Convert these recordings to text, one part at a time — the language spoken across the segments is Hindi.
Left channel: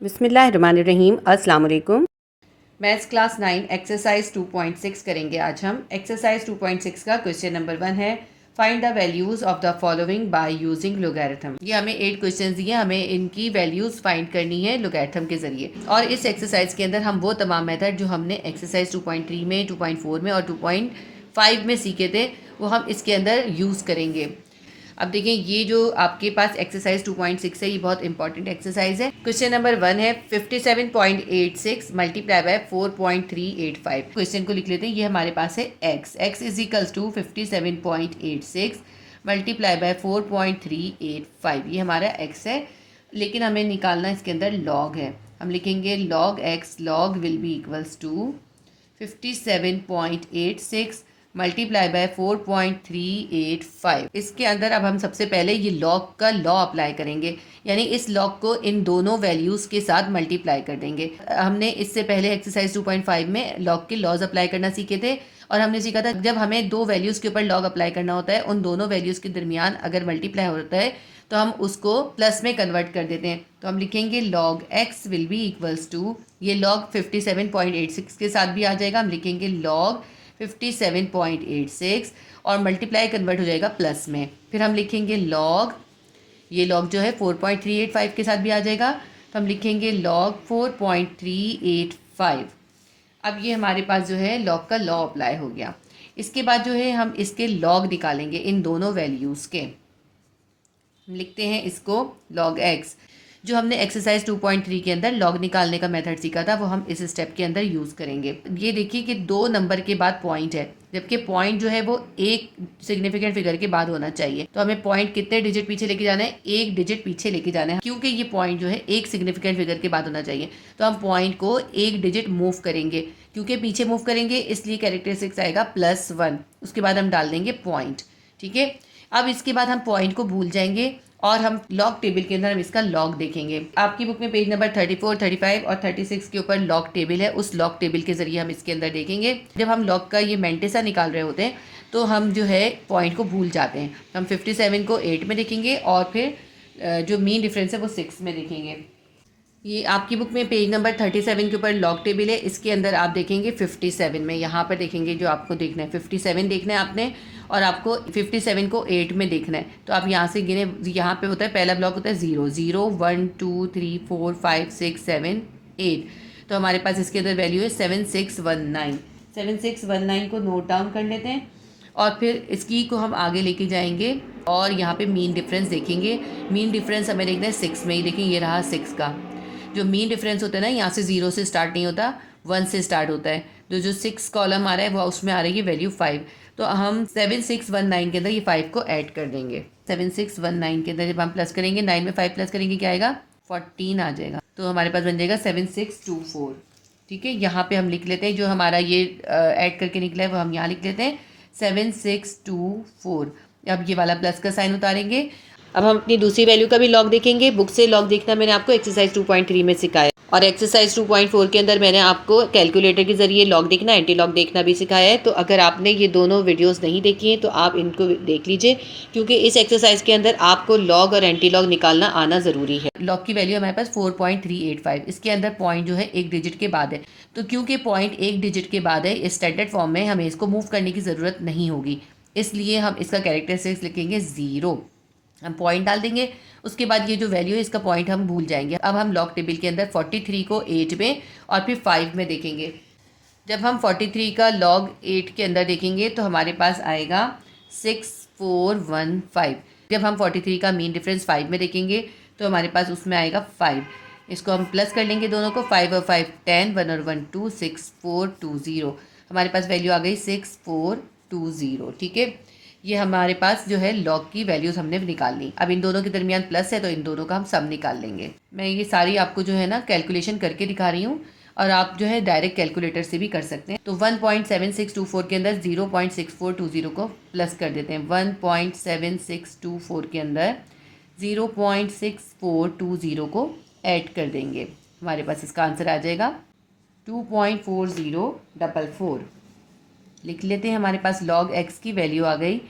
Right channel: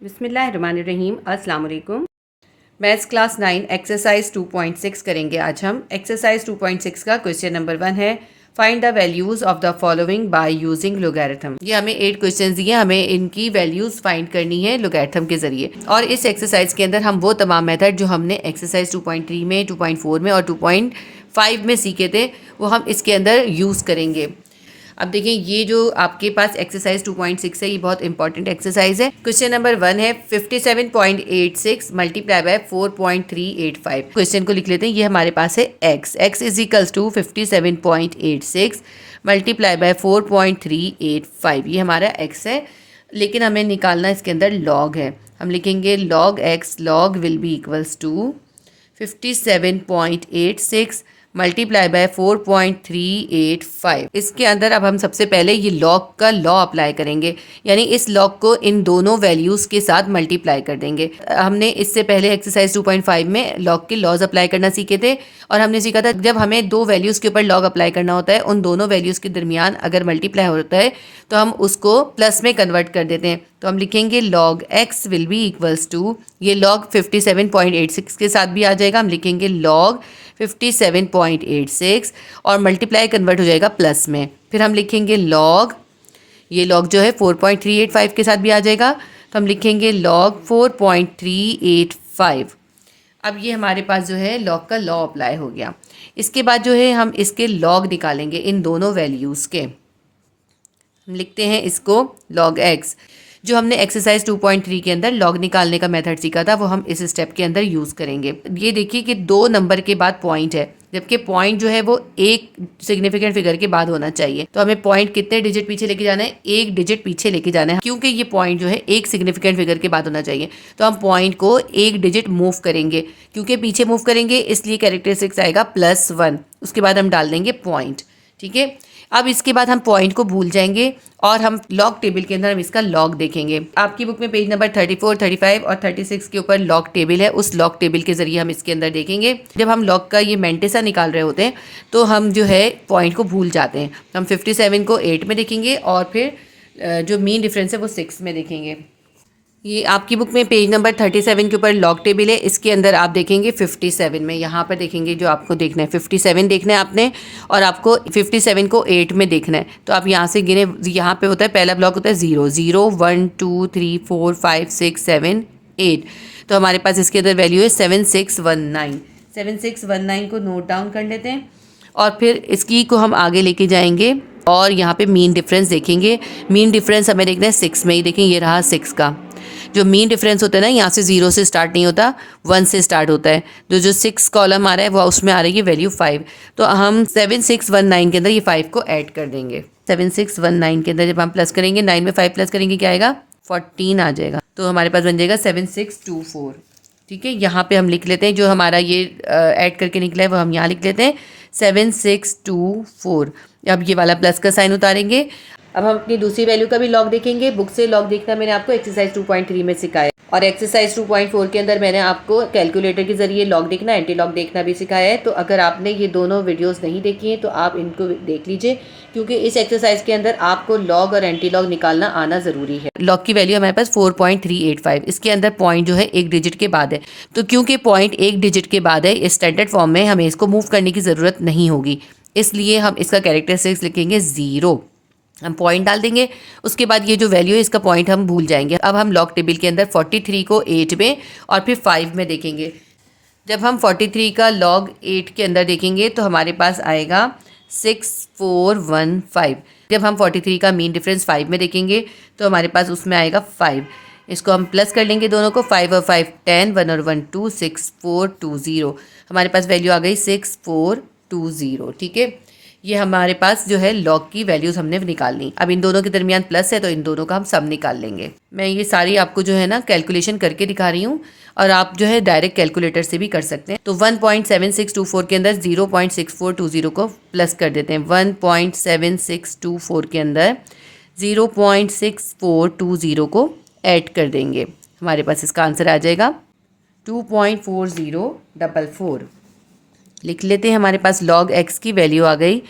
बिस्मिल्लाहिर्रहमानिर्रहीम। अस्सलाम वालेकुम। मैथ्स क्लास 9 एक्सरसाइज 2.6 करेंगे आज हम। एक्सरसाइज 2.6 का क्वेश्चन नंबर 1 है, find the values of the following by using logarithm. ये हमें 8 क्वेश्चन दिए, हमें इनकी वैल्यूज़ फाइंड करनी है लोगैरिथम के ज़रिए। और इस एक्सरसाइज के अंदर हम वो तमाम मेथड जो हमने एक्सरसाइज 2.3 में, 2.4 में और 2.5 में सीखे थे वो हम इसके अंदर यूज़ करेंगे। अब देखिए, ये जो आपके पास एक्सरसाइज 2.6 है, ये बहुत इंपॉर्टेंट एक्सरसाइज है। क्वेश्चन नंबर 1 है 57.86 मल्टीप्लाई बाय 4.385। क्वेश्चन को लिख लेते हैं। ये हमारे पास है x is equals to 57.86 multiply by 4.385। ये हमारा x है, लेकिन हमें निकालना इसके अंदर लॉग है। हम लिखेंगे log x, log will be equals to 57.86 multiply by 4.385। इसके अंदर अब हम सबसे पहले ये लॉग का लॉ अप्लाई करेंगे, यानी इस लॉग को इन दोनों वैल्यूज़ के साथ मल्टीप्लाई कर देंगे। हमने इससे पहले एक्सरसाइज 2.5 में लॉग के लॉज अप्लाई करना सीखे थे, और हमने सीखा था जब हमें दो वैल्यूज़ के ऊपर लॉग अप्लाई करना होता है, उन दोनों वैल्यूज़ के दरमियान अगर मल्टीप्लाई होता है तो हम उसको प्लस में कन्वर्ट कर देते हैं। तो हम लिखेंगे log x will be equals to, ये लॉग 57.86 के साथ भी आ जाएगा, हम लिखेंगे लॉग 57.86 और मल्टीप्लाई कन्वर्ट हो जाएगा प्लस में। फिर हम लिखेंगे लॉग, ये लॉग जो है 4.385 के साथ भी आ जाएगा, तो हम लिखेंगे लॉग 4.385। अब ये हमारे पास जो है लॉग का लॉ अप्लाई हो गया। इसके बाद जो है हम इसके लॉग निकालेंगे इन दोनों वैल्यूज़ के। हम लिखते हैं इसको लॉग x। जो हमने एक्सरसाइज 2.3 के अंदर लॉग निकालने का मेथड सीखा था वो हम इस स्टेप के अंदर यूज़ करेंगे। ये देखिए कि 2 नंबर के बाद पॉइंट है, जबकि पॉइंट जो है वो एक सिग्निफिकेंट फिगर के बाद होना चाहिए। तो हमें पॉइंट कितने डिजिट पीछे लेके जाना है? 1 डिजिट पीछे लेके जाना है, क्योंकि ये पॉइंट जो है एक सिग्निफिकेंट फिगर के बाद होना चाहिए। तो हम पॉइंट को 1 डिजिट मूव करेंगे, क्योंकि पीछे मूव करेंगे इसलिए कैरेक्टरिस्टिक्स आएगा +1। उसके बाद हम डाल देंगे पॉइंट। ठीक है, अब इसके बाद हम पॉइंट को भूल जाएंगे और हम लॉग टेबल के अंदर हम इसका लॉग देखेंगे। आपकी बुक में पेज नंबर 34, 35 और 36 के ऊपर लॉग टेबल है, उस लॉग टेबल के जरिए हम इसके अंदर देखेंगे। जब हम लॉग का ये मेंटेसा निकाल रहे होते हैं तो हम जो है पॉइंट को भूल जाते हैं। हम 57 को 8 में देखेंगे और फिर जो मीन डिफरेंस है वो 6 में देखेंगे। ये आपकी बुक में पेज नंबर 37 के ऊपर लॉग टेबल है, इसके अंदर आप देखेंगे 57 में, यहाँ पर देखेंगे जो आपको देखना है 57 देखना है आपने, और आपको 57 को 8 में देखना है। तो आप यहाँ से गिने, यहाँ पे होता है पहला ब्लॉक होता है 0 0 1 2 3 4 5 6 7 8। तो हमारे पास इसके अंदर वैल्यू है 7619। 7619 को नोट डाउन कर लेते हैं और फिर इसकी को हम आगे लेके जाएंगे और यहाँ पे मीन डिफरेंस देखेंगे। मीन डिफरेंस हमें देखना है 6 में ही, देखें ये रहा 6 का। जो मीन डिफरेंस होता है ना, यहाँ से 0 से स्टार्ट नहीं होता, 1 से स्टार्ट होता है। जो 6 कॉलम आ रहा है वो उसमें आ रही है वैल्यू 5। तो हम 7619 के अंदर ये 5 को ऐड कर देंगे। 7619 के अंदर जब हम प्लस करेंगे, 9 में 5 प्लस करेंगे क्या आएगा? 14 आ जाएगा। तो हमारे पास बन जाएगा 7624। ठीक है, यहाँ पे हम लिख लेते हैं जो हमारा ये ऐड करके निकला है वो हम यहाँ लिख लेते हैं 7624। अब ये वाला प्लस का साइन उतारेंगे। अब हम अपनी दूसरी वैल्यू का भी लॉग देखेंगे। बुक से लॉग देखना मैंने आपको एक्सरसाइज 2.3 में सिखाया, और एक्सरसाइज 2.4 के अंदर मैंने आपको कैलकुलेटर के जरिए लॉग देखना, एंटी लॉग देखना भी सिखाया है। तो अगर आपने ये दोनों वीडियोस नहीं देखी हैं तो आप इनको देख लीजिए, क्योंकि इस एक्सरसाइज के अंदर आपको लॉग और एंटी लॉग निकालना आना ज़रूरी है। लॉग की वैल्यू हमारे पास 4.385, इसके अंदर पॉइंट जो है एक डिजिट के बाद है। तो क्योंकि पॉइंट एक डिजिट के बाद है, इस स्टैंडर्ड फॉर्म में हमें इसको मूव करने की ज़रूरत नहीं होगी, इसलिए हम इसका कैरेक्टरिस्टिक्स लिखेंगे 0। हम पॉइंट डाल देंगे, उसके बाद ये जो वैल्यू है इसका पॉइंट हम भूल जाएंगे। अब हम लॉग टेबल के अंदर 43 को 8 में और फिर 5 में देखेंगे। जब हम 43 का लॉग 8 के अंदर देखेंगे तो हमारे पास आएगा 6415। जब हम 43 का मीन डिफरेंस 5 में देखेंगे तो हमारे पास उसमें आएगा 5। इसको हम प्लस कर लेंगे दोनों को, 5 और 5 10, 1 और 1 2, 6420। हमारे पास वैल्यू आ गई 6420। ठीक है, ये हमारे पास जो है लॉग की वैल्यूज़ हमने निकाल ली। अब इन दोनों के दरमियान प्लस है तो इन दोनों का हम सम निकाल लेंगे। मैं ये सारी आपको जो है ना कैलकुलेशन करके दिखा रही हूँ, और आप जो है डायरेक्ट कैलकुलेटर से भी कर सकते हैं। तो 1.7624 के अंदर 0.6420 को प्लस कर देते हैं। 1.7624 के अंदर 0.6420 को ऐड कर देंगे। हमारे पास इसका आंसर आ जाएगा 2.4044। लिख लेते हैं, हमारे पास लॉग x की वैल्यू आ गई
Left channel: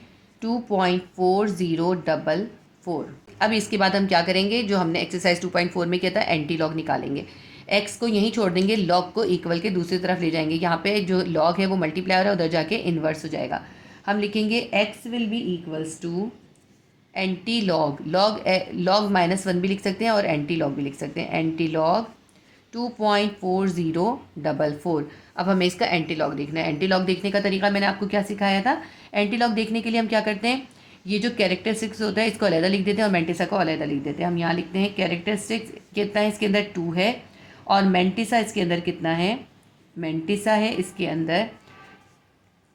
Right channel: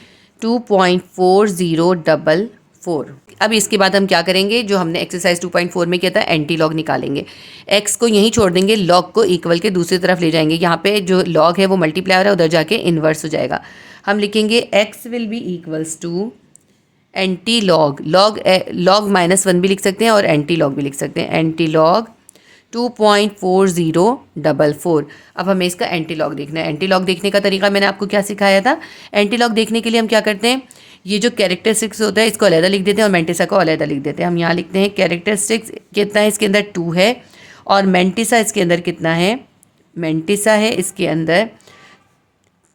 2.4044। 4। अब इसके बाद हम क्या करेंगे, जो हमने एक्सरसाइज 2.4 में किया था, एंटी लॉग निकालेंगे। x को यहीं छोड़ देंगे, लॉग को इक्वल के दूसरी तरफ ले जाएंगे। यहाँ पे जो लॉग है वो मल्टीप्लाई हो रहा है, उधर जाके इन्वर्स हो जाएगा। हम लिखेंगे x will be equals to antilog, log -1 भी लिख सकते हैं और एंटी लॉग भी लिख सकते हैं। Anti log 2.4044। अब हमें इसका एंटी लॉग देखना है। एंटी लॉग देखने का तरीका मैंने आपको क्या सिखाया था। एंटी लॉग देखने के लिए हम क्या करते हैं, ये जो कैरेक्टरिस्टिक्स होता है इसको अलग लिख देते हैं और मेंटिसा को अलग लिख देते हैं। हम यहाँ लिखते हैं कैरेक्टरिस्टिक्स कितना है, इसके अंदर 2 है, और मेंटिसा इसके अंदर कितना है, मेंटिसा है इसके अंदर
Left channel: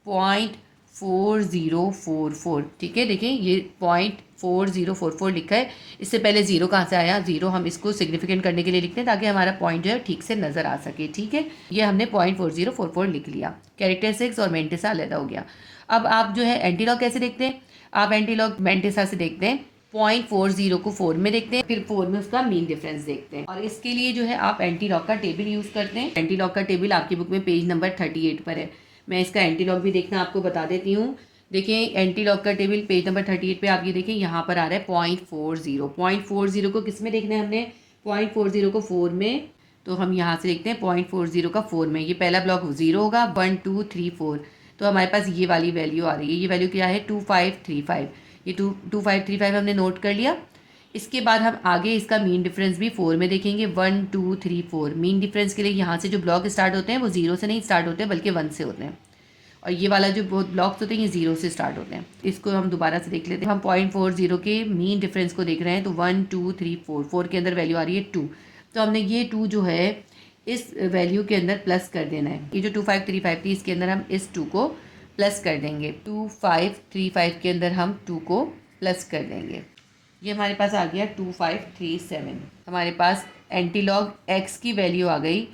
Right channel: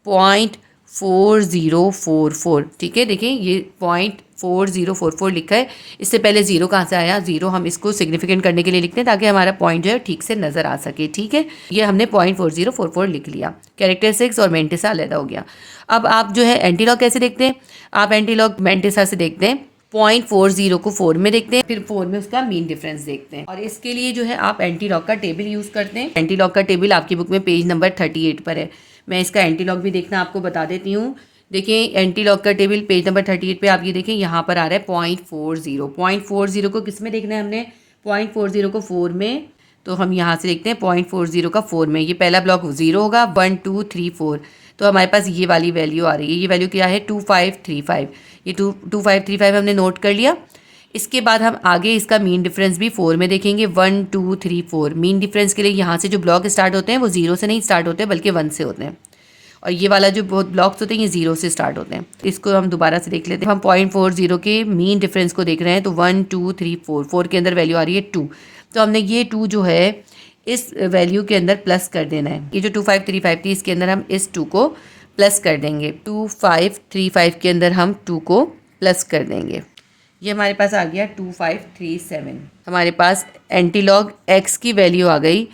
0.4044। ठीक है, देखिए ये 0.4044 लिखा है। इससे पहले ज़ीरो कहाँ से आया, ज़ीरो हम इसको सिग्निफिकेंट करने के लिए लिखते हैं ताकि हमारा पॉइंट जो है ठीक से नज़र आ सके। ठीक है, ये हमने 0.4044 लिख लिया। कैरेक्टरिस्टिक्स और मेंटिसा अलग हो गया। अब आप जो है एंटीलॉग कैसे देखते हैं, आप एंटीलॉग मेंटिसा से देखते हैं। 0.40 को 4 में देखते हैं, फिर 4 में उसका मीन डिफरेंस देखते हैं, और इसके लिए जो है आप एंटीलॉग का टेबल यूज़ करते हैं। एंटीलॉग का टेबल आपकी बुक में पेज नंबर 38 पर है। मैं इसका एंटीलॉग भी देखना आपको बता देती हूँ। देखिए एंटीलॉग का टेबल पेज नंबर 38 पे आप ये देखें, यहाँ पर आ रहा है 0.40 को किस में देखना है हमने, 0.40 को 4 में। तो हम यहाँ से देखते हैं 0.40 का 4 में, ये पहला ब्लॉक 0 होगा, 1 2 3 4। तो हमारे पास ये वाली वैल्यू आ रही है। ये वैल्यू क्या है, 2535। ये 2535 हमने नोट कर लिया। इसके बाद हम आगे इसका मीन डिफरेंस भी 4 में देखेंगे, 1 2 3 4। मीन डिफरेंस के लिए यहाँ से जो ब्लॉक स्टार्ट होते हैं वो 0 से नहीं स्टार्ट होते बल्कि 1 से होते हैं, और ये वाला जो बहुत ब्लॉक्स होते हैं ये 0 से स्टार्ट होते हैं। इसको हम दोबारा से देख लेते हैं। हम 0.40 के मीन डिफरेंस को देख रहे हैं, तो 1 2 3 4, 4 के अंदर वैल्यू आ रही है 2। तो हमने ये 2 जो है इस वैल्यू के अंदर प्लस कर देना है। ये जो 2535 थी इसके अंदर हम इस 2 को प्लस कर देंगे। 2535 के अंदर हम 2 को प्लस कर देंगे। ये हमारे पास आ गया 2537। हमारे पास एंटीलॉग x की वैल्यू आ गई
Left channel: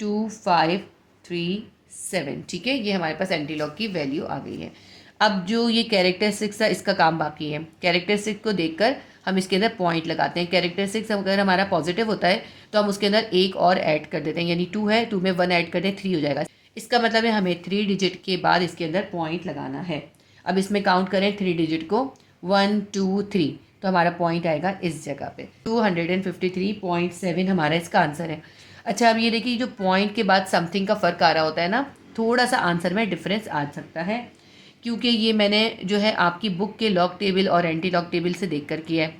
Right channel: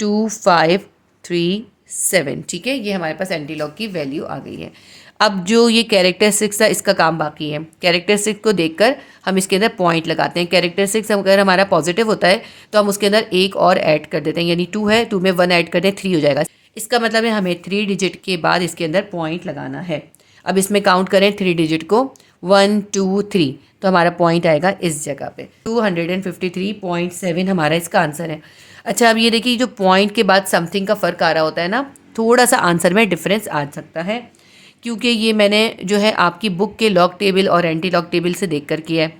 2537। ठीक है, ये हमारे पास एंटीलॉग की वैल्यू आ गई है। अब जो ये कैरेक्टरिस्टिक्स था इसका काम बाकी है। कैरेक्टरिस्टिक्स को देखकर हम इसके अंदर पॉइंट लगाते हैं। कैरेक्टरिस्टिक्स अगर हमारा पॉजिटिव होता है तो हम उसके अंदर एक और ऐड कर देते हैं, यानी 2 है, 2 में 1 ऐड कर दें, 3 हो जाएगा। इसका मतलब है हमें 3 डिजिट के बाद इसके अंदर पॉइंट लगाना है। अब इसमें काउंट करें 3 डिजिट को, 1 2 3, तो हमारा पॉइंट आएगा इस जगह पे। 253.7 हमारा इसका आंसर है। अच्छा, अब ये देखिए जो पॉइंट के बाद समथिंग का फ़र्क आ रहा होता है ना, थोड़ा सा आंसर में डिफरेंस आ सकता है, क्योंकि ये मैंने जो है आपकी बुक के लॉग टेबल और एंटी लॉग टेबल से देख कर किया है।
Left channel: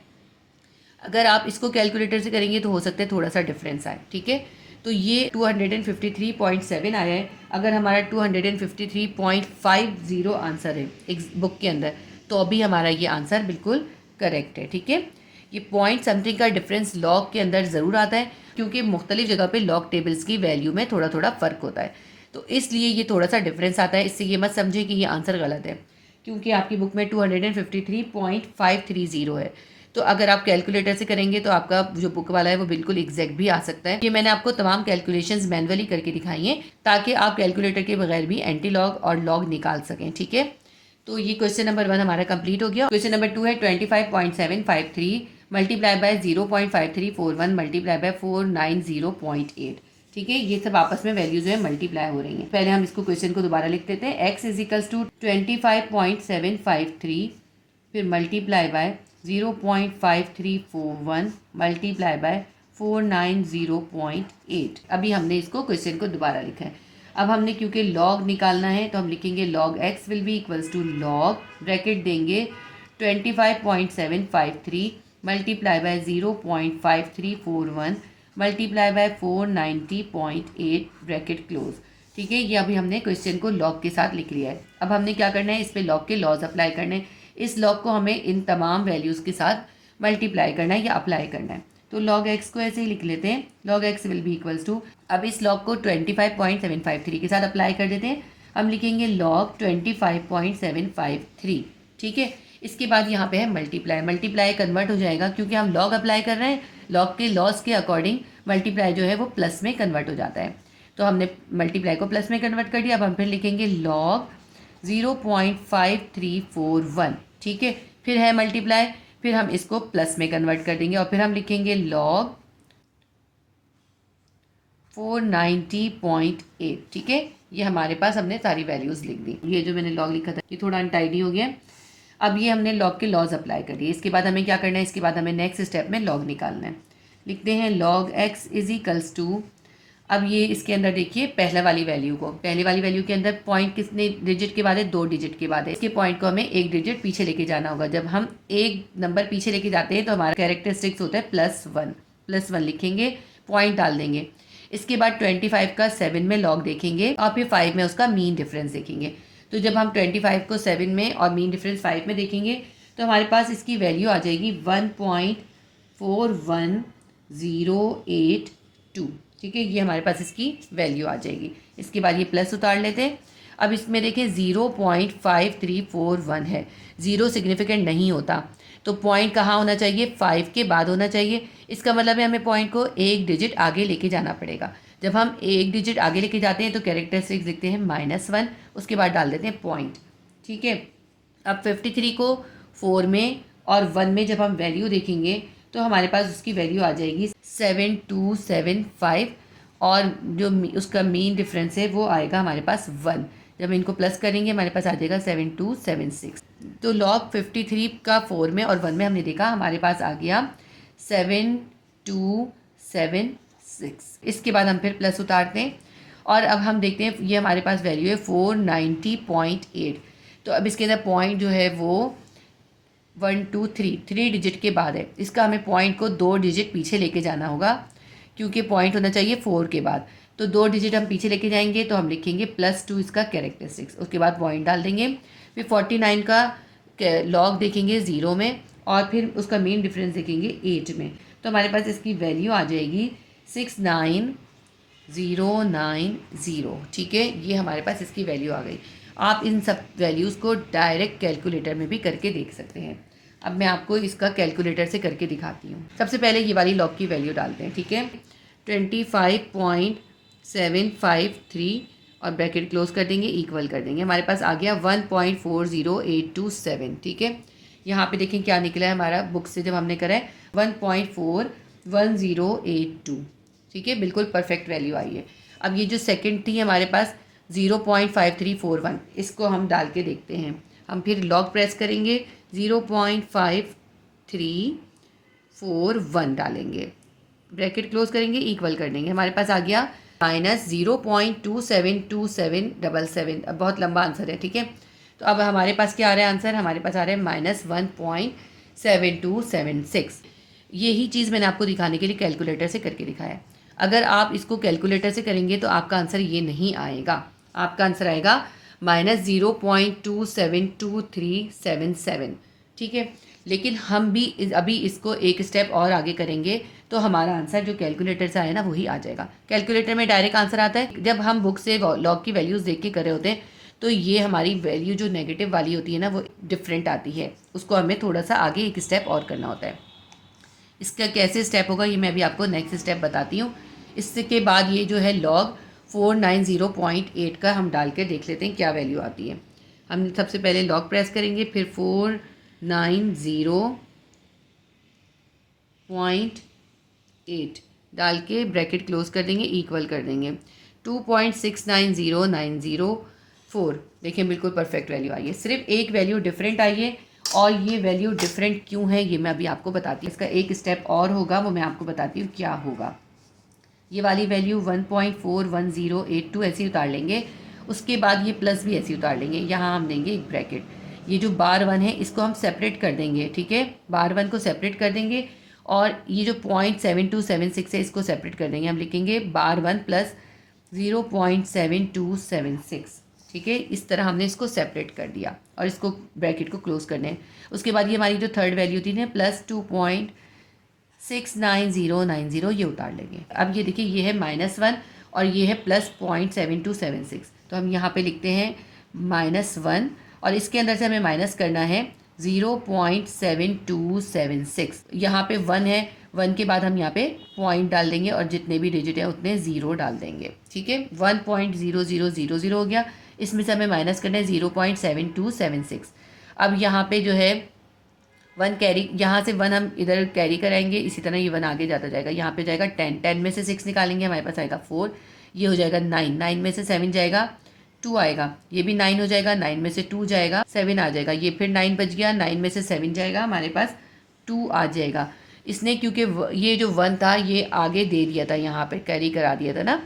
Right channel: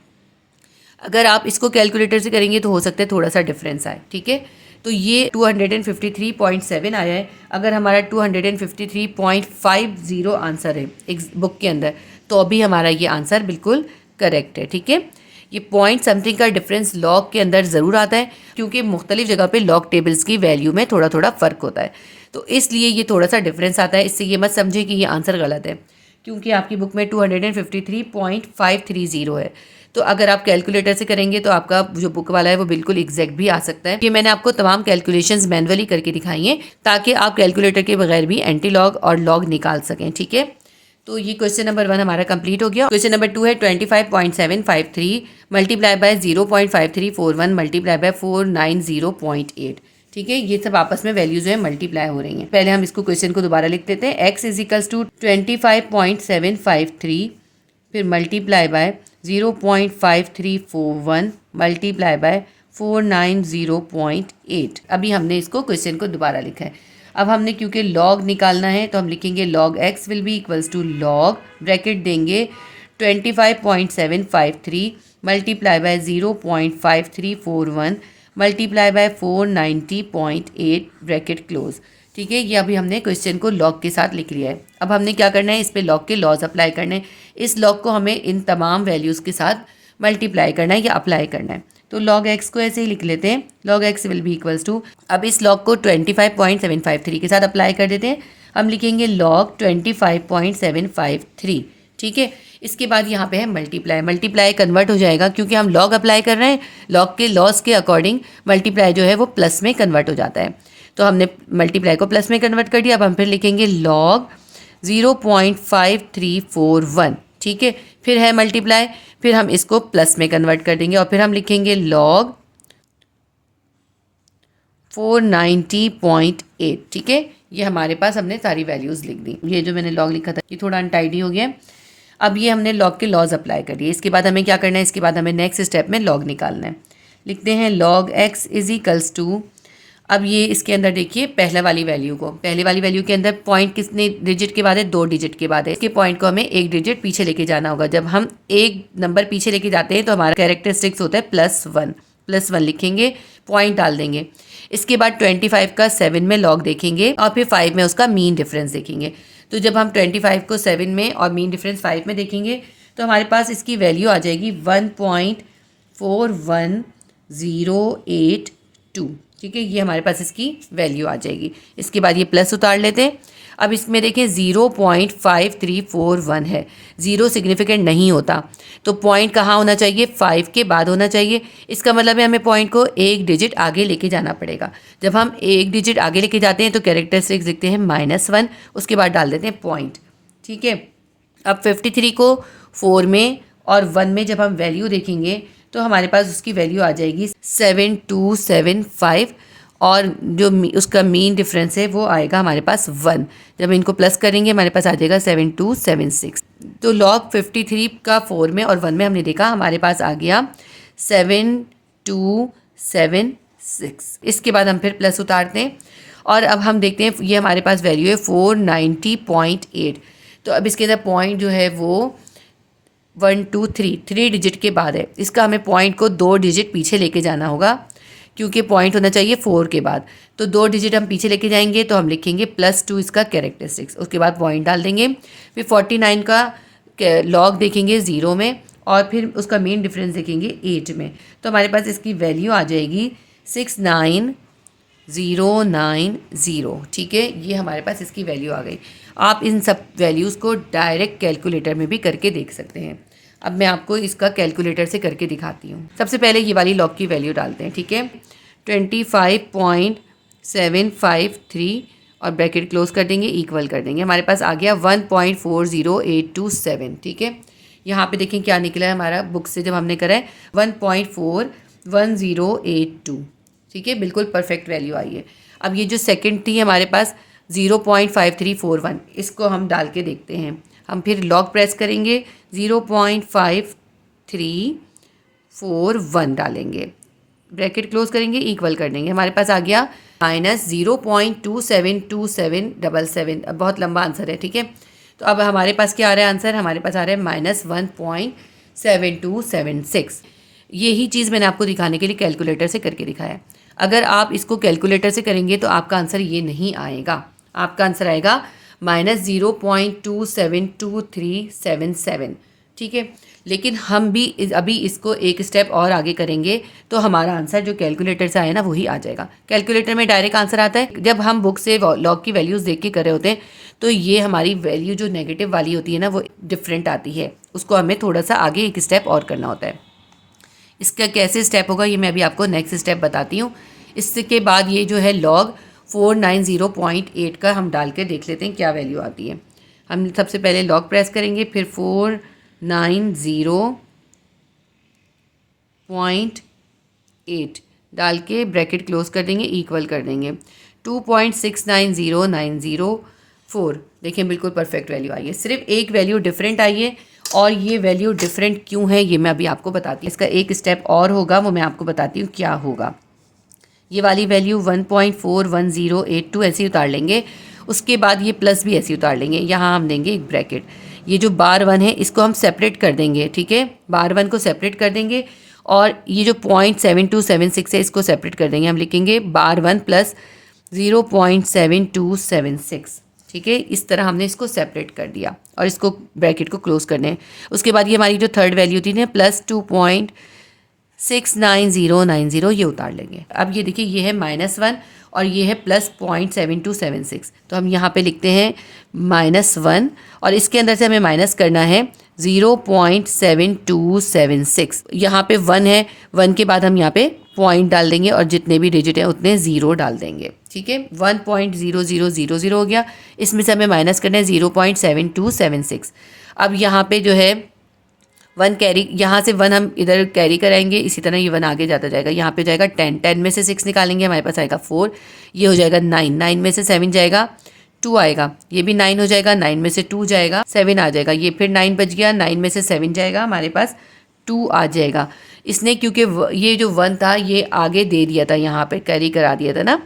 अगर आप इसको कैलकुलेटर से करेंगे तो हो सकता है थोड़ा सा डिफरेंस आए। ठीक है, तो ये 253.7 आया है। अगर हमारा 253.50 आंसर है एक बुक के अंदर, तो अभी हमारा ये आंसर बिल्कुल करेक्ट है। ठीक है, ये पॉइंट समथिंग का डिफरेंस लॉग के अंदर ज़रूर आता है, क्योंकि मुख्तलिफ जगह पे लॉग टेबल्स की वैल्यू में थोड़ा थोड़ा फ़र्क होता है, तो इसलिए ये थोड़ा सा डिफरेंस आता है। इससे ये मत समझे कि ये आंसर गलत है, क्योंकि आपकी बुक में 253.530 है। तो अगर आप कैलकुलेटर से करेंगे तो आपका जो बुक वाला है वो बिल्कुल एग्जैक्ट भी आ सकता है। ये मैंने आपको तमाम कैलकुलेशंस मैनुअली करके दिखाई हैं, ताकि आप कैलकुलेटर के बगैर भी एंटी लॉग और लॉग निकाल सकें। ठीक है, तो ये क्वेश्चन नंबर 1 हमारा कंप्लीट हो गया। क्वेश्चन नंबर 2 है 25.753 मल्टीप्लाई बाय 0.5341 मल्टीप्लाई बाय 490.8। ठीक है, ये सब आपस में वैल्यूज जो है मल्टीप्लाई हो रही हैं। पहले हम इसको क्वेश्चन को दोबारा लिख देते हैं। x इज इक्वल्स टू 25.753 फिर मल्टीप्लाई बाय 0.5341 मल्टीप्लाई बाय 490.8। अभी हमने इसको क्वेश्चन को दोबारा लिखा है। अब हमने क्योंकि लॉग निकालना है तो हम लिखेंगे log x will be equals to log, bracket देंगे 25.753 multiply by 0.5341 multiply by 490.8 bracket close. ठीक है, ये अभी हमने क्वेश्चन को लॉग के साथ लिख लिया है। अब हमने क्या करना है, इस पे लॉग के लॉज अप्लाई करने हैं। इस लॉग को हमें इन तमाम वैल्यूज़ के साथ मल्टीप्लाई करना है या अप्लाई करना है। तो log x को ऐसे ही लिख लेते हैं, log x will be equals to, अब इस log को 25.753 के साथ अप्लाई कर देते हैं। हम लिखेंगे log 25.753। ठीक है, इसके बाद यहाँ पे है मल्टीप्लाई। मल्टीप्लाई कन्वर्ट हो जाएगा, क्योंकि हम log अप्लाई कर रहे हैं, log के लॉस के अकॉर्डिंग मल्टीप्लाई जो है वो प्लस में कन्वर्ट हो जाता है। तो हमने मल्टीप्लाई को प्लस में कन्वर्ट कर दिया। अब हम फिर लिखेंगे log 0.5341। ठीक है, फिर है मल्टीप्लाई, फिर हम इसको प्लस में कन्वर्ट कर देंगे और फिर हम लिखेंगे log 490.8। ठीक है, ये हमारे पास हमने सारी वैल्यूज़ लिख दी। ये जो मैंने log लिखा था ये थोड़ा अनटाइडी हो गया। अब ये हमने लॉग के लॉज अप्लाई कर दिए। इसके बाद हमें क्या करना है, इसके बाद हमें नेक्स्ट स्टेप में लॉग निकालना है। लिखते हैं log x is equals to, अब ये इसके अंदर देखिए पहले वाली वैल्यू को, पहले वाली वैल्यू के अंदर पॉइंट कितने डिजिट के बाद है, 2 डिजिट के बाद है। इसके पॉइंट को हमें 1 डिजिट पीछे लेके जाना होगा। जब हम एक नंबर पीछे लेके जाते हैं तो हमारा कैरेक्टरिस्टिक्स होता है +1 लिखेंगे, पॉइंट डाल देंगे। इसके बाद 25 का 7 में लॉग देखेंगे और फिर 5 में उसका मीन डिफरेंस देखेंगे। तो जब हम 25 को 7 में और मीन डिफरेंस 5 में देखेंगे तो हमारे पास इसकी वैल्यू आ जाएगी 1.41082। ठीक है, ये हमारे पास इसकी वैल्यू आ जाएगी। इसके बाद ये प्लस उतार लेते हैं। अब इसमें देखें 0.5341 है, 0 सिग्निफिकेंट नहीं होता, तो पॉइंट कहाँ होना चाहिए, 5 के बाद होना चाहिए। इसका मतलब है हमें पॉइंट को 1 डिजिट आगे लेके जाना पड़ेगा। जब हम 1 डिजिट आगे लेके जाते हैं तो कैरेक्टरिस्टिक्स लिखते हैं -1, उसके बाद डाल देते हैं पॉइंट। ठीक है, अब 53 को 4 में और 1 में जब हम वैल्यू देखेंगे तो हमारे पास उसकी वैल्यू आ जाएगी 7275 और जो उसका मीन डिफरेंस है वो आएगा हमारे पास 1। जब इनको प्लस करेंगे हमारे पास आ जाएगा 7276। तो लॉग 53 का 4 में और 1 में हमने देखा, हमारे पास आ गया 7276। इसके बाद हम फिर प्लस उतारते हैं और अब हम देखते हैं ये हमारे पास वैल्यू है 490.8। तो अब इसके अंदर पॉइंट जो है वो 1 2 3 डिजिट के बाद है। इसका हमें पॉइंट को 2 डिजिट पीछे लेके जाना होगा क्योंकि पॉइंट होना चाहिए 4 के बाद। तो 2 डिजिट हम पीछे लेके जाएंगे तो हम लिखेंगे +2 इसका कैरेक्टरिस्टिक्स, उसके बाद पॉइंट डाल देंगे। फिर 49 का लॉग देखेंगे 0 में और फिर उसका मेन डिफरेंस देखेंगे 8 में। तो हमारे पास इसकी वैल्यू आ जाएगी 69090। ठीक है, ये हमारे पास इसकी वैल्यू आ गई। आप इन सब वैल्यूज़ को डायरेक्ट कैलकुलेटर में भी करके देख सकते हैं। अब मैं आपको इसका कैलकुलेटर से करके दिखाती हूँ। सबसे पहले ये वाली लॉग की वैल्यू डालते हैं। ठीक है, 25.753 और ब्रैकेट क्लोज कर देंगे, इक्वल कर देंगे। हमारे पास आ गया 1.40827। ठीक है, यहाँ पे देखें क्या निकला है हमारा बुक से जब हमने करा है 1.41082। ठीक है, बिल्कुल परफेक्ट वैल्यू आई है। अब ये जो सेकंड थी हमारे पास 0.5341, इसको हम डाल के देखते हैं। हम फिर लॉग प्रेस करेंगे, 0.5341 डालेंगे, ब्रैकेट क्लोज करेंगे, इक्वल कर देंगे। हमारे पास आ गया -0.272777। अब बहुत लंबा आंसर है। ठीक है, तो अब हमारे पास क्या आ रहा है आंसर, हमारे पास आ रहा है -1.7276। यही चीज़ मैंने आपको दिखाने के लिए कैलकुलेटर से करके दिखाया है। अगर आप इसको कैलकुलेटर से करेंगे तो आपका आंसर ये नहीं आएगा, आपका आंसर आएगा -0.272377। ठीक है, लेकिन हम भी अभी इसको एक स्टेप और आगे करेंगे तो हमारा आंसर जो कैलकुलेटर से आया ना वही आ जाएगा। कैलकुलेटर में डायरेक्ट आंसर आता है। जब हम बुक से लॉग की वैल्यूज़ देख के कर रहे होते हैं तो ये हमारी वैल्यू जो नेगेटिव वाली होती है ना वो डिफरेंट आती है, उसको हमें थोड़ा सा आगे एक स्टेप और करना होता है। इसका कैसे स्टेप होगा ये मैं अभी आपको नेक्स्ट स्टेप बताती हूँ। इसके बाद ये जो है log 490.8 का हम डाल के देख लेते हैं क्या वैल्यू आती है। हम सबसे पहले लॉग प्रेस करेंगे, फिर 490.8 डाल के ब्रैकेट क्लोज कर देंगे, इक्वल कर देंगे। 2.690904। देखिए बिल्कुल परफेक्ट वैल्यू आई है, सिर्फ एक वैल्यू डिफरेंट आई है। और ये वैल्यू डिफरेंट क्यों है ये मैं अभी आपको बताती हूँ। इसका एक स्टेप और होगा, वो मैं आपको बताती हूँ क्या होगा। ये वाली वैल्यू 1.41082 ऐसे उतार लेंगे, उसके बाद ये प्लस भी ऐसे उतार लेंगे। यहाँ हम देंगे एक ब्रैकेट, ये जो बार 1 है इसको हम सेपरेट कर देंगे। ठीक है, बार 1 को सेपरेट कर देंगे और ये जो 0.7276 है इसको सेपरेट कर देंगे। हम लिखेंगे बार 1 प्लस 0.7276। ठीक है, इस तरह हमने इसको सेपरेट कर दिया और इसको ब्रैकेट को क्लोज करने हैं। उसके बाद ये हमारी जो थर्ड वैल्यू थी ना +2.69090, ये उतार लेंगे। अब ये देखिए ये है -1 और ये है +0.7276। तो हम यहाँ पे लिखते हैं -1 और इसके अंदर से हमें माइनस करना है 0.7276। यहाँ पे 1 है, 1 के बाद हम यहाँ पे पॉइंट डाल देंगे और जितने भी डिजिट हैं उतने 0 डाल देंगे। ठीक है, 1.0000 हो गया। इसमें से हमें माइनस करना है 0.7276। अब यहाँ पे जो है 1 कैरी, यहाँ से 1 हम इधर कैरी कराएंगे, इसी तरह ये 1 आगे जाता जाएगा। यहाँ पे जाएगा 10 में से 6 निकालेंगे, हमारे पास आएगा 4, ये हो जाएगा 9 में से 7 जाएगा 2 आएगा, ये भी 9 हो जाएगा, 9 में से 2 जाएगा 7 आ जाएगा, ये फिर 9 बच गया, 9 में से 7 जाएगा, हमारे पास 2 आ जाएगा। इसने क्योंकि ये जो 1 था ये आगे दे दिया था, यहाँ पे कैरी करा दिया था ना,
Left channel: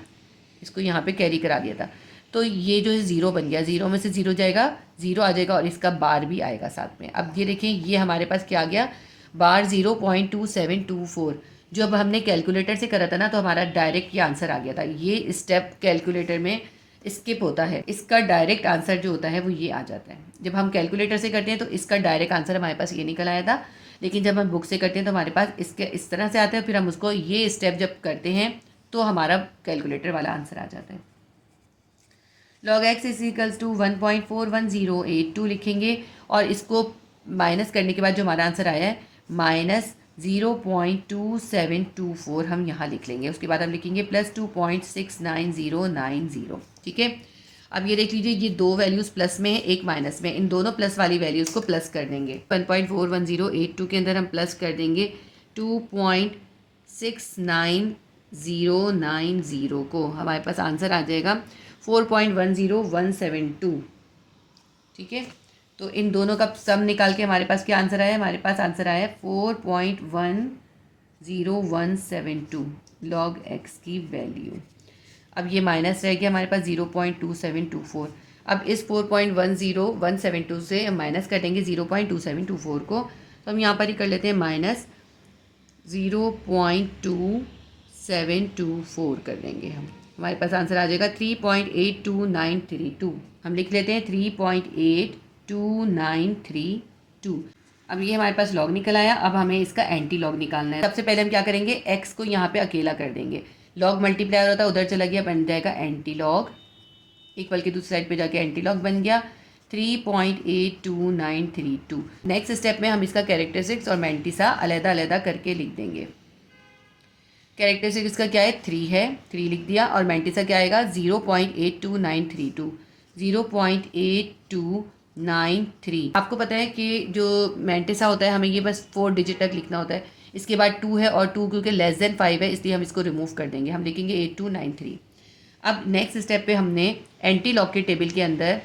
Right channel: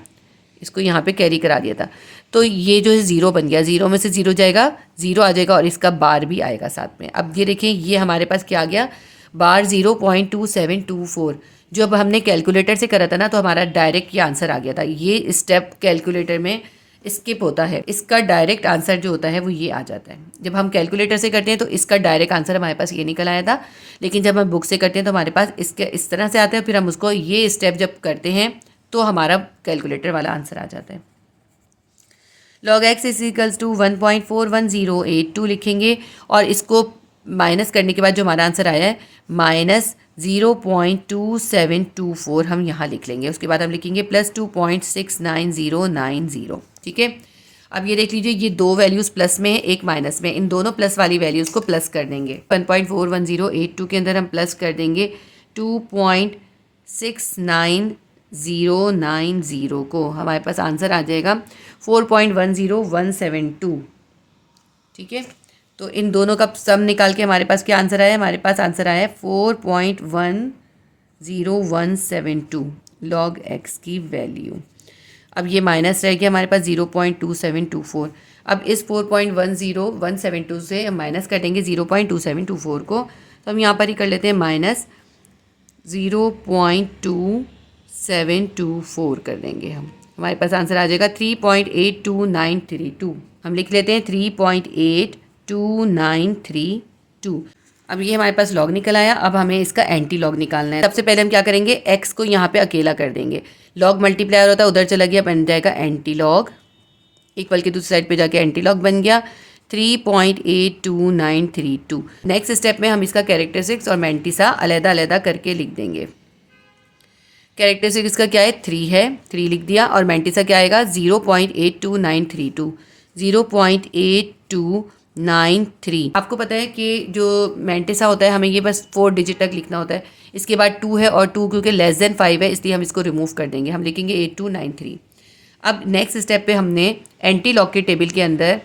इसको यहाँ पे कैरी करा दिया था, तो ये जो है 0 बन गया, 0 में से 0 जाएगा, 0 आ जाएगा और इसका बार भी आएगा साथ में। अब ये देखें ये हमारे पास क्या आ गया, बार 0.2724। जो अब हमने कैलकुलेटर से करा था ना, तो हमारा डायरेक्ट ये आंसर आ गया था। ये स्टेप कैलकुलेटर में स्किप होता है, इसका डायरेक्ट आंसर जो होता है वो ये आ जाता है। जब हम कैलकुलेटर से करते हैं तो इसका डायरेक्ट आंसर हमारे पास ये निकल आया था, लेकिन जब हम बुक से करते हैं तो हमारे पास इसके इस तरह से आता है, फिर हम उसको ये स्टेप जब करते हैं तो हमारा कैलकुलेटर वाला आंसर आ जाता है। log x is equals to 1.41082 लिखेंगे और इसको माइनस करने के बाद जो हमारा आंसर आया है -0.2724 हम यहाँ लिख लेंगे। उसके बाद हम लिखेंगे +2.69090। ठीक है, अब ये देख लीजिए, ये दो वैल्यूज़ प्लस में है, एक माइनस में, इन दोनों प्लस वाली वैल्यूज़ को प्लस कर देंगे। 1.41082 के अंदर हम प्लस कर देंगे 2.69090 को, हमारे पास आंसर आ जाएगा 4.10172। ठीक है, तो इन दोनों का सम निकाल के हमारे पास क्या आंसर आया, हमारे पास आंसर आया 4.10172 log x की वैल्यू। अब ये माइनस रह गया हमारे पास 0.2724। अब इस 4.10172 से हम माइनस कर देंगे 0.2724 को, तो हम यहाँ पर ही कर लेते हैं -0.2724 कर देंगे हम, हमारे पास आंसर आ जाएगा 3.82932। हम लिख लेते हैं 3.82932। अब ये हमारे पास लॉग निकल आया। अब हमें इसका एंटी लॉग निकालना है। सबसे पहले हम क्या करेंगे, x को यहाँ पे अकेला कर देंगे, लॉग मल्टीप्लायर होता है उधर चला गया, बन जाएगा एंटी लॉग, इक्वल की दूसरी साइड पे जाके एंटी लॉग बन गया 3.82932। नेक्स्ट स्टेप में हम इसका कैरेक्टरिस्टिक्स और मैंटिसा अलग अलग करके लिख देंगे। कैरेक्टरिस्टिक्स का क्या है, 3 है, 3 लिख दिया, और मैंटिसा क्या आएगा 0.82932, 0.8293। आपको पता है कि जो मैंटिसा होता है हमें ये बस 4 डिजिट तक लिखना होता है, इसके बाद 2 है और 2 क्योंकि लेस देन 5 है इसलिए हम इसको रिमूव कर देंगे, हम लिखेंगे 8293। अब नेक्स्ट स्टेप पे हमने एंटी लॉग के टेबल के अंदर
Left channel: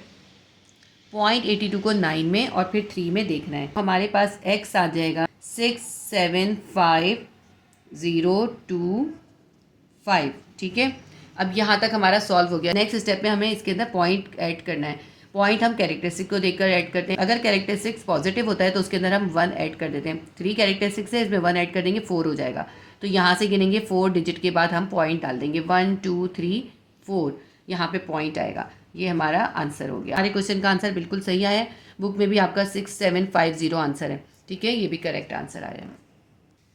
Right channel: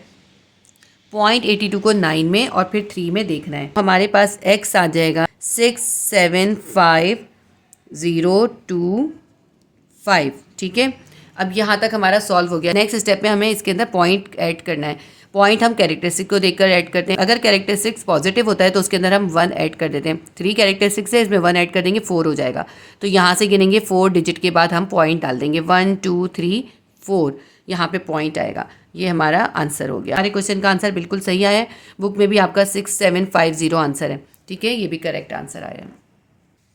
0.82 को 9 में और फिर 3 में देखना है। हमारे पास x आ जाएगा 675,025। ठीक है, अब यहाँ तक हमारा सॉल्व हो गया। नेक्स्ट स्टेप में हमें इसके अंदर पॉइंट ऐड करना है। पॉइंट हम कैरेक्टरिस्टिक को देखकर ऐड करते हैं। अगर कैरेक्टरिस्टिक्स पॉजिटिव होता है तो उसके अंदर हम 1 ऐड कर देते हैं। 3 कैरेक्टरिस्टिक्स है, इसमें 1 ऐड कर देंगे, 4 हो जाएगा। तो यहाँ से गिनेंगे 4 डिजिट के बाद हम पॉइंट डाल देंगे, 1 2 3 4, यहाँ पे पॉइंट आएगा। ये हमारा आंसर हो गया। हमारे क्वेश्चन का आंसर बिल्कुल सही आया है। बुक में भी आपका 6750 आंसर है। ठीक है, ये भी करेक्ट आंसर आया है।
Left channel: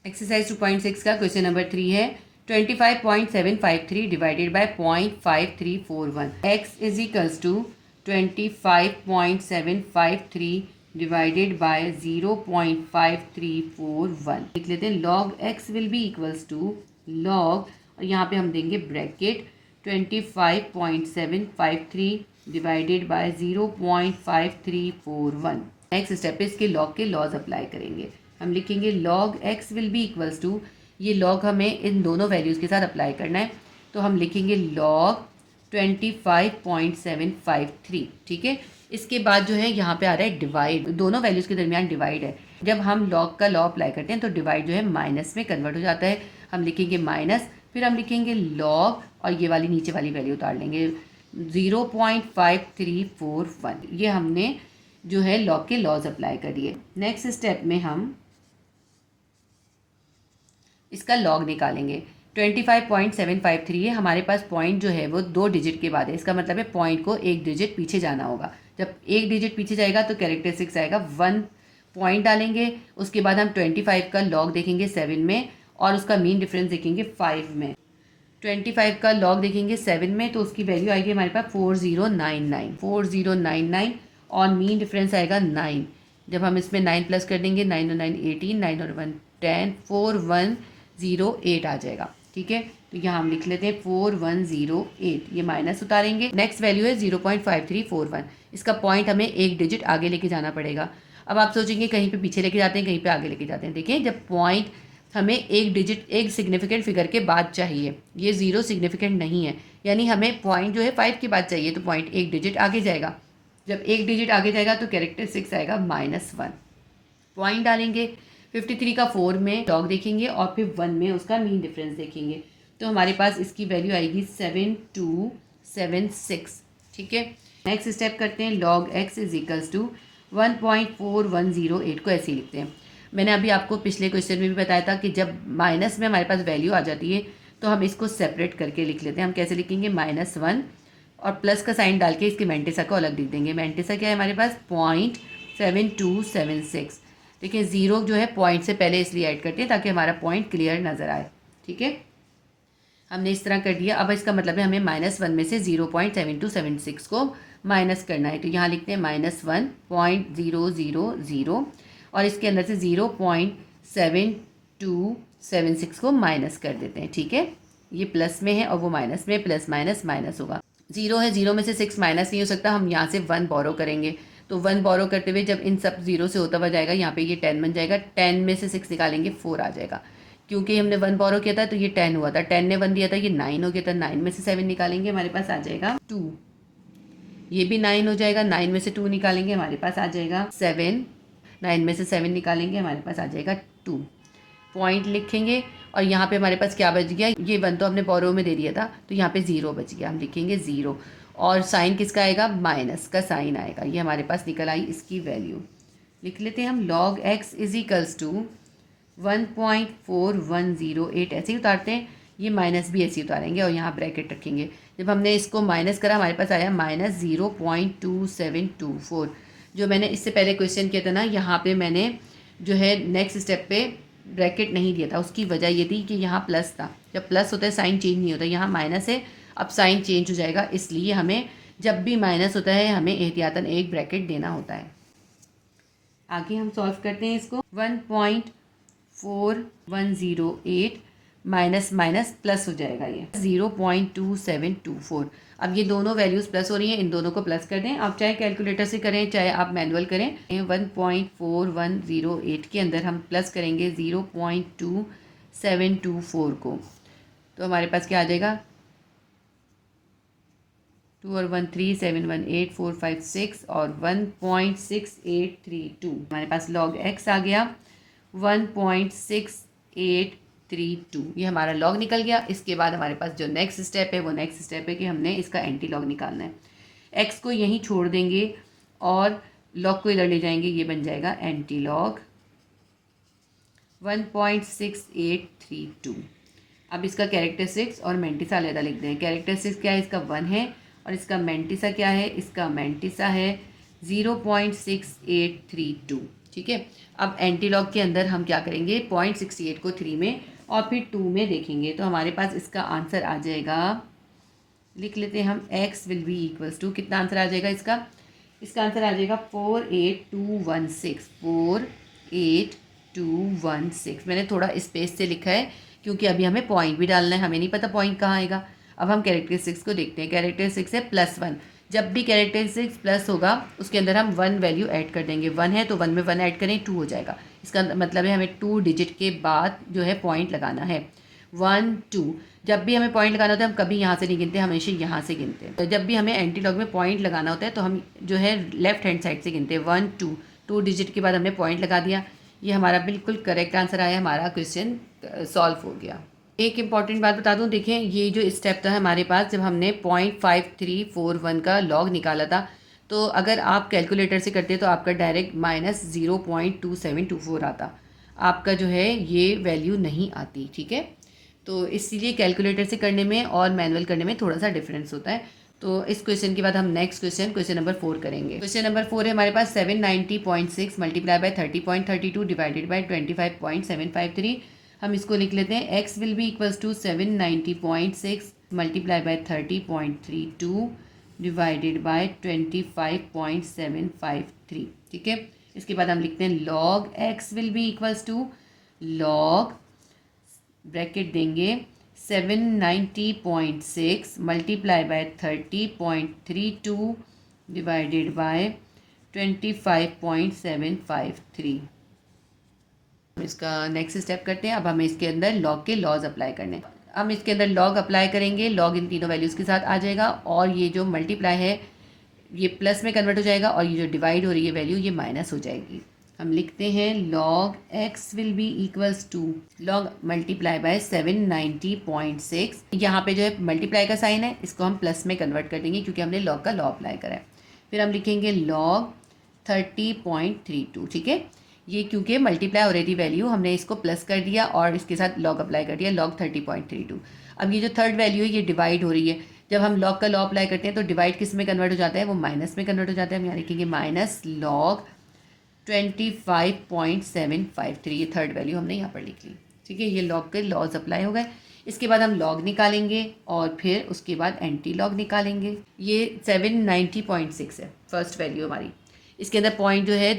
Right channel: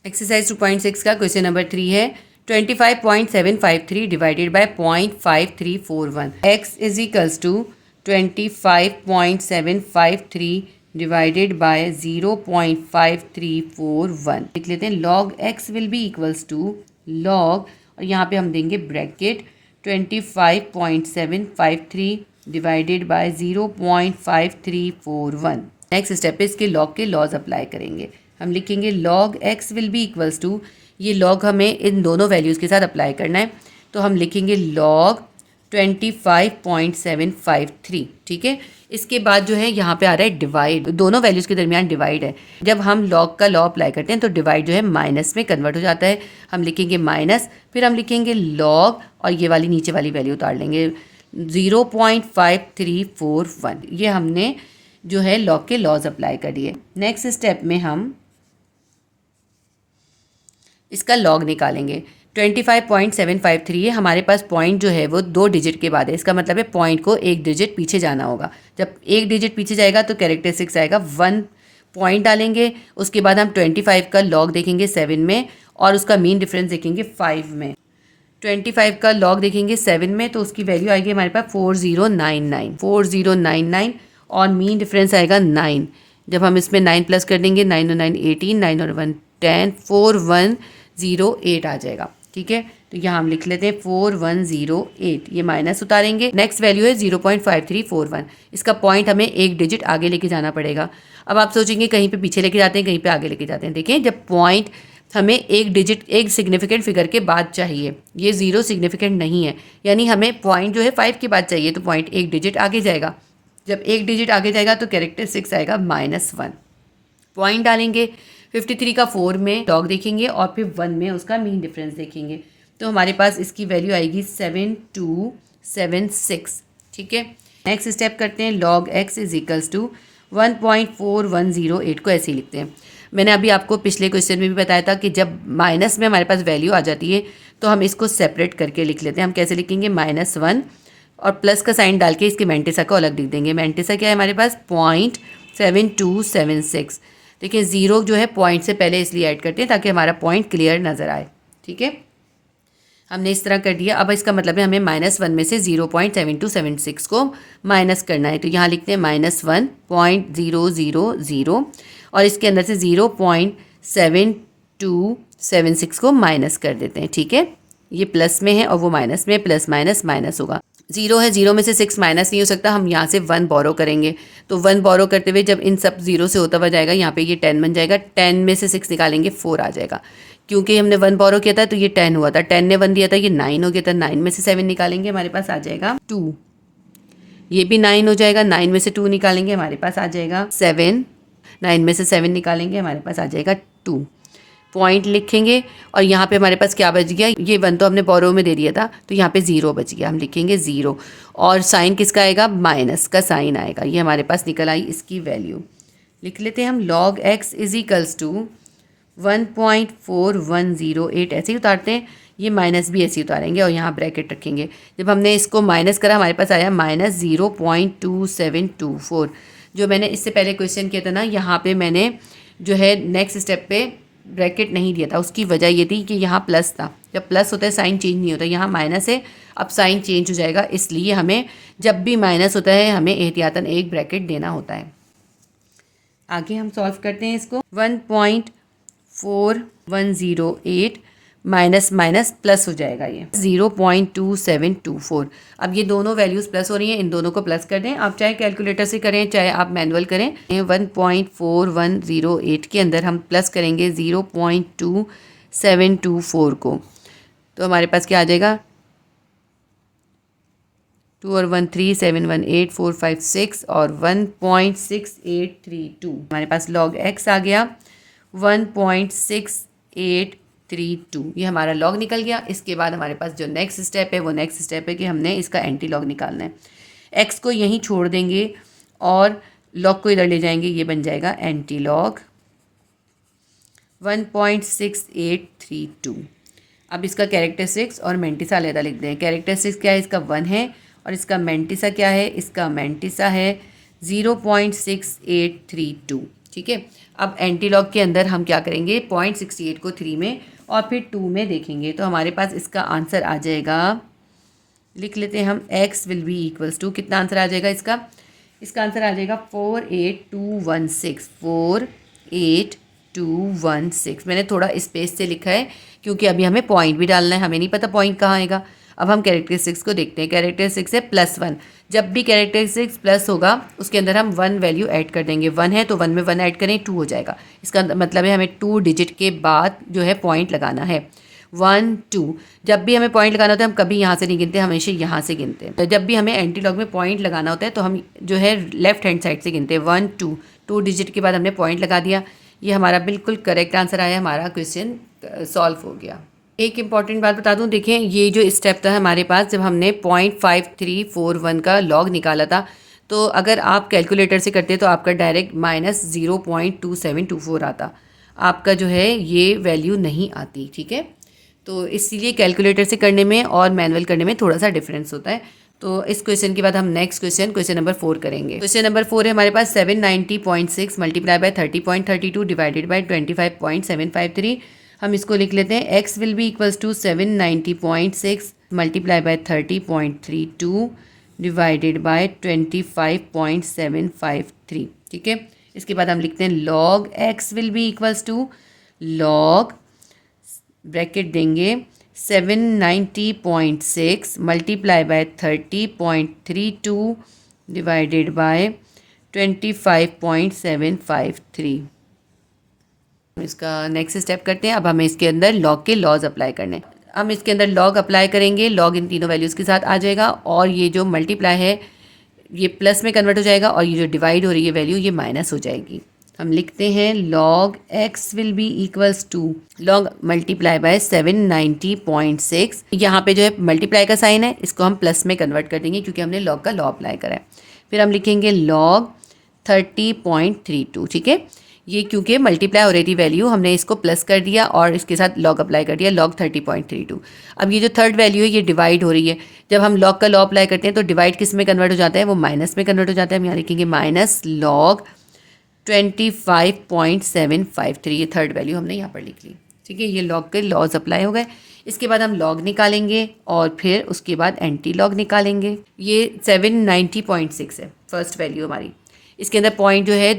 एक्सरसाइज 2.6 का क्वेश्चन नंबर 3 है 25.753 divided by 0.5341। x is equals to 25.753 divided by 0.5341। लिख लेते हैं log x will be equals to log, और यहाँ पे हम देंगे bracket 25.753 divided by 0.5341। Next step पे इसके लॉग के लॉज अप्लाई करेंगे। हम लिखेंगे log x will be equals to, ये लॉग हमें इन दोनों वैल्यूज़ के साथ अप्लाई करना है, तो हम लिखेंगे log 25.753। ठीक है, इसके बाद जो है यहाँ पे आ रहा है डिवाइड, दोनों वैल्यूज़ के दरमियान डिवाइड है। जब हम लॉग का लॉ अप्लाई करते हैं तो डिवाइड जो है माइनस में कन्वर्ट हो जाता है। हम लिखेंगे माइनस, फिर हम लिखेंगे लॉग और ये वाली नीचे वाली वैल्यू उतार लेंगे 0.5341। ये हमने जो है लॉग के लॉज अप्लाई कर दिए। नेक्स्ट स्टेप में हम इसका लॉग निकालेंगे। 25.753 है, हमारे पास पॉइंट जो है वो 2 डिजिट के बाद है, इसका मतलब है पॉइंट को 1 डिजिट पीछे जाना होगा। जब 1 डिजिट पीछे जाएगा तो कैरेक्टरिस्टिक्स आएगा 1 पॉइंट डालेंगे, उसके बाद हम 25 का लॉग देखेंगे 7 में और उसका मीन डिफरेंस देखेंगे 5 में। 25 का लॉग देखेंगे 7 में तो उसकी वैल्यू आएगी हमारे पास 4099 और मीन डिफरेंस आएगा 9। जब हम इसमें 9 प्लस कर देंगे, 9 और 9 18, 9 और 1 10, 4108 आ जाएगा। ठीक है, तो यहाँ हम लिख लेते हैं 4108, ये माइनस उतारेंगे। नेक्स्ट वैल्यू है 0.5341, इसका पॉइंट हमें 1 डिजिट आगे लेके जाना पड़ेगा। अब आप सोचेंगे कहीं पे पीछे लेके जाते हैं, कहीं पे आगे लेके जाते हैं। देखिए, जब पॉइंट हमें एक सिग्निफिकेंट फिगर के बाद चाहिए, ये 0 सिग्निफिकेंट नहीं है, यानी हमें पॉइंट जो है 5 के बाद चाहिए, तो पॉइंट एक डिजिट आगे जाएगा। जब एक डिजिट आगे जाएगा तो कैरेक्टर 6 आएगा -1। पॉइंट डालेंगे, 53 का 4 में लॉग देखेंगे और फिर 1 में उसका मीन डिफरेंस देखेंगे, तो हमारे पास इसकी वैल्यू आएगी 7276। ठीक है, नेक्स्ट स्टेप करते हैं। Log x is equals to 1.4108 को ऐसे ही लिखते हैं। मैंने अभी आपको पिछले क्वेश्चन में भी बताया था कि जब माइनस में हमारे पास वैल्यू आ जाती है तो हम इसको सेपरेट करके लिख लेते हैं। हम कैसे लिखेंगे, -1 और प्लस का साइन डाल के इसके मैंटिसा को अलग लिख देंगे। मैंटिसा क्या है हमारे पास, 0.7276। देखिए 0 जो है पॉइंट से पहले इसलिए ऐड करते हैं ताकि हमारा पॉइंट क्लियर नज़र आए। ठीक है, हमने इस तरह कर दिया। अब इसका मतलब है हमें -1 में से 0.7276 को माइनस करना है, तो यहाँ लिखते हैं -1.000 और इसके अंदर से 0.7276 को माइनस कर देते हैं। ठीक है, ये प्लस में है और वो माइनस में, प्लस माइनस माइनस होगा। 0 है, 0 में से 6 माइनस नहीं हो सकता, हम यहाँ से 1 बोरो करेंगे, तो 1 बोरो करते हुए जब इन सब 0 से होता हुआ जाएगा यहाँ पे ये 10 बन जाएगा। 10 में से 6 निकालेंगे 4 आ जाएगा, क्योंकि हमने 1 बोरो किया था तो ये 10 हुआ था, 10 ने 1 दिया था, ये 9 हो गया था। 9 में से 7 निकालेंगे, हमारे पास आ जाएगा 2। ये भी 9 हो जाएगा, 9 में से 2 निकालेंगे, हमारे पास आ जाएगा 7। 9 में से 7 निकालेंगे, हमारे पास आ जाएगा 2। पॉइंट लिखेंगे और यहाँ पे हमारे पास क्या बच गया, ये 1 तो हमने बोरो में दे दिया था, तो यहाँ पे 0 बच गया, हम लिखेंगे 0 और साइन किसका आएगा, माइनस का साइन आएगा। ये हमारे पास निकल आई इसकी वैल्यू। लिख लेते हैं हम log x is equals to 1.4108 ऐसे ही उतारते हैं, ये माइनस भी ऐसे ही उतारेंगे और यहाँ ब्रैकेट रखेंगे। जब हमने इसको माइनस करा हमारे पास आया -0.2724। जो मैंने इससे पहले क्वेश्चन किया था ना, यहाँ पे मैंने जो है नेक्स्ट स्टेप पे ब्रैकेट नहीं दिया था, उसकी वजह ये थी कि यहाँ प्लस था। जब प्लस होता है साइन चेंज नहीं होता, यहाँ माइनस है, अब साइन चेंज हो जाएगा, इसलिए हमें जब भी माइनस होता है हमें एहतियातन एक ब्रैकेट देना होता है। आगे हम सॉल्व करते हैं इसको। 1.4108 माइनस माइनस प्लस हो जाएगा, ये 0.2724। अब ये दोनों वैल्यूज़ प्लस हो रही हैं, इन दोनों को प्लस कर दें। आप चाहे कैलकुलेटर से करें चाहे आप मैनुअल करें। 1.4108 के अंदर हम प्लस करेंगे 0.2724 को, तो हमारे पास क्या आ जाएगा, 2 और 1 3, 7 1 8 4 5 6 और 1.6832। हमारे पास log x आ गया 1.6832। ये हमारा log निकल गया। इसके बाद हमारे पास जो नेक्स्ट स्टेप है वो नेक्स्ट स्टेप है कि हमने इसका एंटी लॉग निकालना है। x को यहीं छोड़ देंगे और log को इधर ले जाएंगे, ये बन जाएगा एंटी लॉग 1.6832। अब इसका कैरेक्टरिस्टिक्स और मैंटिसा अलग लिख दें। कैरेक्टरिस्टिक्स क्या है, इसका 1 है और इसका मैंटिसा क्या है, इसका मैंटिसा है 0.6832। ठीक है, अब एंटी लॉग के अंदर हम क्या करेंगे, 0.68 को 3 में और फिर 2 में देखेंगे, तो हमारे पास इसका आंसर आ जाएगा, लिख लेते हैं हम, x will be equals to, कितना आंसर आ जाएगा इसका आंसर आ जाएगा 48216। 48216 मैंने थोड़ा स्पेस से लिखा है क्योंकि अभी हमें पॉइंट भी डालना है, हमें नहीं पता पॉइंट कहाँ आएगा। अब हम कैरेक्टरिस्टिक्स को देखते हैं। कैरेक्टरिस्टिक्स है +1। जब भी कैरेक्टरिस्टिक्स प्लस होगा उसके अंदर हम 1 वैल्यू ऐड कर देंगे। 1 है तो 1 में 1 ऐड करें, 2 हो जाएगा। इसका मतलब है हमें 2 डिजिट के बाद जो है पॉइंट लगाना है। 1 2। जब भी हमें पॉइंट लगाना होता है हम कभी यहाँ से नहीं गिनते, हमेशा यहाँ से गिनते हैं। जब भी हमें एंटी लॉग में पॉइंट लगाना होता है तो हम जो है लेफ्ट हैंड साइड से गिनते हैं। 1 2, 2 डिजिट के बाद हमने पॉइंट लगा दिया। ये हमारा बिल्कुल करेक्ट आंसर आया, हमारा क्वेश्चन सॉल्व हो गया। एक इम्पॉर्टेंट बात बता दूं, देखें ये जो स्टेप था हमारे पास, जब हमने 0.5341 का लॉग निकाला था, तो अगर आप कैलकुलेटर से करते तो आपका डायरेक्ट -0.2724 आता, आपका जो है ये वैल्यू नहीं आती। ठीक है, तो इसीलिए कैलकुलेटर से करने में और मैनुअल करने में थोड़ा सा डिफरेंस होता है। तो इस क्वेश्चन के बाद हम नेक्स्ट क्वेश्चन नंबर 4 करेंगे। क्वेश्चन नंबर 4 है हमारे पास 790.6 मल्टीप्लाई बाय 30.32 डिवाइडेड बाय 25.753। हम इसको लिख लेते हैं। x will be equals to 790.6 multiply by 30.32 divided by 25.753। ठीक है, इसके बाद हम लिखते हैं log x will be equals to log bracket देंगे 790.6 मल्टीप्लाई बाय 30.32 डिवाइडेड बाय 25.753। इसका नेक्स्ट स्टेप करते हैं। अब हमें इसके अंदर लॉग के लॉज अप्लाई करने हैं। हम इसके अंदर लॉग अप्लाई करेंगे, लॉग इन तीनों वैल्यूज़ के साथ आ जाएगा और ये जो मल्टीप्लाई है ये प्लस में कन्वर्ट हो जाएगा और ये जो डिवाइड हो रही है वैल्यू ये माइनस हो जाएगी। हम लिखते हैं log x will be equals to log multiply by 790.6। यहाँ पे जो है मल्टीप्लाई का साइन है, इसको हम प्लस में कन्वर्ट कर देंगे क्योंकि हमने log का लॉ अप्लाई करा है। फिर हम लिखेंगे log 30.32। ठीक है, ये क्योंकि मल्टीप्लाई हो रही थी वैल्यू, हमने इसको प्लस कर दिया और इसके साथ log अप्लाई कर दिया, log 30.32। अब ये जो थर्ड वैल्यू है ये डिवाइड हो रही है। जब हम log का लॉ अप्लाई करते हैं तो डिवाइड किस में कन्वर्ट हो जाता है, वो माइनस में कन्वर्ट हो जाता है। हम यहाँ लिखेंगे माइनस log 25.753। ये थर्ड वैल्यू हमने यहाँ पर लिख ली। ठीक है, ये लॉग के लॉज अप्लाई हो गए। इसके बाद हम लॉग निकालेंगे और फिर उसके बाद एंटी लॉग निकालेंगे। ये 790.6 है फर्स्ट वैल्यू हमारी। इसके अंदर पॉइंट जो है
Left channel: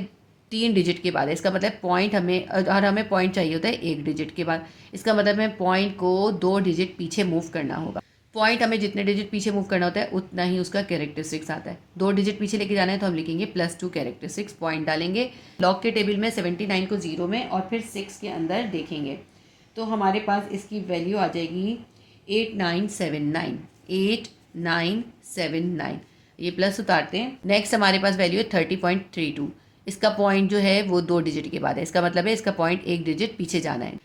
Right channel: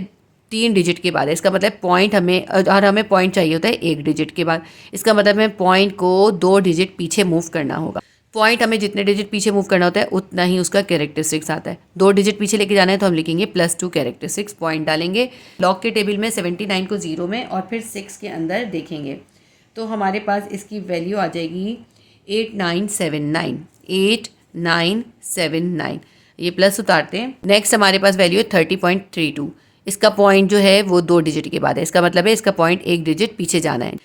3 डिजिट के बाद है, इसका मतलब पॉइंट हमें, और हमें पॉइंट चाहिए होता है 1 डिजिट के बाद। इसका मतलब हमें पॉइंट को 2 डिजिट पीछे मूव करना होगा। पॉइंट हमें जितने डिजिट पीछे मूव करना होता है उतना ही उसका कैरेक्टरिस्टिक्स आता है। 2 डिजिट पीछे लेके जाना है तो हम लिखेंगे +2 कैरेक्टरिस्टिक्स, पॉइंट डालेंगे। लॉग के टेबल में 79 को 0 में और फिर 6 के अंदर देखेंगे तो हमारे पास इसकी वैल्यू आ जाएगी 8979। ये प्लस उतारते हैं। नेक्स्ट हमारे पास वैल्यू है 30.32। इसका पॉइंट जो है वो 2 डिजिट के बाद है, इसका मतलब है इसका पॉइंट 1 डिजिट पीछे जाना है।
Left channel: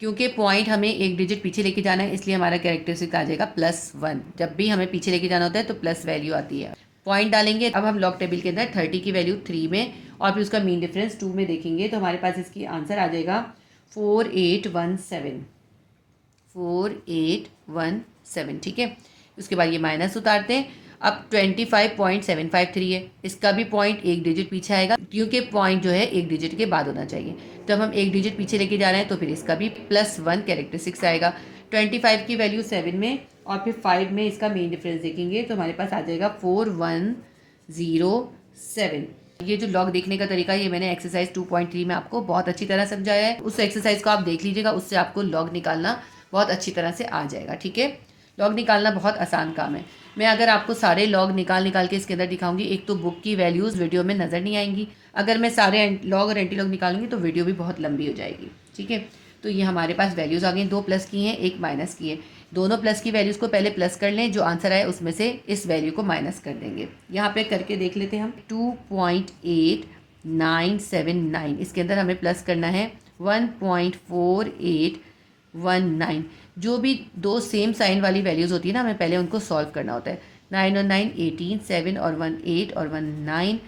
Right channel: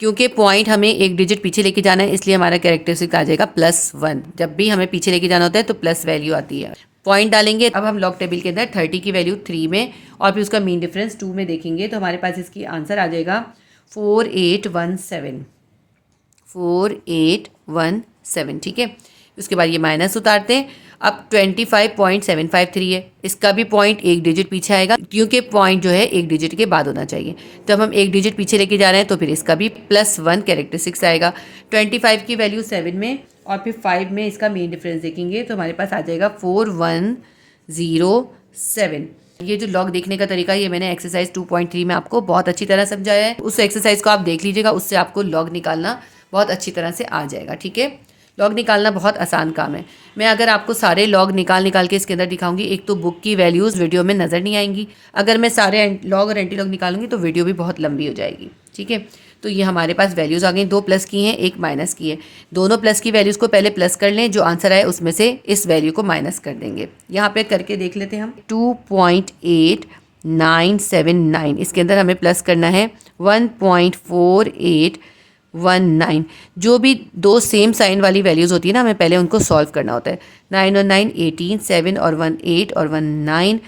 क्योंकि पॉइंट हमें 1 डिजिट पीछे लेके जाना है इसलिए हमारा कैरेक्टरिस्टिक आ जाएगा +1। जब भी हमें पीछे लेके जाना होता है तो प्लस वैल्यू आती है। पॉइंट डालेंगे। अब हम लॉग टेबल के अंदर 30 की वैल्यू 3 में और फिर उसका मीन डिफरेंस 2 में देखेंगे तो हमारे पास इसकी आंसर आ जाएगा 4817। ठीक है, उसके बाद ये माइनस उतारते हैं। अब 25.753 है, इसका भी पॉइंट 1 डिजिट पीछे आएगा क्योंकि पॉइंट जो है 1 डिजिट के बाद होना चाहिए। जब हम 1 डिजिट पीछे लेके जा रहे हैं तो फिर इसका भी +1 कैरेक्टरिस्टिक्स आएगा। 25 की वैल्यू 7 में और फिर 5 में इसका मेन डिफरेंस देखेंगे तो हमारे पास आ जाएगा 4107। ये जो लॉग देखने का तरीका है ये मैंने एक्सरसाइज 2.3 में आपको बहुत अच्छी तरह समझाया है। उस एक्सरसाइज को आप देख लीजिएगा, उससे आपको लॉग निकालना बहुत अच्छी तरह से आ जाएगा। ठीक है, लॉग निकालना बहुत आसान काम है। मैं अगर आपको सारे लॉग निकाल के इसके अंदर दिखाऊंगी, एक तो बुक की वैल्यूज़ वीडियो में नज़र नहीं आएंगी। अगर मैं सारे लॉग और एंटी लॉग निकालूंगी तो वीडियो भी बहुत लंबी हो जाएगी। ठीक है, तो ये हमारे पास वैल्यूज़ आ गई, 2 प्लस की हैं 1 माइनस की है। दोनों प्लस की वैल्यूज़ को पहले प्लस कर लें, जो आंसर आए उसमें से इस वैल्यू को माइनस कर देंगे। यहाँ पे करके देख लेते हैं हम। 2.8979 इसके अंदर हमें प्लस करना है 1.4819। जो भी 2 सेम साइन वाली वैल्यूज़ होती है ना, हमें पहले उनको सॉल्व करना होता है। 9 और 9 18, 7 और 1 8 और 1 9,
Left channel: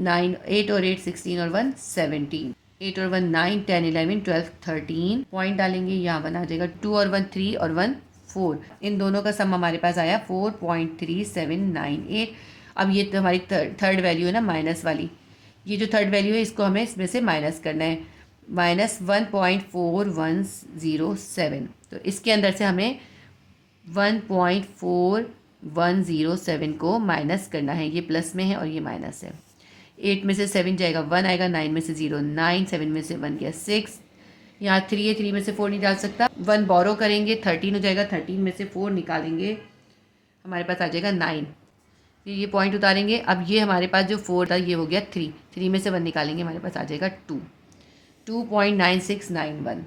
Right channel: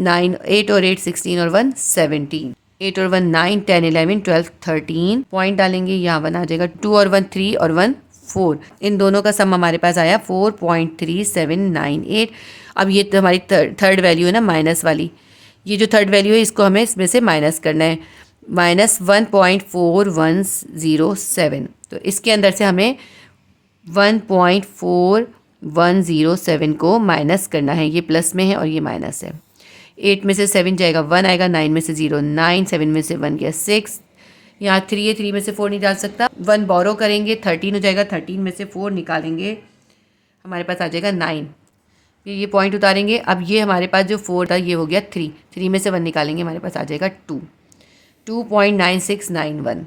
9 8 और 8 16 और 1 17, 8 और 1 9 10 11 12 13। पॉइंट डालेंगे, यहाँ 1 आ जाएगा। 2 और 1 3 और 1 4। इन दोनों का सम हमारे पास आया 4.3798। अब ये तो हमारी थर्ड वैल्यू है ना माइनस वाली, ये जो थर्ड वैल्यू है इसको हमें इसमें से माइनस करना है, -1.4107। तो इसके अंदर से हमें 1.4107 को माइनस करना है। ये प्लस में है और ये माइनस है। 8 में से 7 जाएगा 1 आएगा, 9 में से 0 9, 7 में से 1 गया 6, यहाँ 3 है 3 में से 4 नहीं डाल सकता। 1 बोरो करेंगे 13 हो जाएगा, 13 में से 4 निकालेंगे हमारे पास आ जाएगा 9। ये पॉइंट उतारेंगे। अब ये हमारे पास जो 4 था ये हो गया 3, 3 में से 1 निकालेंगे हमारे पास आ जाएगा 2, 2.9691।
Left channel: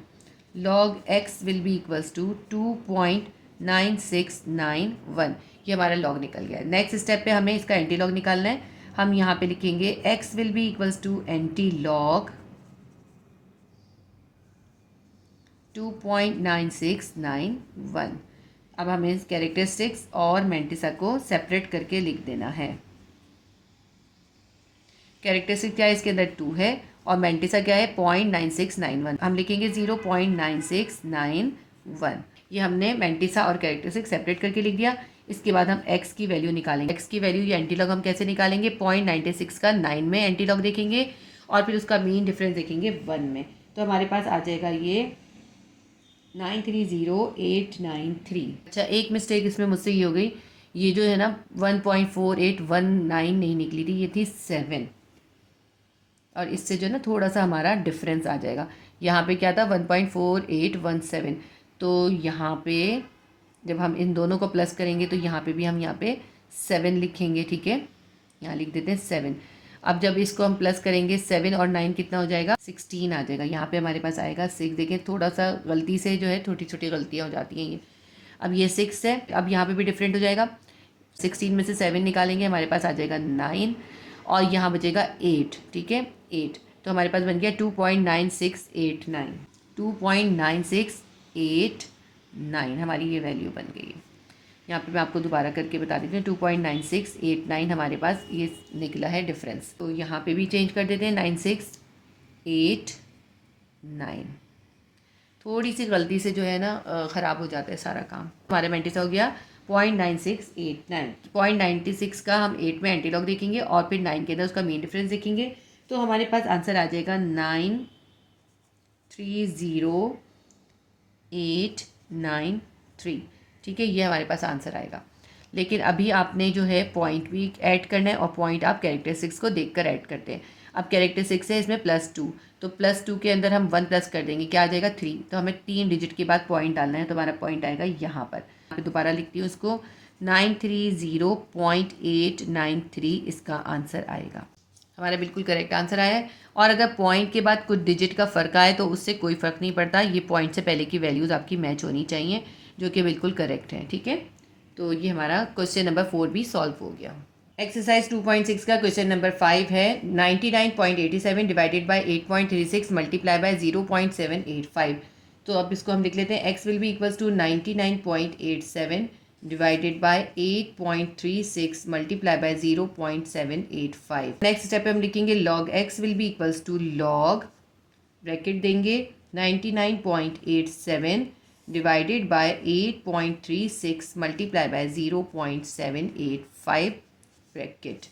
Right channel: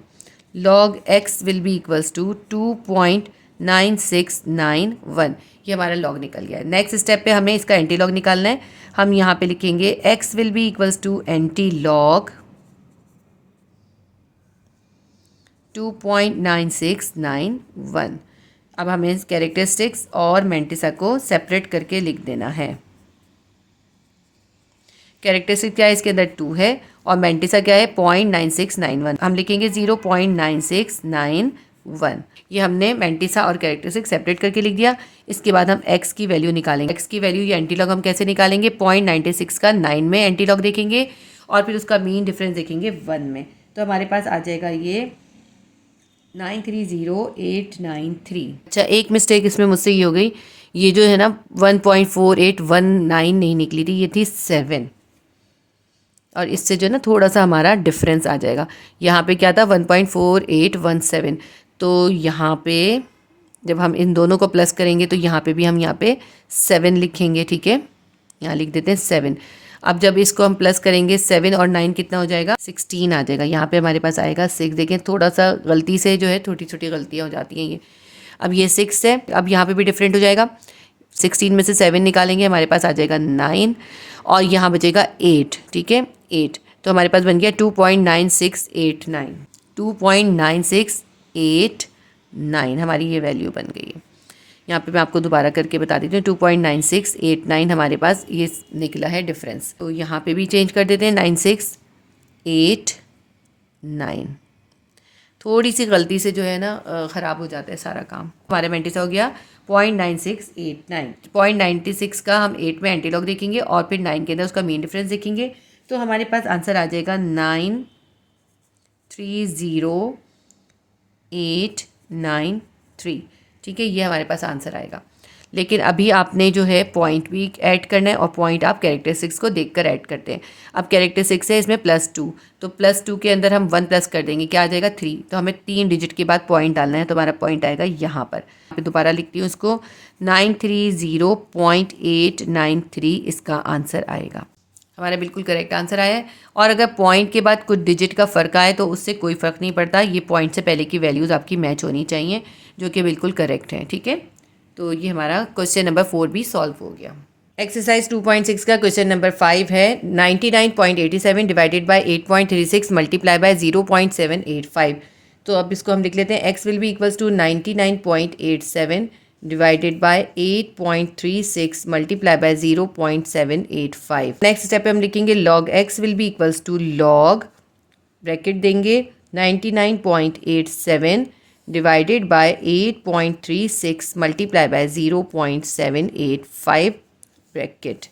log x will be equals to 2.9691। ये हमारा लॉग निकल गया है। नेक्स्ट स्टेप पे हमें इसका एंटी लॉग निकालना है। हम यहाँ पे लिखेंगे x will be equals to antilog 2.9691। अब हमें कैरेक्टरिस्टिक्स और मैंटिसा को सेपरेट करके लिख देना है। कैरेक्टरिस्टिक क्या है, इसके अंदर 2 है और मैंटिसा क्या है 0.9691। हम लिखेंगे 0.9691। ये हमने मैंटिसा और कैरेक्टरिस्टिक सेपरेट करके लिख दिया। इसके बाद हम x की वैल्यू निकालेंगे। x की वैल्यू ये एंटी लॉग हम कैसे निकालेंगे, 0.96 का 9 में एंटी लॉग देखेंगे और फिर उसका मीन डिफरेंस देखेंगे 1 में। तो हमारे पास आ जाएगा ये 930893। अच्छा, एक मिस्टेक इसमें मुझसे ये हो गई, ये जो है ना 1.4819 नहीं निकली थी, ये थी 7 और इससे जो है ना थोड़ा सा हमारा डिफरेंस आ जाएगा। यहाँ पे क्या था 1.4817, तो यहाँ पे जब हम इन दोनों को प्लस करेंगे तो यहाँ पे भी हम यहाँ पे 7 लिखेंगे। ठीक है, यहाँ लिख देते हैं 7। अब जब इसको हम प्लस करेंगे 7 और 9 कितना हो जाएगा, 16 आ जाएगा। यहाँ पे हमारे पास आएगा 6। देखें थोड़ा सा गलती से जो है छोटी छोटी गलतियाँ हो जाती हैं ये। अब ये 6 है, अब यहाँ पे भी डिफरेंट हो जाएगा। 16 में से 7 निकालेंगे, हमारे पास आ जाएगा 9 और यहाँ बचेगा 8। ठीक है 8, तो हमारे पास बन गया 2.9689। 2.9689 हमारी ये वैल्यू बन गई है। यहाँ पे मैं आपको दोबारा करके बता देती हूँ, 2.9689 हमारे पास ये निकला है डिफरेंस। तो यहाँ पे भी चेंज कर देते हैं 9689। थोड़ी सी गलती से जो है ना ख़राब हो जाता है सारा काम। हमारे मेंटिस हो गया 0.9689। 0.96 का हम 8 में एंटी लॉग देखेंगे और फिर 9 के अंदर उसका मीन डिफरेंस देखेंगे, तो हमारे पास आंसर आ जाएगा 930893। ठीक है, ये हमारे पास आंसर आएगा। लेकिन अभी आपने जो है पॉइंट भी ऐड करना है और पॉइंट आप कैरेक्टरिस्टिक्स को देखकर ऐड करते हैं। अब कैरेक्टरिस्टिक्स है इसमें +2, तो +2 के अंदर हम 1 प्लस कर देंगे, क्या आ जाएगा 3। तो हमें 3 डिजिट के बाद पॉइंट डालना है, तो हमारा पॉइंट आएगा यहाँ पर। दोबारा लिखती हूँ इसको, 930.893 इसका आंसर आएगा। हमारा बिल्कुल करेक्ट आंसर आया है। और अगर पॉइंट के बाद कुछ डिजिट का फ़र्क आए तो उससे कोई फ़र्क नहीं पड़ता, ये पॉइंट से पहले की वैल्यूज़ आपकी मैच होनी चाहिए, जो कि बिल्कुल करेक्ट है। ठीक है, तो ये हमारा क्वेश्चन नंबर 4 भी सॉल्व हो गया। एक्सरसाइज 2.6 का क्वेश्चन नंबर 5 है, 99.87 डिवाइडेड बाय 8.36 मल्टीप्लाई बाय 0.785। तो अब इसको हम लिख लेते हैं, x will be equals to 99.87 divided by 8.36 multiply by 0.785। Next step पे हम लिखेंगे log x will be equals to log bracket देंगे 99.87 divided by 8.36 multiply by 0.785 bracket,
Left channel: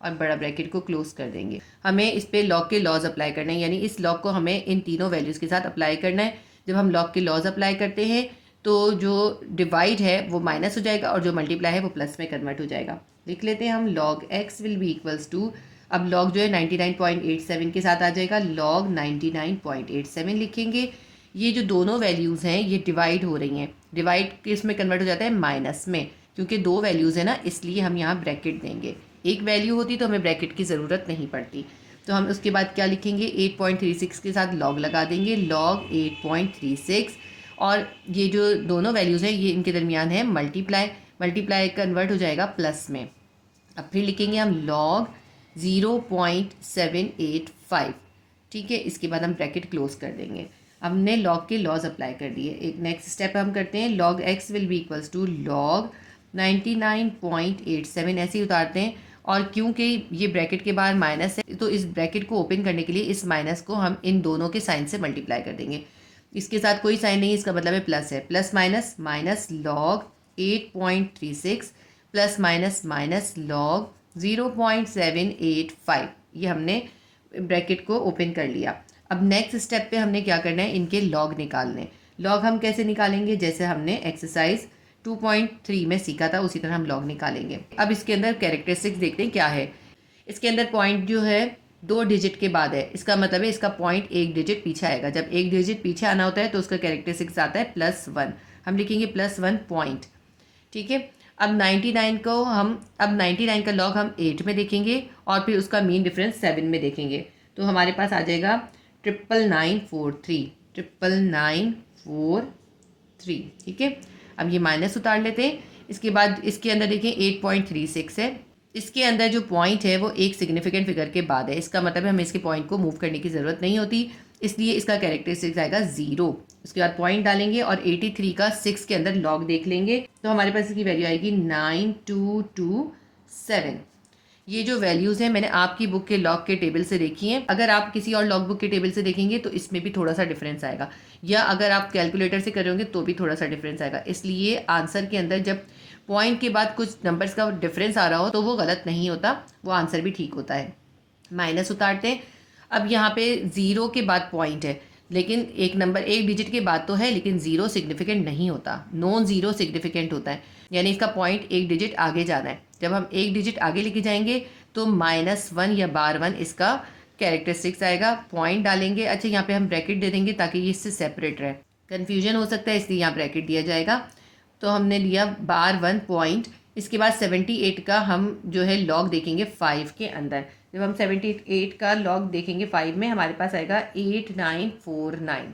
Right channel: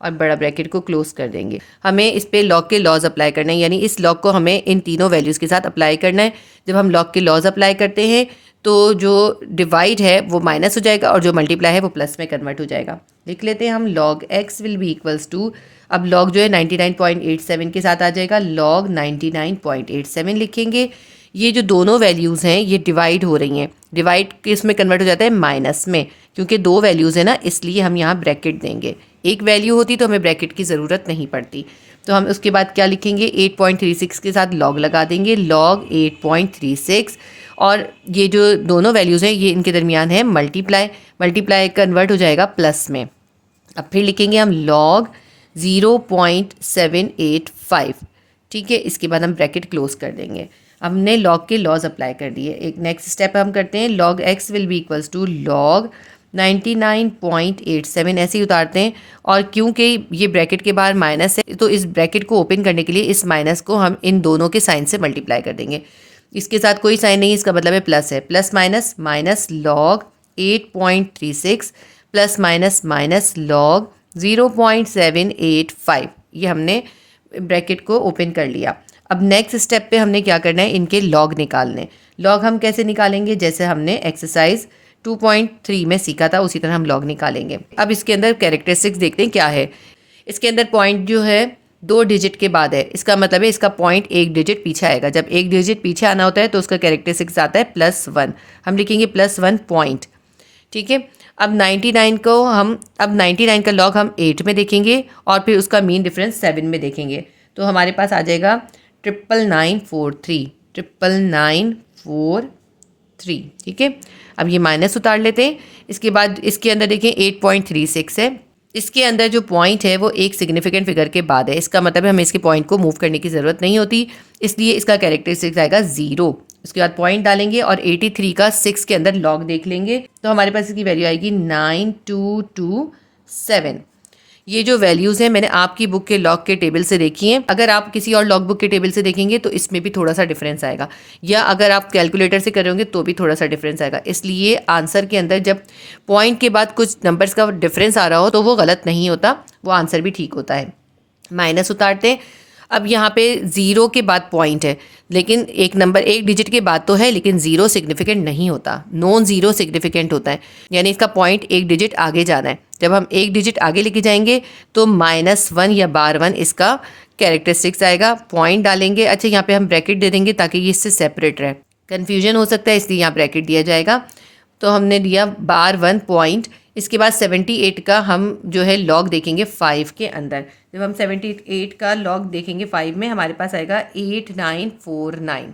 और बड़ा ब्रैकेट को क्लोज कर देंगे। हमें इस पे लॉग के लॉज अप्लाई करना है, यानी इस लॉग को हमें इन तीनों वैल्यूज़ के साथ अप्लाई करना है। जब हम लॉग के लॉज अप्लाई करते हैं तो जो डिवाइड है वो माइनस हो जाएगा और जो मल्टीप्लाई है वो प्लस में कन्वर्ट हो जाएगा। लिख लेते हैं हम log x will be equals to, अब log जो है 99.87 के साथ आ जाएगा, log 99.87 लिखेंगे। ये जो दोनों वैल्यूज़ हैं ये डिवाइड हो रही हैं, डिवाइड किस में कन्वर्ट हो जाता है, माइनस में, क्योंकि 2 वैल्यूज़ है ना, इसलिए हम यहाँ ब्रैकेट देंगे। एक वैल्यू होती तो हमें ब्रैकेट की ज़रूरत नहीं पड़ती। तो हम उसके बाद क्या लिखेंगे, 8.36 के साथ log लगा देंगे, log 8.36, और ये जो दोनों वैल्यूज़ हैं ये इनके दरमियान है मल्टीप्लाई कन्वर्ट हो जाएगा प्लस में। अब फिर लिखेंगे हम log 0.785। ठीक है, इसके बाद हम ब्रैकेट क्लोज कर देंगे। हमने log के लॉज अप्लाई कर दिए। एक नेक्स्ट स्टेप हम करते हैं, log x will be equals to log 99.87 ऐसे ही उतारते हैं, और क्योंकि ये ब्रैकेट के बाहर माइनस है तो इस ब्रैकेट को ओपन करने के लिए इस माइनस को हम इन दोनों के साइन से मल्टीप्लाई कर देंगे। इसके साथ कोई साइन नहीं, इसका मतलब है प्लस है, plus minus minus log 8.36 plus minus minus log 0.785। ये हमने ब्रैकेट को ओपन कर लिया। अब नेक्स्ट स्टेप पे हमने क्या करना है, इनके लॉग निकालने। लॉग हम कैसे निकालेंगे, जैसे हमने एक्सरसाइज 2.3 में सीखा था उसी तरह हम लॉग निकालेंगे। अब इसके अंदर कैरेक्टरिस्टिक्स देखते हैं क्या है। इसके अंदर पॉइंट जो है 2 डिजिट के बाद है, इसका मतलब है इसका पॉइंट 1 डिजिट पीछे आएगा। जब 1 डिजिट पीछे आना होता है तो उसका कैरेक्टरिस्टिक्स आता है +1, हम लिखेंगे +1 पॉइंट। ठीक है, अब 99 का लॉग हम 8 में देखेंगे और फिर उसका मीन डिफरेंस 7 में देखेंगे, तो हमारे पास आ जाएगा 99943। ठीक है, अब ये माइनस उतार लेते हैं। इसके बाद इसके अंदर देखें 8.36 है, इसके अंदर जो पॉइंट है वो एक सिग्निफिकेंट फिगर के बाद है, इसका मतलब है हमें इसके पॉइंट को मूव करने की ज़रूरत नहीं होती, इसलिए इसका कैरेक्टरिस्टिक्स आएगा 0। उसके बाद पॉइंट डालेंगे और 83 का 6 के अंदर लॉग देख लेंगे, तो हमारे पास इसकी वैल्यू आएगी 9227। ये जो वैल्यूज़ हैं मैंने आपकी बुक के लॉग के टेबल से देखी हैं। अगर आप किसी और लॉग बुक के टेबल से देखेंगे तो इसमें भी थोड़ा सा डिफरेंस आएगा, या अगर आप कैलकुलेटर से करोगे तो भी थोड़ा सा डिफरेंस आएगा। इसलिए आंसर के अंदर जब पॉइंट के बाद कुछ नंबर्स का डिफरेंस आ रहा हो तो वो गलत नहीं होता, वो आंसर भी ठीक होता है। माइनस उतारते हैं। अब यहाँ पे 0 के बाद पॉइंट है, लेकिन एक नंबर 1 डिजिट के बाद तो है, लेकिन 0 सिग्निफिकेंट नहीं होता, नॉन 0 सिग्निफिकेंट होता है, यानी इसका पॉइंट 1 डिजिट आगे जाना है। जब हम 1 डिजिट आगे लेके जाएंगे तो -1 या /1 इसका कैरेक्टरिस्टिक्स आएगा। पॉइंट डालेंगे, अच्छा यहाँ पे हम ब्रैकेट दे देंगे ताकि ये इससे सेपरेट रहे, कन्फ्यूजन हो सकता है इसलिए यहाँ ब्रैकेट दिया जाएगा। तो हमने दिया /1 पॉइंट, इसके बाद 78 का हम जो है लॉग देखेंगे 5 के अंदर। जब हम 78 का लॉग देखेंगे 5 में, हमारे पास आएगा 8949।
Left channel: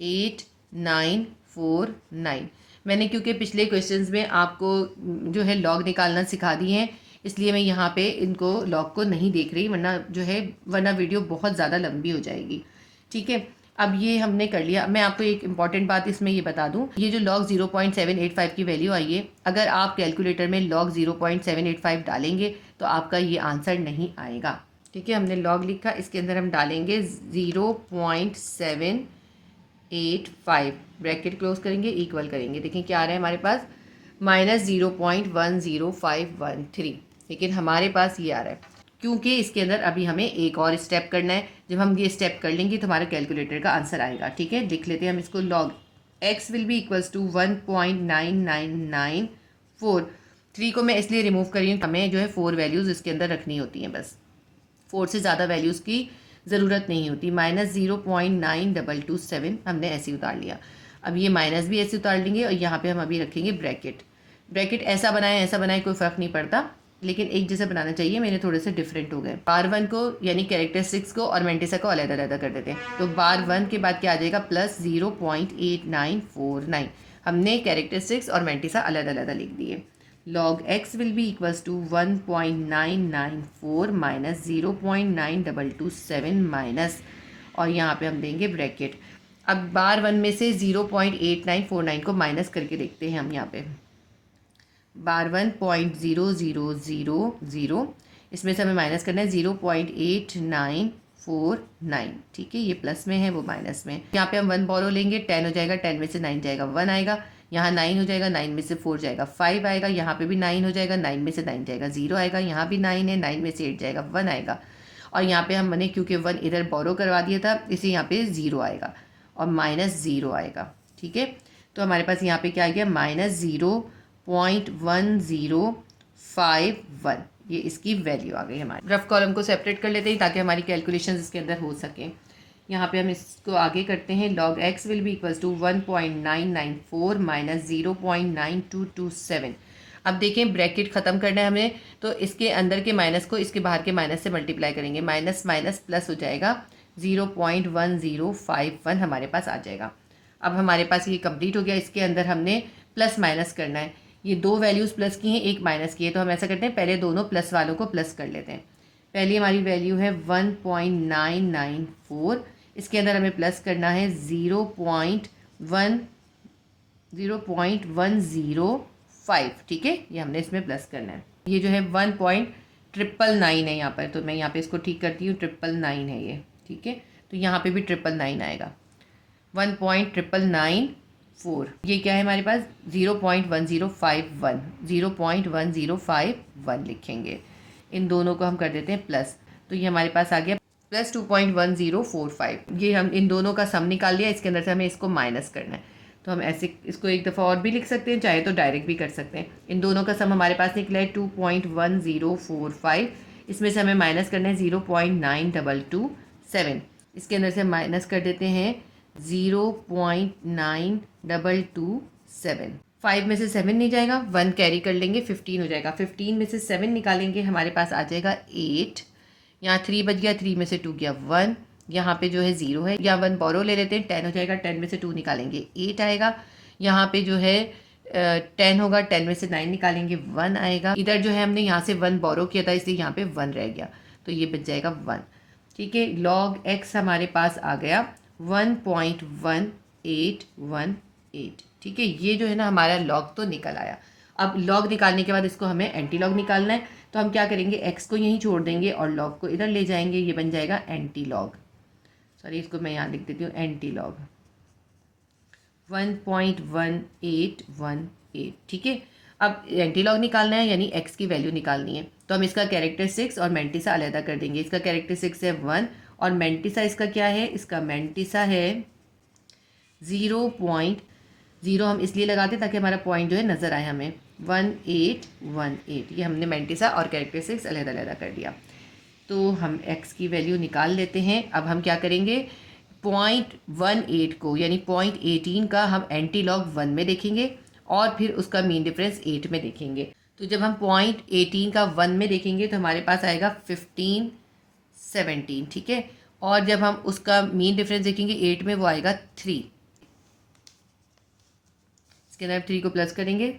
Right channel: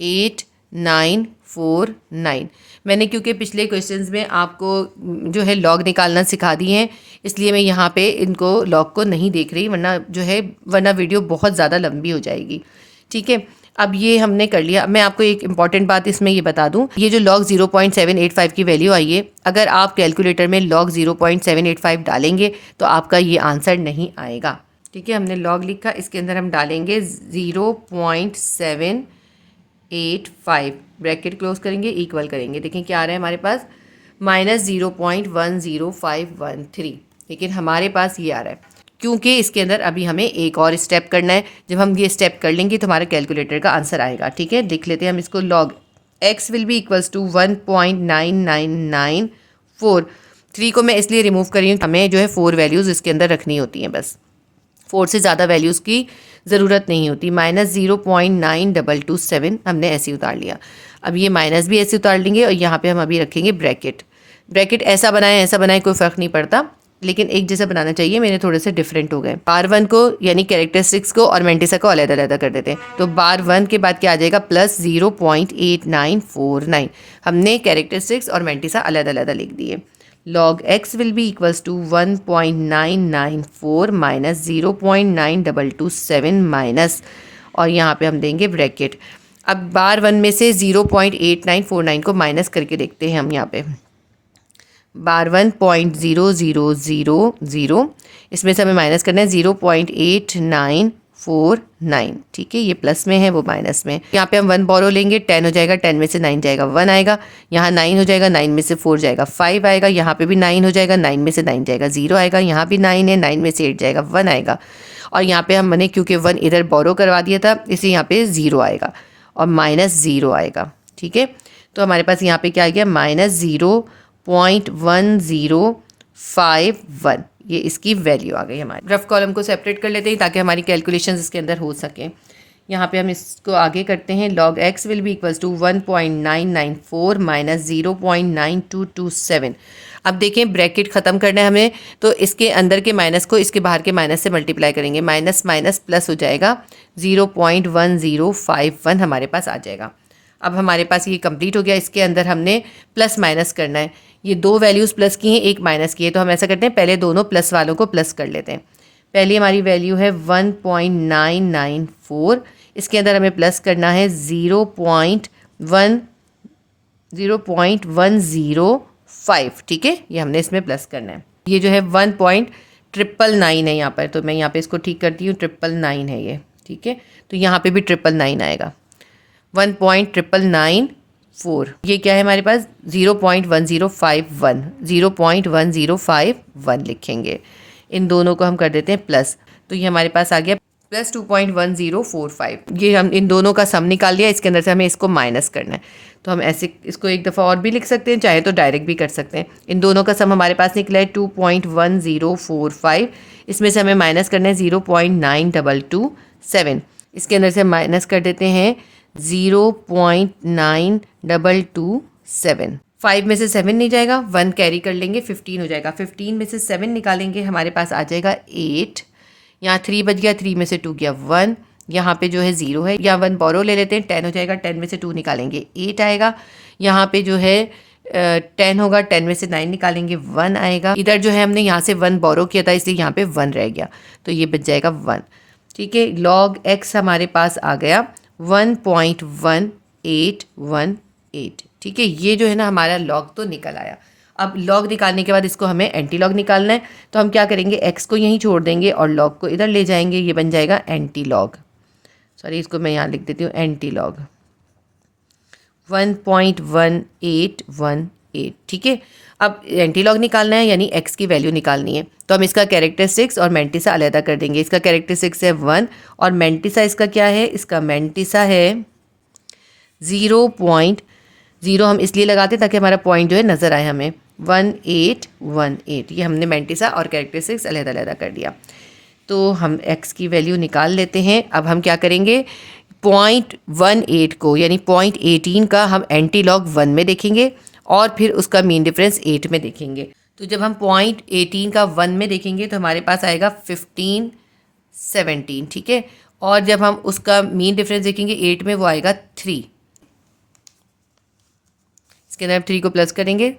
8949। मैंने क्योंकि पिछले क्वेश्चंस में आपको जो है लॉग निकालना सिखा दिए हैं, इसलिए मैं यहाँ पे इनको लॉग को नहीं देख रही, वरना वीडियो बहुत ज़्यादा लंबी हो जाएगी। ठीक है, अब ये हमने कर लिया। मैं आपको एक इम्पॉर्टेंट बात इसमें ये बता दूं, ये जो लॉग 0.785 की वैल्यू आई है, अगर आप कैलकुलेटर में लॉग 0.785 डालेंगे तो आपका ये आंसर नहीं आएगा। ठीक है, हमने लॉग लिखा, इसके अंदर हम डालेंगे 0.785, ब्रैकेट क्लोज करेंगे, इक्वल करेंगे। देखें क्या आ रहा है हमारे पास, -0.10513, लेकिन हमारे पास ये आ रहा है क्योंकि इसके अंदर अभी हमें एक और स्टेप करना है। जब हम ये स्टेप कर लेंगे तो हमारे कैलकुलेटर का आंसर आएगा। ठीक है, लिख लेते हैं हम इसको, log x will be equals to 1.9994। 3 को मैं इसलिए रिमूव कर रही हूँ, हमें जो है 4 वैल्यूज़ इसके अंदर रखनी होती हैं, बस 4 से ज़्यादा वैल्यूज़ की ज़रूरत नहीं होती। -0.9227 हमने ऐसे उतार लिया। अब ये माइनस भी ऐसे उतार लेंगे और यहाँ पे हम अभी रखेंगे ब्रैकेट। ब्रैकेट ऐसा बनाए कोई फ़र्क नहीं पड़ता, लेकिन एक जैसा बनाना चाहिए। मेरे थोड़े से डिफरेंट हो गए। बार 1 को यानी कैरेक्टरिस्टिक्स को और मेंटिसा को अलग-अलग कर देते हैं। तो बार 1 के बाद क्या आ जाएगा, +0.8949। हमने कैरेक्टरिस्टिक्स और मेंटिसा अलग-अलग लिख दिए। log x will be equals to 1.994 minus 0.9227 minus, और यहाँ पे हम देंगे ब्रैकेट। अब बार 1 में से 0.8949 को माइनस करके देखते हैं हम यहाँ पे। बार 1.0000, इसमें से हमें माइनस करना है 0.8949। ठीक है, ये प्लस में है, वो माइनस में। यहाँ पे हम 1 बोरो लेंगे, 10 हो जाएगा, 10 में से 9 जाएगा, 1 आएगा। यहाँ 9 हो जाएगा, 9 में से 4 जाएगा, 5 आएगा। यहाँ पे भी 9 हो जाएगा, 9 में से 9 जाएगा, 0 आएगा। यहाँ भी 9 है, 9 में से 8 जाएगा, 1 आएगा। और यहाँ पे हमने क्योंकि 1 इधर बोरो करवा दिया था, इसलिए यहाँ पे 0 आएगा और -0 आएगा। ठीक है, तो हमारे पास यहाँ पे क्या आ गया, -0.1051, ये इसकी वैल्यू आ गई हमारी। रफ कॉलम को सेपरेट कर लेते हैं ताकि हमारी कैलकुलेशंस इसके अंदर हो सकें। यहाँ पे हम इसको आगे करते हैं। log x will be equals to 1.994 minus 0.9227। अब देखें, ब्रैकेट ख़त्म करना है हमें, तो इसके अंदर के माइनस को इसके बाहर के माइनस से मल्टीप्लाई करेंगे। माइनस माइनस प्लस हो जाएगा, 0.1051 हमारे पास आ जाएगा। अब हमारे पास ये कंप्लीट हो गया। इसके अंदर हमने प्लस माइनस करना है। ये 2 वैल्यूज़ प्लस की हैं, एक माइनस की है, तो हम ऐसा करते हैं, पहले दोनों प्लस वालों को प्लस कर लेते हैं। पहली हमारी वैल्यू है 1.994, इसके अंदर हमें प्लस करना है 0.105। ठीक है, ये हमने इसमें प्लस करना है। ये जो है 1.999 है यहाँ पर, तो मैं यहाँ पे इसको ठीक करती हूँ, 999 है ये। ठीक है, तो यहाँ पे भी 999 आएगा। 1.994, ये क्या है हमारे पास, 0.1051 लिखेंगे। इन दोनों को हम कर देते हैं प्लस, तो ये हमारे पास आ गया +2.1045। ये हम इन दोनों का सम निकाल लिया। इसके अंदर से हमें इसको माइनस करना है, तो हम ऐसे इसको एक दफ़ा और भी लिख सकते हैं, चाहे तो डायरेक्ट भी कर सकते हैं। इन दोनों का सम हमारे पास निकला है 2.1045। इसमें से हमें माइनस करना है 0.9227। इसके अंदर से माइनस कर देते हैं 0.9227। 5 में से 7 नहीं जाएगा, 1 कैरी कर लेंगे, 15 हो जाएगा। 15 में से 7 निकालेंगे, हमारे पास आ जाएगा 8। यहाँ 3 बच गया, 3 में से 2 गया 1, यहाँ पे जो है 0 है। यहाँ 1 बोरो ले लेते हैं, 10 हो जाएगा, 10 में से 2 निकालेंगे 8 आएगा। यहाँ पे जो है 10 होगा, 10 में से 9 निकालेंगे 1 आएगा। इधर जो है हमने यहाँ से 1 बोरो किया था, इसलिए यहाँ पे 1 रह गया, तो ये बच जाएगा 1। ठीक है, log x हमारे पास आ गया 1.1818। ठीक है, ये जो है ना हमारा लॉग तो निकल आया। अब लॉग निकालने के बाद इसको हमें एंटी लॉग निकालना है, तो हम क्या करेंगे, x को यहीं छोड़ देंगे और लॉग को इधर ले जाएंगे। ये बन जाएगा एंटी लॉग, सॉरी इसको मैं यहाँ लिख देती हूँ, एंटी लॉग 1.1818। ठीक है, अब एंटी लॉग निकालना है, यानी x की वैल्यू निकालनी है, तो हम इसका कैरेक्टरिस्टिक्स और मेंटिसा अलग कर देंगे। इसका कैरेक्टरिस्टिक्स है 1 और मेंटिसा इसका क्या है, इसका मेंटिसा है 0.0। हम इसलिए लगाते ताकि हमारा पॉइंट जो है नज़र आए हमें, 1818। ये हमने मेंटिसा और कैरेक्टरिस्टिक्स अलग कर दिया। तो हम x की वैल्यू निकाल लेते हैं। अब हम क्या करेंगे, 0.18 को यानी 0.18 का हम एंटी लॉग 1 में देखेंगे और फिर उसका मीन डिफरेंस 8 में देखेंगे। तो जब हम पॉइंट 18 का 1 में देखेंगे तो हमारे पास आएगा 15 17, ठीक है। और जब हम उसका मीन डिफरेंस देखेंगे 8 में, वो आएगा 3। इसके अंदर 3 को प्लस करेंगे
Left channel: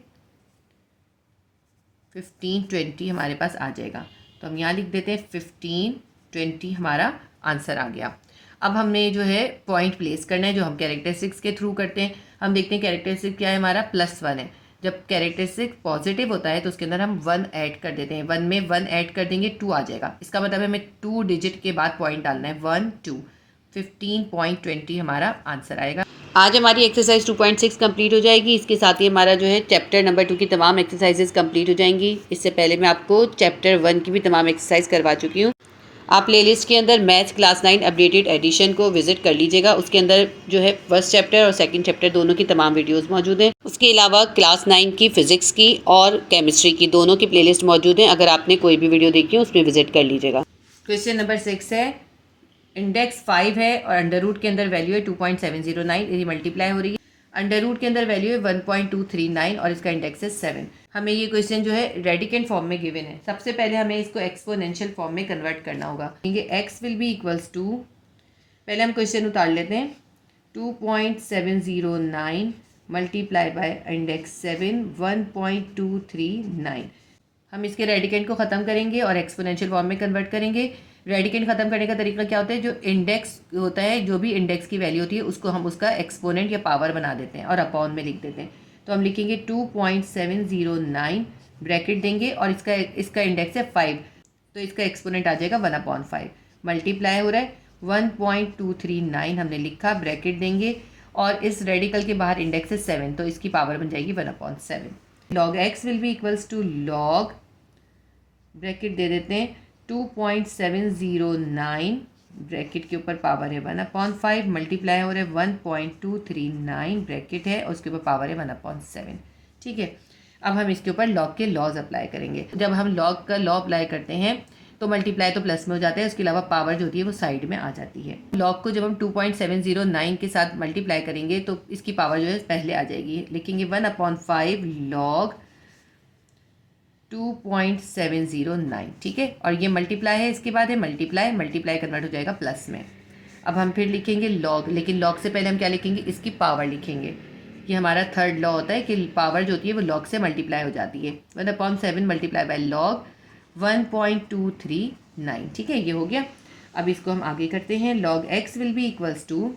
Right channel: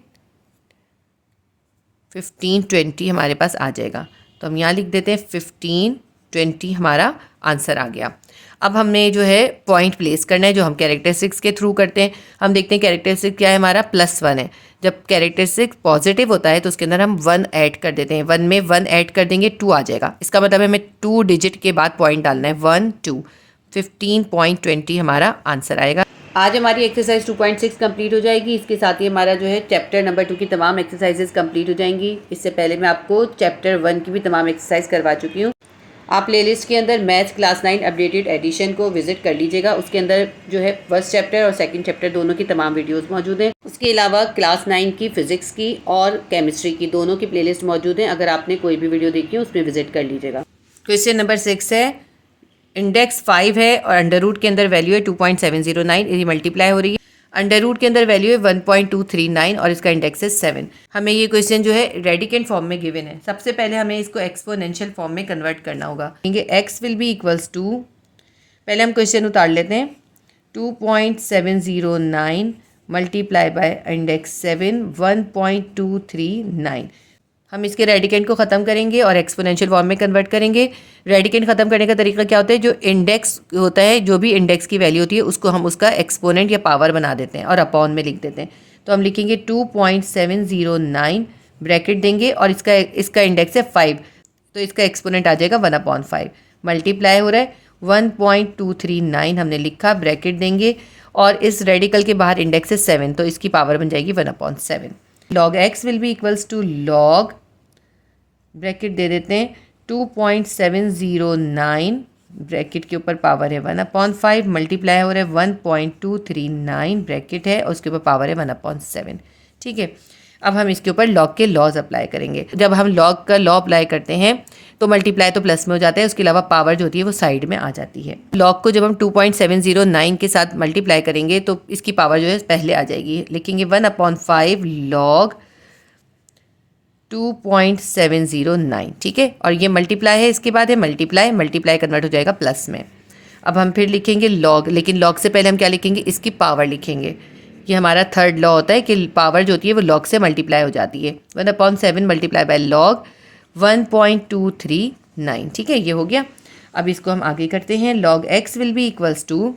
15 20 हमारे पास आ जाएगा। तो हम यहाँ लिख देते हैं 15 20 हमारा आंसर आ गया। अब हमने जो है पॉइंट प्लेस करना है, जो हम कैरेक्टरिस्टिक्स के थ्रू करते हैं। हम देखते हैं कैरेक्टरिस्टिक क्या है, हमारा +1 है। जब कैरेक्टरिस्टिक पॉजिटिव होता है तो उसके अंदर हम 1 ऐड कर देते हैं। 1 में 1 ऐड कर देंगे 2 आ जाएगा। इसका मतलब हमें 2 डिजिट के बाद पॉइंट डालना है, 1 2, 15.20 हमारा आंसर आएगा। आज हमारी एक्सरसाइज 2.6 कंप्लीट हो जाएगी। इसके साथ ही हमारा जो है चैप्टर नंबर 2 की तमाम एक्सरसाइजेज कंप्लीट हो जाएंगी। इससे पहले मैं आपको चैप्टर 1 की भी तमाम एक्सरसाइज करवा चुकी हूँ। आप प्लेलिस्ट के अंदर मैथ्स क्लास 9 अपडेटेड एडिशन को विजिट कर लीजिएगा। उसके अंदर जो है फर्स्ट चैप्टर और सेकंड चैप्टर दोनों की तमाम वीडियोस मौजूद हैं। उसके अलावा क्लास 9 की फिजिक्स की और केमिस्ट्री की दोनों की प्लेलिस्ट मौजूद हैं। अगर आपने कोई भी वीडियो देखी है उसमें विजिट कर लीजिएगा। क्वेश्चन नंबर 6 है, इंडेक्स 5 है और अंडर रूट के अंदर वैल्यू है 2.709, ये मल्टीप्लाई हो रही है। अंडर रूट के अंदर वैल्यू है 1.239 और इसका इंडेक्स है 7। हमें ये क्वेश्चन जो है रेडिकेंट फॉर्म में गिवन है। सबसे पहले हमें इसको एक्सपोनेंशियल फॉर्म में कन्वर्ट करना होगा। X will be equals to, पहले हम क्वेश्चन उतार लेते हैं, 2.709 मल्टीप्लाई बाय इंडेक्स 7 1.239। हम इसके रेडिकेंट को ख़त्म करेंगे और एक्सपोनेंशियल फॉर्म में कन्वर्ट करेंगे। रेडिकेंट ख़त्म करने का तरीका क्या होता है, जो इंडेक्स होता है, जो भी इंडेक्स की वैल्यू होती है उसको हम उसका एक्सपोनेंट या पावर बना देते हैं और अपॉन में लिख देते हैं। तो हम लिखेंगे 2.709 ब्रैकेट देंगे और इसका इंडेक्स है 5, तो इसका एक्सपोनेंट आ जाएगा 1/5। मल्टीप्लाई हो रहा है 1.239 हमने लिखा, ब्रैकेट देंगे और इस रेडिकल के बाहर इंडेक्स है 7, तो इसकी पावर बन जाएगी 1/7। log x will be equals to log, bracket दे देते हैं 2.709 ब्रैकेट के ऊपर पावर है 1/5, मल्टीप्लाई हो रहा है 1.239 ब्रैकेट है और उसके ऊपर पावर है 1/7, ठीक है। अब हम इसके ऊपर लॉग के लॉज अप्लाई करेंगे। जब हम लॉग का लॉ अप्लाई करते हैं तो मल्टीप्लाई तो प्लस में हो जाता है, उसके अलावा पावर जो होती है वो साइड में आ जाती है। लॉग को जब हम 2.709 के साथ मल्टीप्लाई करेंगे तो इसकी पावर जो है पहले आ जाएगी। लिखेंगे 1/5 लॉग 2.709, ठीक है। और ये मल्टीप्लाई है, इसके बाद है मल्टीप्लाई कन्वर्ट हो जाएगा प्लस में। अब हम फिर लिखेंगे लॉग, लेकिन लॉग से पहले हम क्या लिखेंगे, इसकी पावर लिखेंगे। ये हमारा थर्ड लॉ होता है कि पावर जो होती है वो लॉग से मल्टीप्लाई हो जाती है। 1/7 मल्टीप्लाई बाय लॉग 1.239, ठीक है, ये हो गया। अब इसको हम आगे करते हैं। log x will be equals to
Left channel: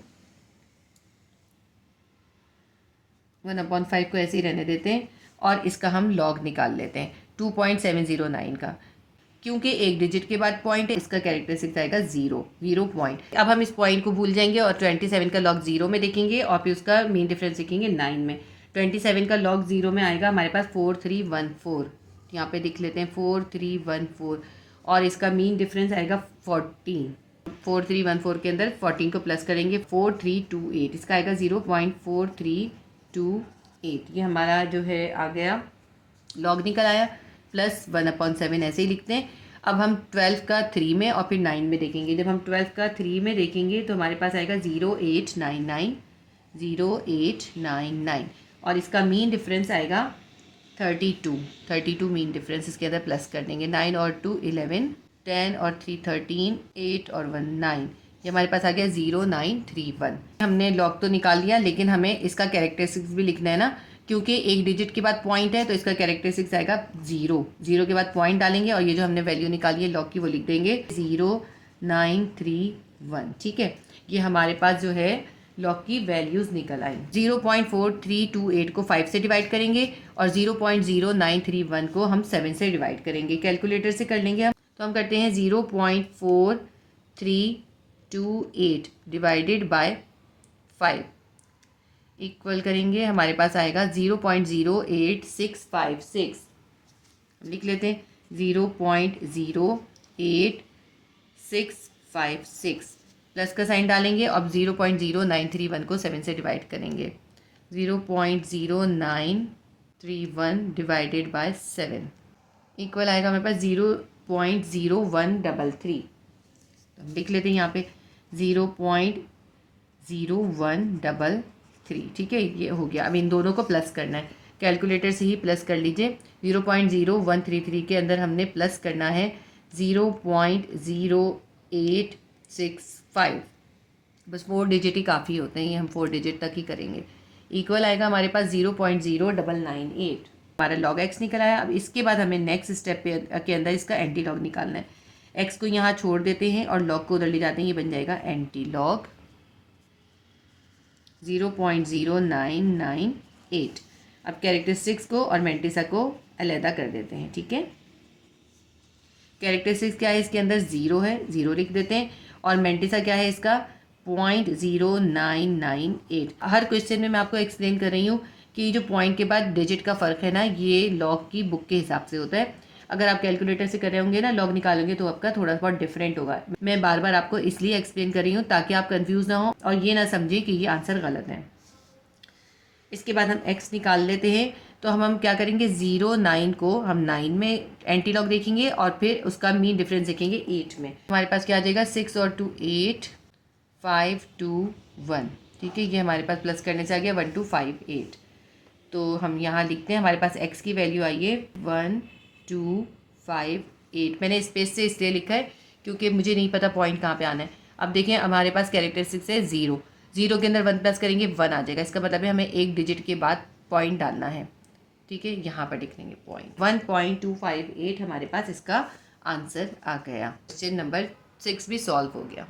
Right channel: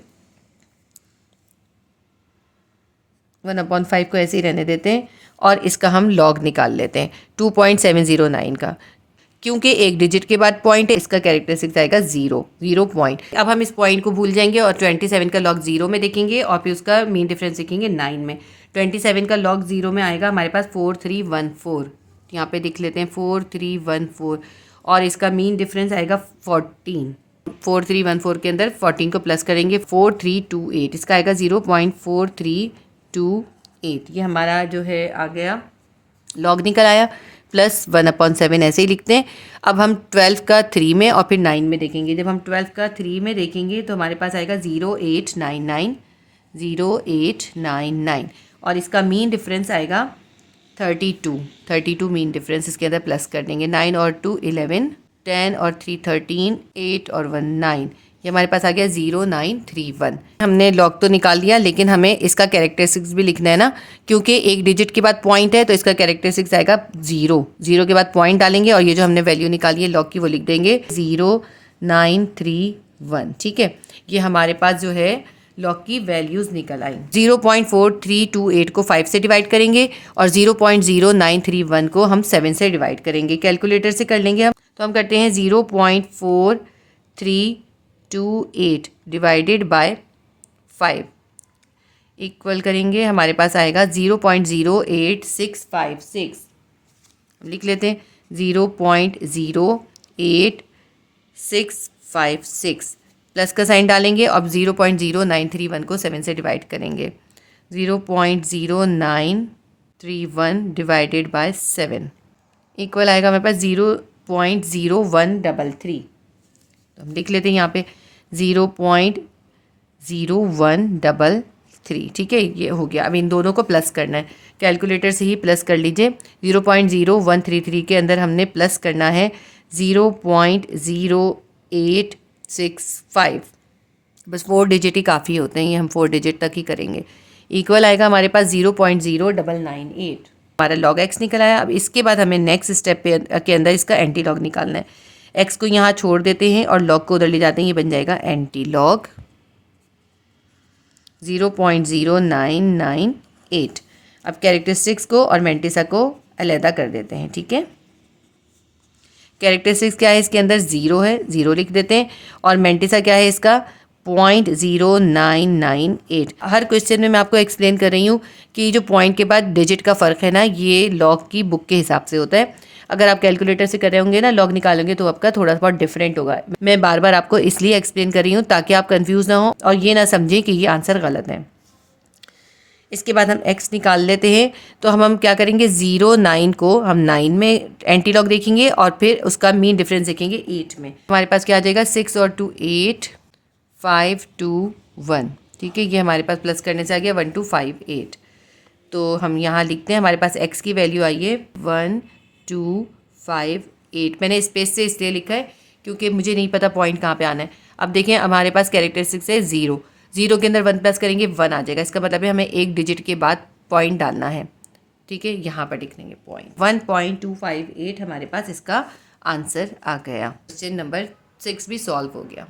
1/5 को ऐसे ही रहने देते हैं और इसका हम log निकाल लेते हैं 2.709 का। क्योंकि एक डिजिट के बाद पॉइंट है, इसका कैरेक्टरिस्टिक्स आएगा 0 पॉइंट। अब हम इस पॉइंट को भूल जाएंगे और 27 का log 0 में देखेंगे और फिर उसका मीन डिफरेंस देखेंगे 9 में। 27 का log 0 में आएगा हमारे पास 4314, यहाँ पे देख लेते हैं 4314, और इसका मीन डिफरेंस आएगा 14। 4314 के अंदर 14 को प्लस करेंगे 4328, इसका आएगा 0.4328। ये हमारा जो है आ गया, लॉग निकल आया, प्लस 1/7 ऐसे ही लिखते हैं। अब हम 12 का 3 में और फिर 9 में देखेंगे। जब हम 12 का 3 में देखेंगे तो हमारे पास आएगा 0899 और इसका मीन डिफरेंस आएगा 32 मीन डिफरेंस इसके अंदर प्लस कर देंगे। 9 और 2 11, 10 और 3 13, 8 और 1 9, ये हमारे पास आ गया 0931। हमने लॉग तो निकाल लिया, लेकिन हमें इसका कैरेक्टरिस्टिक्स भी लिखना है ना, क्योंकि एक डिजिट के बाद पॉइंट है तो इसका कैरेक्टरिस्टिक्स आएगा 0 के बाद पॉइंट डालेंगे और ये जो हमने वैल्यू निकाली है लॉग की वो लिख देंगे 0931, ठीक है। ये हमारे पास जो है लॉग की वैल्यूज़ निकल आई। 0.4328 को 5 से डिवाइड करेंगे और 0.0931 को हम 7 से डिवाइड करेंगे। कैलकुलेटर से कर लेंगे हम, तो हम करते हैं 0.4328 डिवाइडेड बाय 5 इक्वल करेंगे, हमारे पास आएगा 0.08656। लिख लेते हैं 0.08656, प्लस का साइन डालेंगे। अब 0.0931 को 7 से डिवाइड करेंगे, 0.0931 डिवाइडेड बाय 7 इक्वल आएगा हमारे पास 0.0133। तो हम लिख लेते हैं यहाँ पे 0.0133, ठीक है, ये हो गया। अब इन दोनों को प्लस करना है। कैलकुलेटर से ही प्लस कर लीजिए। 0.0133 के अंदर हमने प्लस करना है 0.0865। बस 4 डिजिट ही काफ़ी होते हैं, ये हम 4 डिजिट तक ही करेंगे। इक्वल आएगा हमारे पास 0.0998। हमारा लॉग एक्स निकल आया। अब इसके बाद हमें नेक्स्ट स्टेप के अंदर इसका एंटी लॉग निकालना है। एक्स को यहाँ छोड़ देते हैं और लॉग को उधर ले जाते हैं, ये बन जाएगा एंटी लॉग 0.0998। अब कैरेक्टरिस्टिक्स को और मैंटिसा को अलहदा कर देते हैं, ठीक है। कैरेक्टरिस्टिक्स क्या है, इसके अंदर 0 है, 0 लिख देते हैं। और मैंटिसा क्या है इसका 0.0998। हर क्वेश्चन में मैं आपको एक्सप्लेन कर रही हूँ कि जो पॉइंट के बाद डिजिट का फ़र्क है ना, ये लॉग की बुक के हिसाब से होता है। अगर आप कैलकुलेटर से कर रहे होंगे ना, लॉग निकालोगे तो आपका थोड़ा बहुत डिफरेंट होगा। मैं बार बार आपको इसलिए एक्सप्लेन कर रही हूँ ताकि आप कंफ्यूज ना हो और ये ना समझें कि ये आंसर गलत है। इसके बाद हम x निकाल लेते हैं। तो हम क्या करेंगे, 0.9 को हम 9 में एंटी लॉग देखेंगे और फिर उसका मीन डिफरेंस देखेंगे 8 में। हमारे पास क्या आ जाएगा 6 और 2 8 5 2 1, ठीक है। ये हमारे पास प्लस करने से आ गया 1258। तो हम यहाँ लिखते हैं, हमारे पास x की वैल्यू आई है 1258। मैंने स्पेस से इसलिए लिखा है क्योंकि मुझे नहीं पता पॉइंट कहाँ पे आना है। अब देखें हमारे पास कैरेक्टरिस्टिक्स है 0 के अंदर 1 प्लस करेंगे 1 आ जाएगा। इसका मतलब है हमें एक डिजिट के बाद पॉइंट डालना है, ठीक है। यहाँ पर लिख लेंगे पॉइंट 1.258 हमारे पास इसका आंसर आ गया। क्वेश्चन नंबर 6 भी सॉल्व हो गया।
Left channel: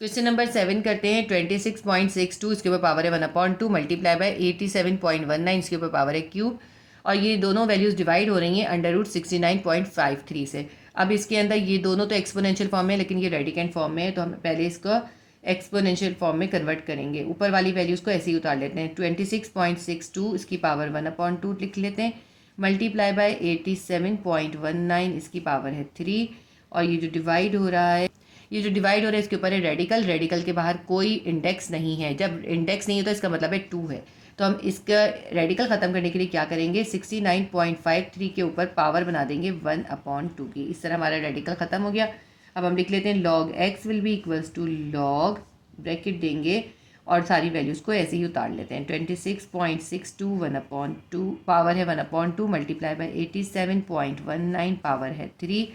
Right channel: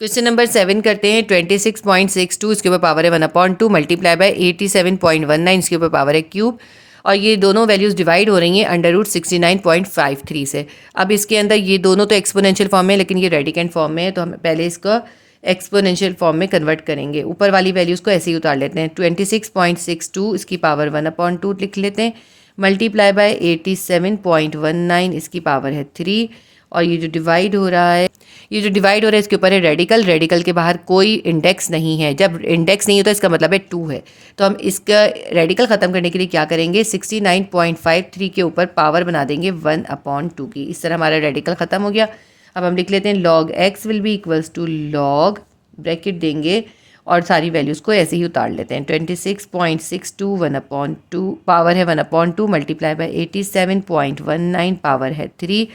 क्वेश्चन नंबर 7 करते हैं। 26.62 इसके ऊपर पावर है 1/2 मल्टीप्लाई बाय 87.19 इसके ऊपर पावर है क्यूब। और ये दोनों वैल्यूज़ डिवाइड हो रही हैं √69.53 से। अब इसके अंदर ये दोनों तो एक्सपोनेंशियल फॉर्म में, लेकिन ये रेडिकेंट फॉर्म में है, तो हम पहले इसका एक्सपोनेंशियल फॉर्म में कन्वर्ट करेंगे। ऊपर वाली वैल्यूज़ को ऐसे ही उतार लेते हैं। 26.62 इसकी पावर 1/2 लिख लेते हैं, मल्टीप्लाई बाय 87.19 इसकी पावर है 3। और ये जो डिवाइड हो रहा है इसके ऊपर है रेडिकल के बाहर कोई इंडेक्स नहीं है। जब इंडेक्स नहीं होता इसका मतलब है 2 है। तो हम इसका रेडिकल ख़त्म करने के लिए क्या करेंगे, 69.53 के ऊपर पावर बना देंगे 1/2 की। इस तरह हमारा रेडिकल ख़त्म हो गया। अब हम लिख लेते हैं log x will be equals to log bracket देंगे और सारी वैल्यूज़ को ऐसे ही उतार लेते हैं। 26.62 1/2 पावर है 1/2 मल्टीप्लाई बाय 87.19 पावर है 3।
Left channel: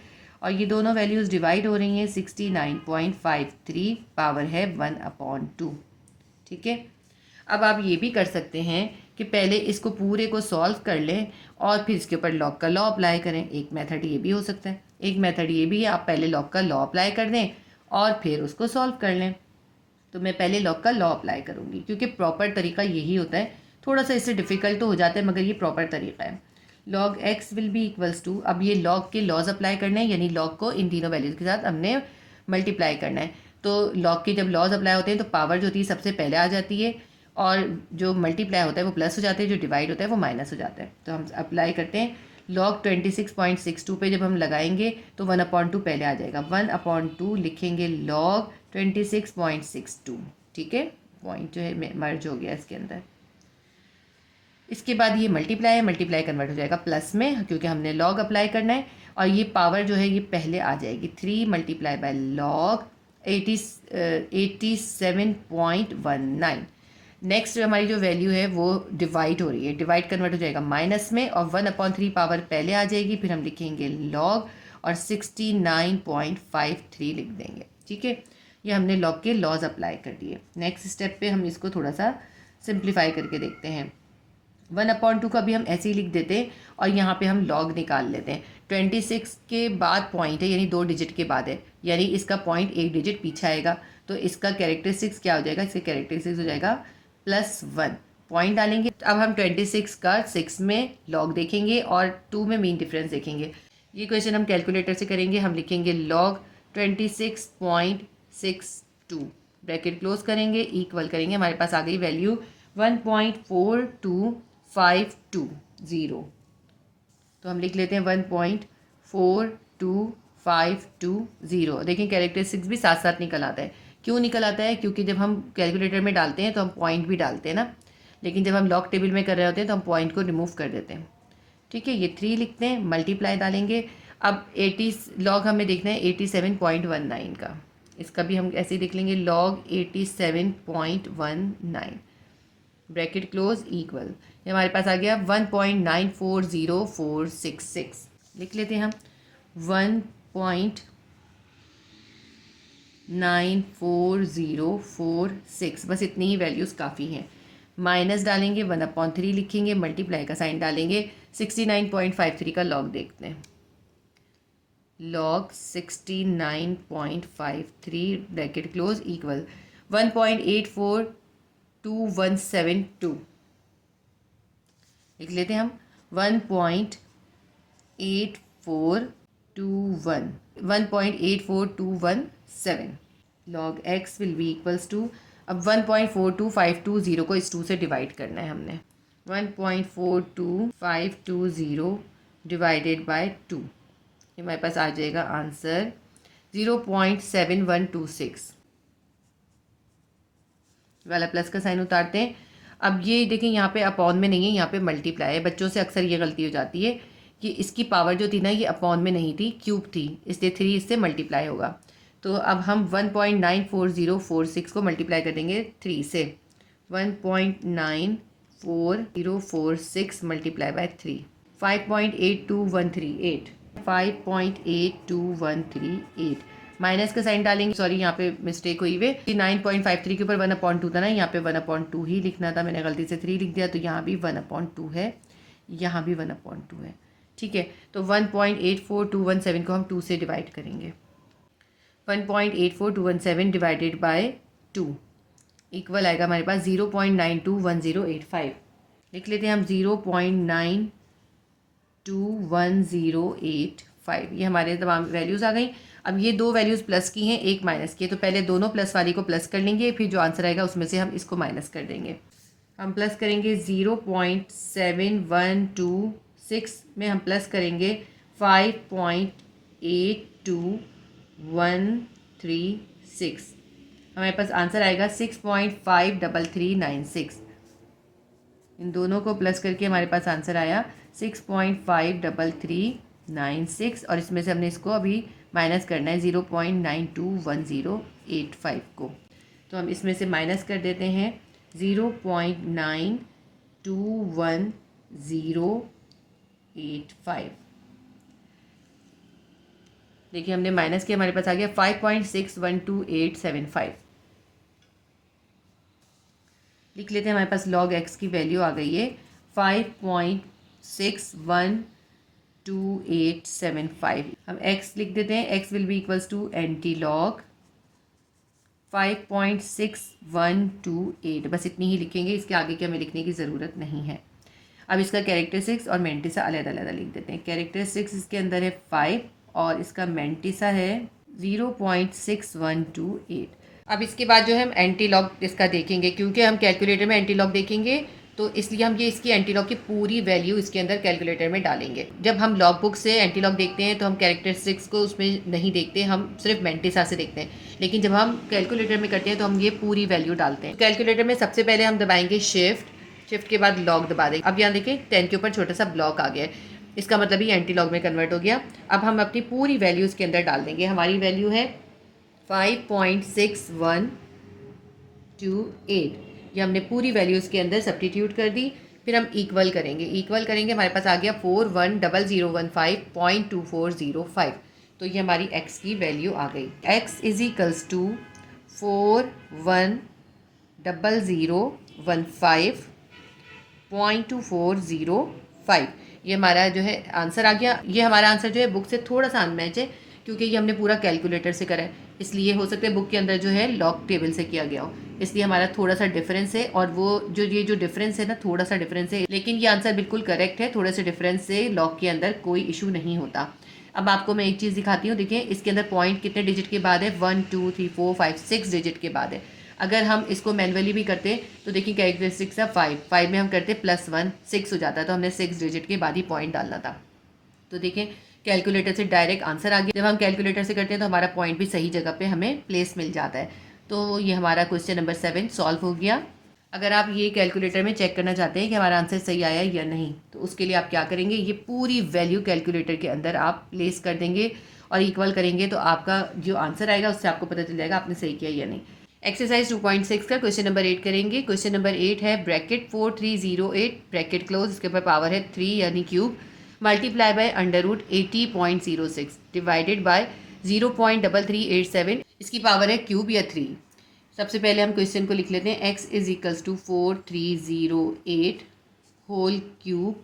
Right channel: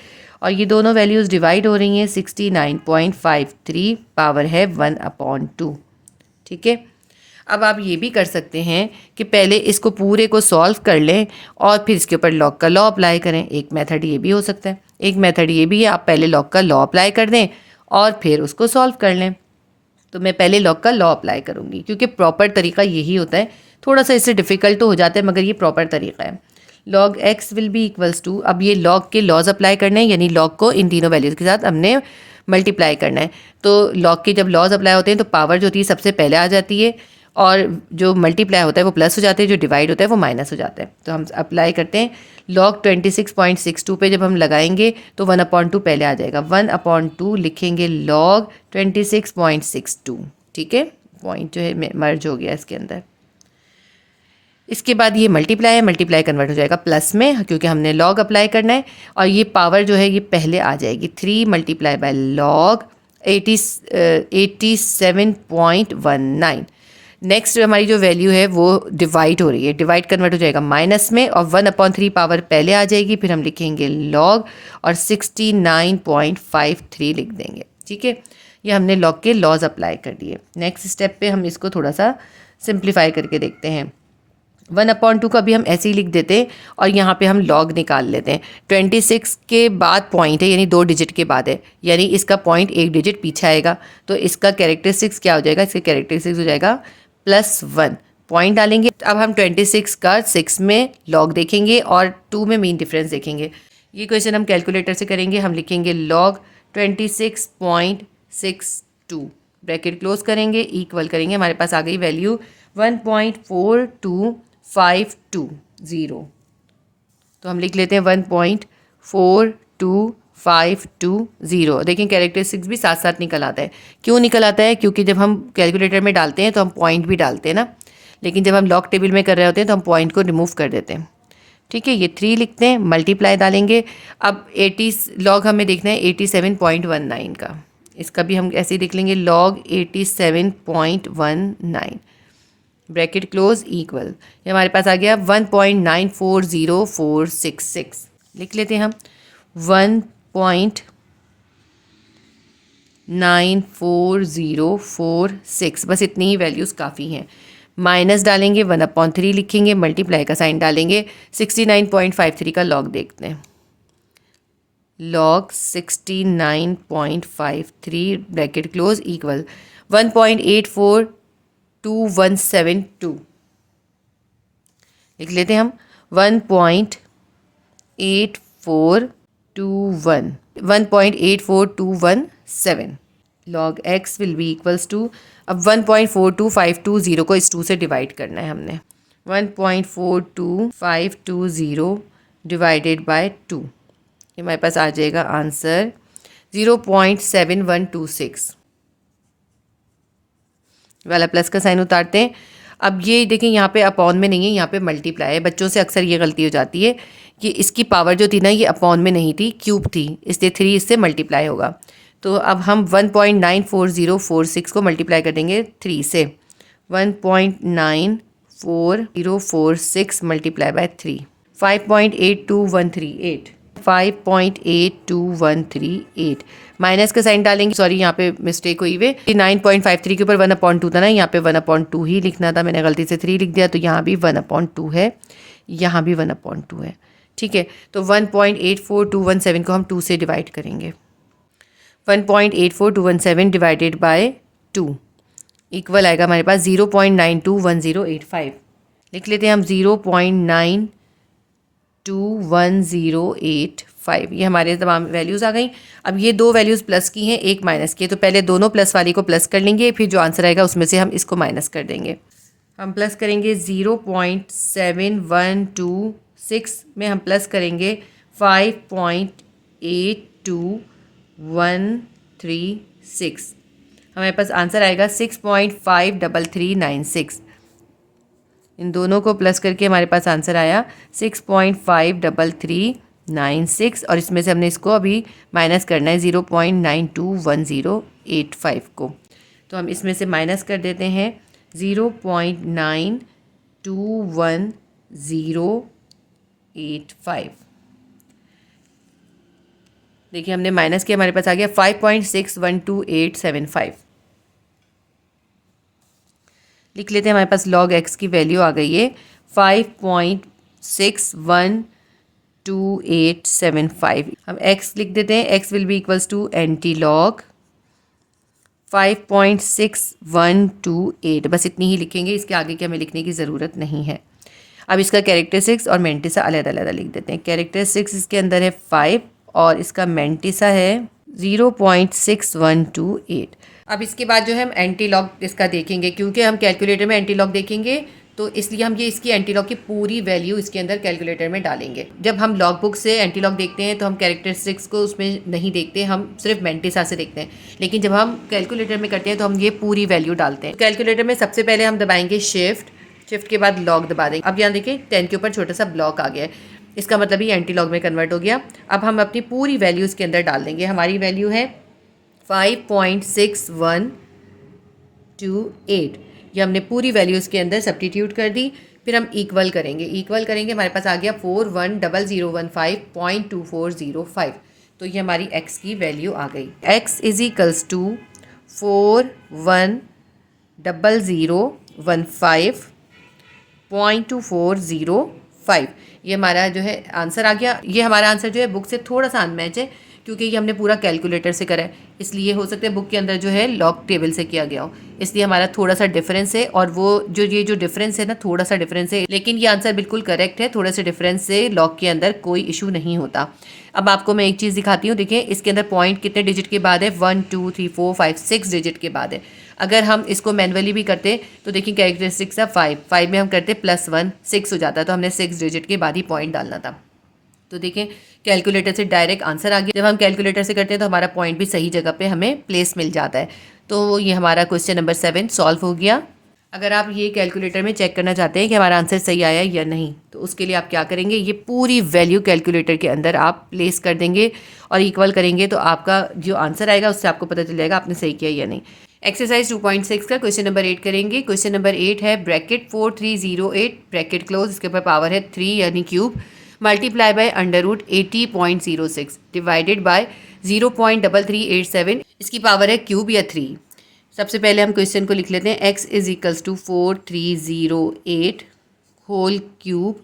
और ये दोनों वैल्यूज़ डिवाइड हो रही हैं 69.53 पावर है 1/2, ठीक है। अब आप ये भी कर सकते हैं कि पहले इसको पूरे को सॉल्व कर लें और फिर इसके ऊपर लॉग का लॉ अप्लाई करें। एक मेथड ये भी हो सकता है। एक मेथड ये भी है, आप पहले लॉग का लॉ अप्लाई कर दें और फिर उसको सॉल्व कर लें। तो मैं पहले लॉग का लॉ अप्लाई करूँगी क्योंकि प्रॉपर तरीका यही होता है। थोड़ा सा इससे डिफ़िकल्ट तो हो जाता है मगर ये प्रॉपर तरीका है। log x will be equals to, अब ये log के लॉज अप्लाई करने हैं, यानी log को इन तीनों वैल्यूज़ के साथ हमने मल्टीप्लाई करना है। तो log के जब लॉज अप्लाई होते हैं तो पावर जो होती है सबसे पहले आ जाती है और जो मल्टीप्लाई होता है वो प्लस हो जाता है, जो डिवाइड होता है वो माइनस हो जाता है। तो हम अप्लाई करते हैं log 26.62 पे जब हम लगाएंगे तो 1/2 पहले आ जाएगा। 1/2 लिखेंगे log 26.62, ठीक है। पॉइंट जो है मर्ज हो गया इसके अंदर। इसके बाद ये मल्टीप्लाई कन्वर्ट हो जाएगा प्लस में क्योंकि हमने लॉग अप्लाई करना है। और ये पावर जो है ये पहले आ जाएगी 3 मल्टीप्लाई बाय लॉग 87.19। नेक्स्ट हमारी जो वैल्यू है वो डिवाइड हो रही है, डिवाइड कन्वर्ट हो जाएगा माइनस में और 1/3 पावर पहले आ जाएगी। फिर हम लिखेंगे लॉग और 69.53 लिख देंगे, ठीक है। ये हमने लॉग के लॉज अप्लाई कर दिए। नेक्स्ट स्टेप पे हम इसको थोड़ा सा सिंप्लीफाई करके देखते हैं। 1/2 का भी हम ऐसे ही लिख देते हैं और यहाँ पे हम लॉग निकाल लेते हैं। 26 के बाद पॉइंट है यानी 2 डिजिट के बाद है, यानी इसका पॉइंट 1 डिजिट पीछे आएगा। तो इसका कैरेक्टरिस्टिक्स क्या हो जाएगा, इसका कैरेक्टरिस्टिक्स हो जाएगा +1। पॉइंट डालेंगे। अब हम 26 का 6 में लॉग देखेंगे और 2 में मीन डिफरेंस देखेंगे। ये क्वेश्चन हम कैलकुलेटर से करेंगे। हम लिखेंगे लॉग 26.62 ब्रैकेट क्लोज करेंगे, इक्वल करेंगे, हमारे पास आ गई वैल्यू 1.4252। तो हम लिख लेते हैं 1.42520। देखें कैरेक्टरिस्टिक्स भी साथ साथ निकल आता है। क्यों निकल आता है, क्योंकि जब हम कैलकुलेटर में डालते हैं तो हम पॉइंट भी डालते हैं ना, लेकिन जब हम लॉग टेबल में कर रहे होते हैं तो हम पॉइंट को रिमूव कर देते हैं, ठीक है। ये 3 लिखते हैं, मल्टीप्लाई डालेंगे। अब 80 लॉग हमें देखना है 87.19 का, इसका भी हम ऐसे ही लिख लेंगे लॉग 87.19। ब्रैकेट क्लोज इक्वल, ये हमारे पास आ गया 1.940466। लिख लेते हैं हम 1.940466, बस इतनी ही वैल्यूज़ काफ़ी हैं। माइनस डालेंगे, 1/3 लिखेंगे, मल्टीप्लाई का साइन डालेंगे, 69.53 का लॉग देखते हैं। Log 69.53 bracket close equal 1.842172। लिख लेते हैं हम 1.842117। Log x will be equals to, अब 1.42520 को इस 2 से डिवाइड करना है हमने। 1.42520 डिवाइडेड बाय 2, ये हमारे पास आ जाएगा आंसर 0.7126 वाला प्लस का साइन उतारते हैं। अब ये देखें यहाँ पे अपॉन में नहीं है, यहाँ पे मल्टीप्लाई है। बच्चों से अक्सर ये गलती हो जाती है कि इसकी पावर जो थी ना ये अपॉन में नहीं थी, क्यूब थी, इसलिए 3 इससे मल्टीप्लाई होगा। तो अब हम 1.94046 को मल्टीप्लाई कर देंगे 3 से। 1.94046 मल्टीप्लाई बाय 3, 5.82138, 5.8238। माइनस का साइन डालेंगे, सॉरी यहाँ पे मिस्टेक हुई हुई, 9.53 के ऊपर 1/2 था ना, यहाँ पे 1/2 ही लिखना था, मैंने गलती से 3 लिख दिया। तो यहाँ भी 1/2 है, यहाँ भी 1/2 है। ठीक है, तो 1.84217 को हम 2 से डिवाइड करेंगे। 1.84217 डिवाइडेड बाय 2 इक्वल आएगा हमारे पास 0.921085। लिख लेते हैं हम 0.921085। ये हमारे तमाम वैल्यूज़ आ गई। अब ये 2 वैल्यूज़ प्लस की हैं, एक माइनस की है, तो पहले दोनों प्लस वाली को प्लस कर लेंगे, फिर जो आंसर आएगा उसमें से हम इसको माइनस कर देंगे। हम प्लस करेंगे 0.7126 में हम प्लस करेंगे 5.82136, हमारे पास आंसर आएगा 6.53396। इन दोनों को प्लस करके हमारे पास आंसर आया 6.53396, और इसमें से हमने इसको अभी माइनस करना है 0.921085 को। तो हम इसमें से माइनस कर देते हैं 0.921085। देखिए हमने माइनस किया, हमारे पास आ गया 5.612875। लिख लेते हैं, हमारे पास log x की वैल्यू आ गई है 5.612875। हम x लिख देते हैं, x will be equals to antilog 5.6128, बस इतनी ही लिखेंगे, इसके आगे की हमें लिखने की ज़रूरत नहीं है। अब इसका कैरेक्टरिस्टिक्स और मेंटिसा अलग-अलग लिख देते हैं। कैरेक्टरिस्टिक्स इसके अंदर है 5 और इसका मेंटिसा है 0.6128। अब इसके बाद जो है हम एंटी लॉग इसका देखेंगे, क्योंकि हम कैलकुलेटर में एंटी लॉग देखेंगे तो इसलिए हम ये इसकी एंटी लॉग की पूरी वैल्यू इसके अंदर कैलकुलेटर में डालेंगे। जब हम लॉग बुक से एंटी लॉग देखते हैं तो हम कैरेक्टरिस्टिक्स को उसमें नहीं देखते, हम सिर्फ मेंटिसा से देखते हैं, लेकिन जब हम कैलकुलेटर में करते हैं तो हम ये पूरी वैल्यू डालते हैं। कैलकुलेटर में सबसे पहले हम दबाएंगे शिफ्ट के बाद लॉग दबा देंगे। अब यहाँ देखिए 10 के ऊपर छोटा सा ब्लॉक आ गया है, इसका मतलब ये एंटी लॉग में कन्वर्ट हो गया। अब हम अपनी पूरी वैल्यू इसके अंदर डाल देंगे। हमारी वैल्यू है 5.6128, ये हमने पूरी वैल्यू इसके अंदर सब्स्टिट्यूट कर दी। फिर हम इक्वल करेंगे, हमारे पास आ गया 410015.2405। तो ये हमारी x की वैल्यू आ गई। x is equals to 410015.2405। ये हमारा जो है आंसर आ गया। ये हमारा आंसर जो है बुक से थोड़ा सा अनमैच है, क्योंकि ये हमने पूरा कैलकुलेटर से करा है, इसलिए हो सकता है बुक के अंदर जो है लॉग टेबल से किया गया हो, इसलिए हमारा थोड़ा सा डिफरेंस है। और वो ये जो डिफरेंस है ना, थोड़ा सा डिफरेंस है, लेकिन ये आंसर बिल्कुल करेक्ट है। थोड़े से डिफरेंस से लॉग के अंदर कोई इशू नहीं होता। अब आपको मैं एक चीज़ दिखाती हूँ, देखिए इसके अंदर पॉइंट कितने डिजिट के बाद है, 1 2 3 4 5 6 डिजिट के बाद है। अगर हम इसको मैनुअली भी करते तो देखिए कैरेक्टरिस्टिक्स है 5 में हम करते +1 6 हो जाता, तो हमने 6 डिजिट के बाद ही पॉइंट डालना था। तो देखें कैलकुलेटर से डायरेक्ट आंसर आ गया। जब हम कैलकुलेटर से करते हैं तो हमारा पॉइंट भी सही जगह पे हमें प्लेस मिल जाता है। तो ये हमारा क्वेश्चन नंबर 7 सॉल्व हो गया। अगर आप ये कैलकुलेटर में चेक करना चाहते हैं कि हमारा आंसर सही आया या नहीं, तो उसके लिए आप क्या करेंगे, ये पूरी वैल्यू कैलकुलेटर के अंदर आप प्लेस कर देंगे और इक्वल करेंगे, तो आपका जो आंसर आएगा उससे आपको पता चल जाएगा आपने सही किया या नहीं। एक्सरसाइज 2.6 का क्वेश्चन नंबर 8 करेंगे। क्वेश्चन नंबर 8 है ब्रैकेट 4308 ब्रैकेट क्लोज, इसके ऊपर पावर है 3 यानी cube, multiply by under root 80.06 divided by 0.3387, इसकी पावर है क्यूब या 3। सबसे पहले हम क्वेश्चन को लिख लेते हैं। x is equals to 4308 whole cube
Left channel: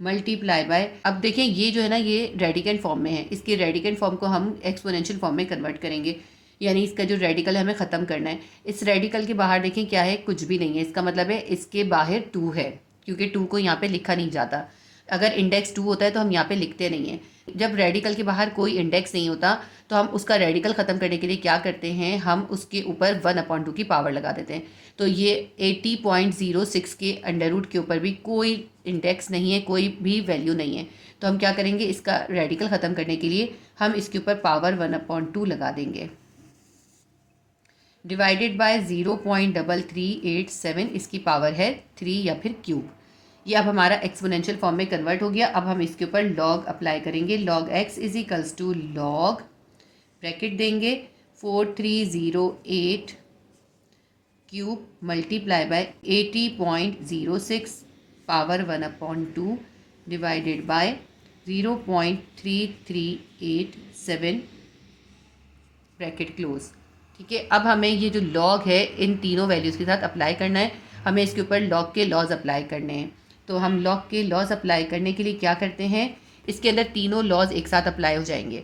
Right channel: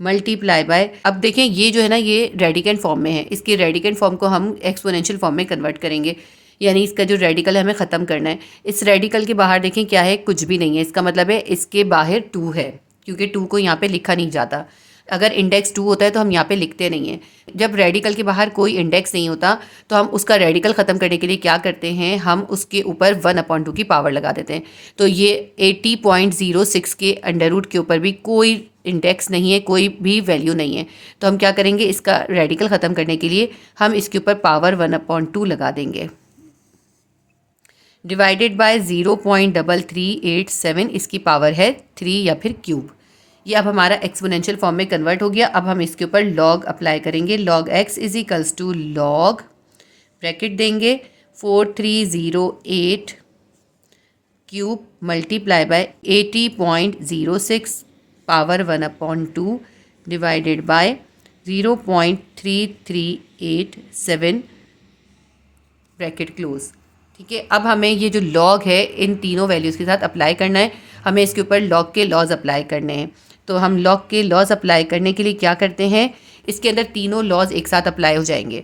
multiply by, अब देखें ये जो है ना ये रेडिकेंट फॉर्म में है, इसके रेडिकेंट फॉर्म को हम एक्सपोनेंशियल फॉर्म में कन्वर्ट करेंगे, यानी इसका जो रेडिकल है हमें ख़त्म करना है। इस रेडिकल के बाहर देखें क्या है, कुछ भी नहीं है, इसका मतलब है इसके बाहर 2 है, क्योंकि 2 को यहाँ पे लिखा नहीं जाता। अगर इंडेक्स 2 होता है तो हम यहाँ पे लिखते नहीं हैं। जब रेडिकल के बाहर कोई इंडेक्स नहीं होता तो हम उसका रेडिकल ख़त्म करने के लिए क्या करते हैं, हम उसके ऊपर 1/2 की पावर लगा देते हैं। तो ये 80.06 के अंडर रूट के ऊपर भी कोई इंडेक्स नहीं है, कोई भी वैल्यू नहीं है, तो हम क्या करेंगे, इसका रेडिकल ख़त्म करने के लिए हम इसके ऊपर पावर 1/2 लगा देंगे। डिवाइडेड बाय 0.3387, इसकी पावर है 3 या फिर क्यूब। ये अब हमारा एक्सपोनेंशियल फॉर्म में कन्वर्ट हो गया। अब हम इसके ऊपर लॉग अप्लाई करेंगे। Log x is equals to log bracket देंगे 4308 cube multiply by 80.06 power 1/2 divided by 0.3387 bracket close. ठीक है, अब हमें ये जो लॉग है इन तीनों वैल्यूज़ के साथ अप्लाई करना है। हमें इसके ऊपर लॉग के लॉज अप्लाई करने हैं। तो हम लॉग के लॉज अप्लाई करने के लिए क्या करते हैं, इसके अंदर तीनों लॉज एक साथ अप्लाई हो जाएंगे।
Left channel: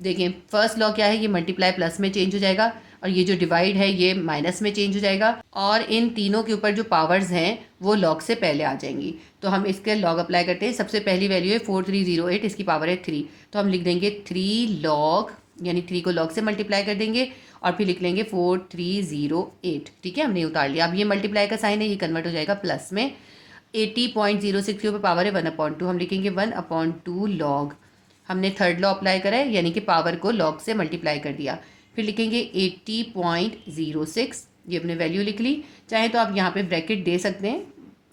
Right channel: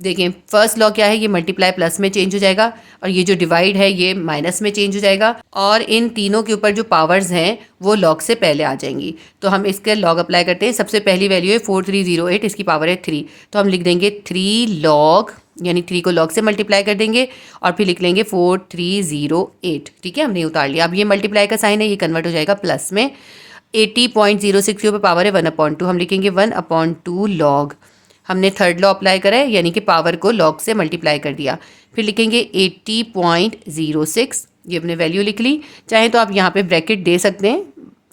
देखिए फर्स्ट लॉ क्या है, ये मल्टीप्लाई प्लस में चेंज हो जाएगा, और ये जो डिवाइड है ये माइनस में चेंज हो जाएगा, और इन तीनों के ऊपर जो पावर्स हैं वो लॉग से पहले आ जाएंगी। तो हम इसके लॉग अप्लाई करते हैं। सबसे पहली वैल्यू है 4308, इसकी पावर है 3, तो हम लिख देंगे 3 लॉग, यानी 3 को लॉग से मल्टीप्लाई कर देंगे और फिर लिख लेंगे 4308। ठीक है, हमने उतार लिया। अब ये मल्टीप्लाई का साइन है, ये कन्वर्ट हो जाएगा प्लस में। 80.06 के ऊपर पावर है 1/2, हम लिखेंगे 1/2 लॉग। हमने थर्ड लॉ अप्लाई करा है, यानी कि पावर को लॉग से मल्टीप्लाई कर दिया। फिर लिखेंगे 80.06, ये अपने वैल्यू लिख ली। चाहे तो आप यहाँ पे ब्रैकेट दे सकते हैं,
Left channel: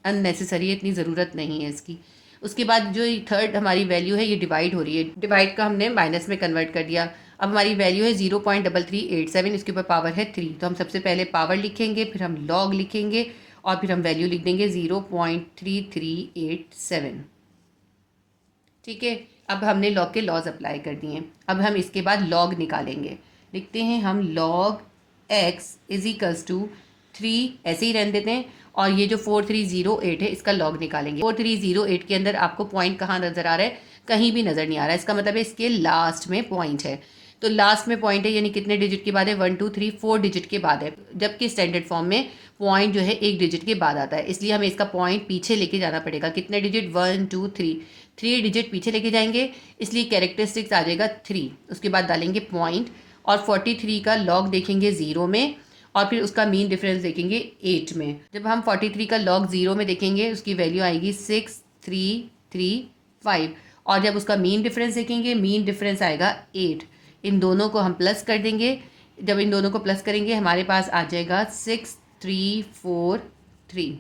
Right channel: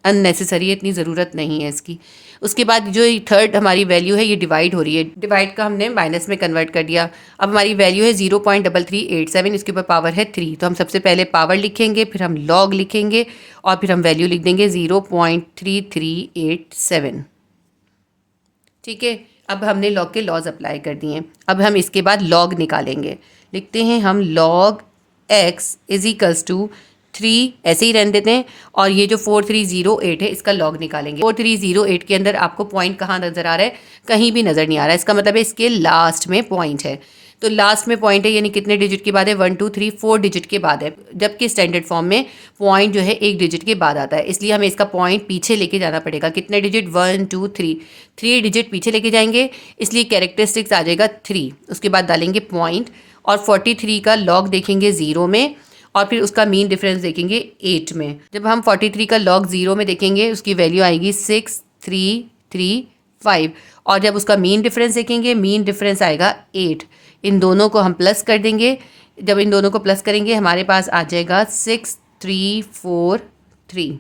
अननेसेसरी है, इतनी ज़रूरत नहीं है इसकी। उसके बाद जो थर्ड हमारी वैल्यू है ये डिवाइड हो रही है, डिवाइड का हमने माइनस में कन्वर्ट कर दिया। अब हमारी वैल्यू है 0.3387, इसके ऊपर पावर है 3, तो हम सबसे पहले पावर लिखेंगे, फिर हम लॉग लिखेंगे और फिर हम वैल्यू लिख देंगे 0.3387। ठीक है, अब हमने लॉग के लॉज अप्लाई कर दिए। अब हम इसके बाद लॉग निकालेंगे। लिखते हैं हम log x is equals to 3, ऐसे ही रहने देते हैं, और ये जो 4308 है इसका लॉग निकालेंगे। 4308 के अंदर आपको पॉइंट कहाँ नज़र आ रहा है, कहीं भी नज़र नहीं आ रहा है, इसका मतलब है इसके लास्ट में पॉइंट है। तो लास्ट में पॉइंट है, यानी कितने डिजिट के बाद है, 1 2 3 4 डिजिट के बाद है, जबकि स्टैंडर्ड फॉर्म में पॉइंट जो है 1 डिजिट के बाद आता है, इसलिए हमें इसका पॉइंट पीछे लेके जाना पड़ेगा। कितने डिजिट, 1 2 3 डिजिट पीछे लेके जाएंगे, इसलिए कैरेक्टरिस्टिक्स आ जाएगा 3। उसके बाद डालेंगे पॉइंट, और 43 का लॉग देखेंगे 0 में, और फिर उसका मीन डिफरेंस देखेंगे 8 में। जब हम 43 का लॉग 0 में देखेंगे, उसकी वैल्यू आएगी 6335, और जब उसका मीन डिफरेंस देखेंगे, मीन डिफरेंस आएगा 8। इन दोनों को हम प्लस कर देंगे। जब इन दोनों को प्लस करेंगे हमारे पास आ जाएगा 6343,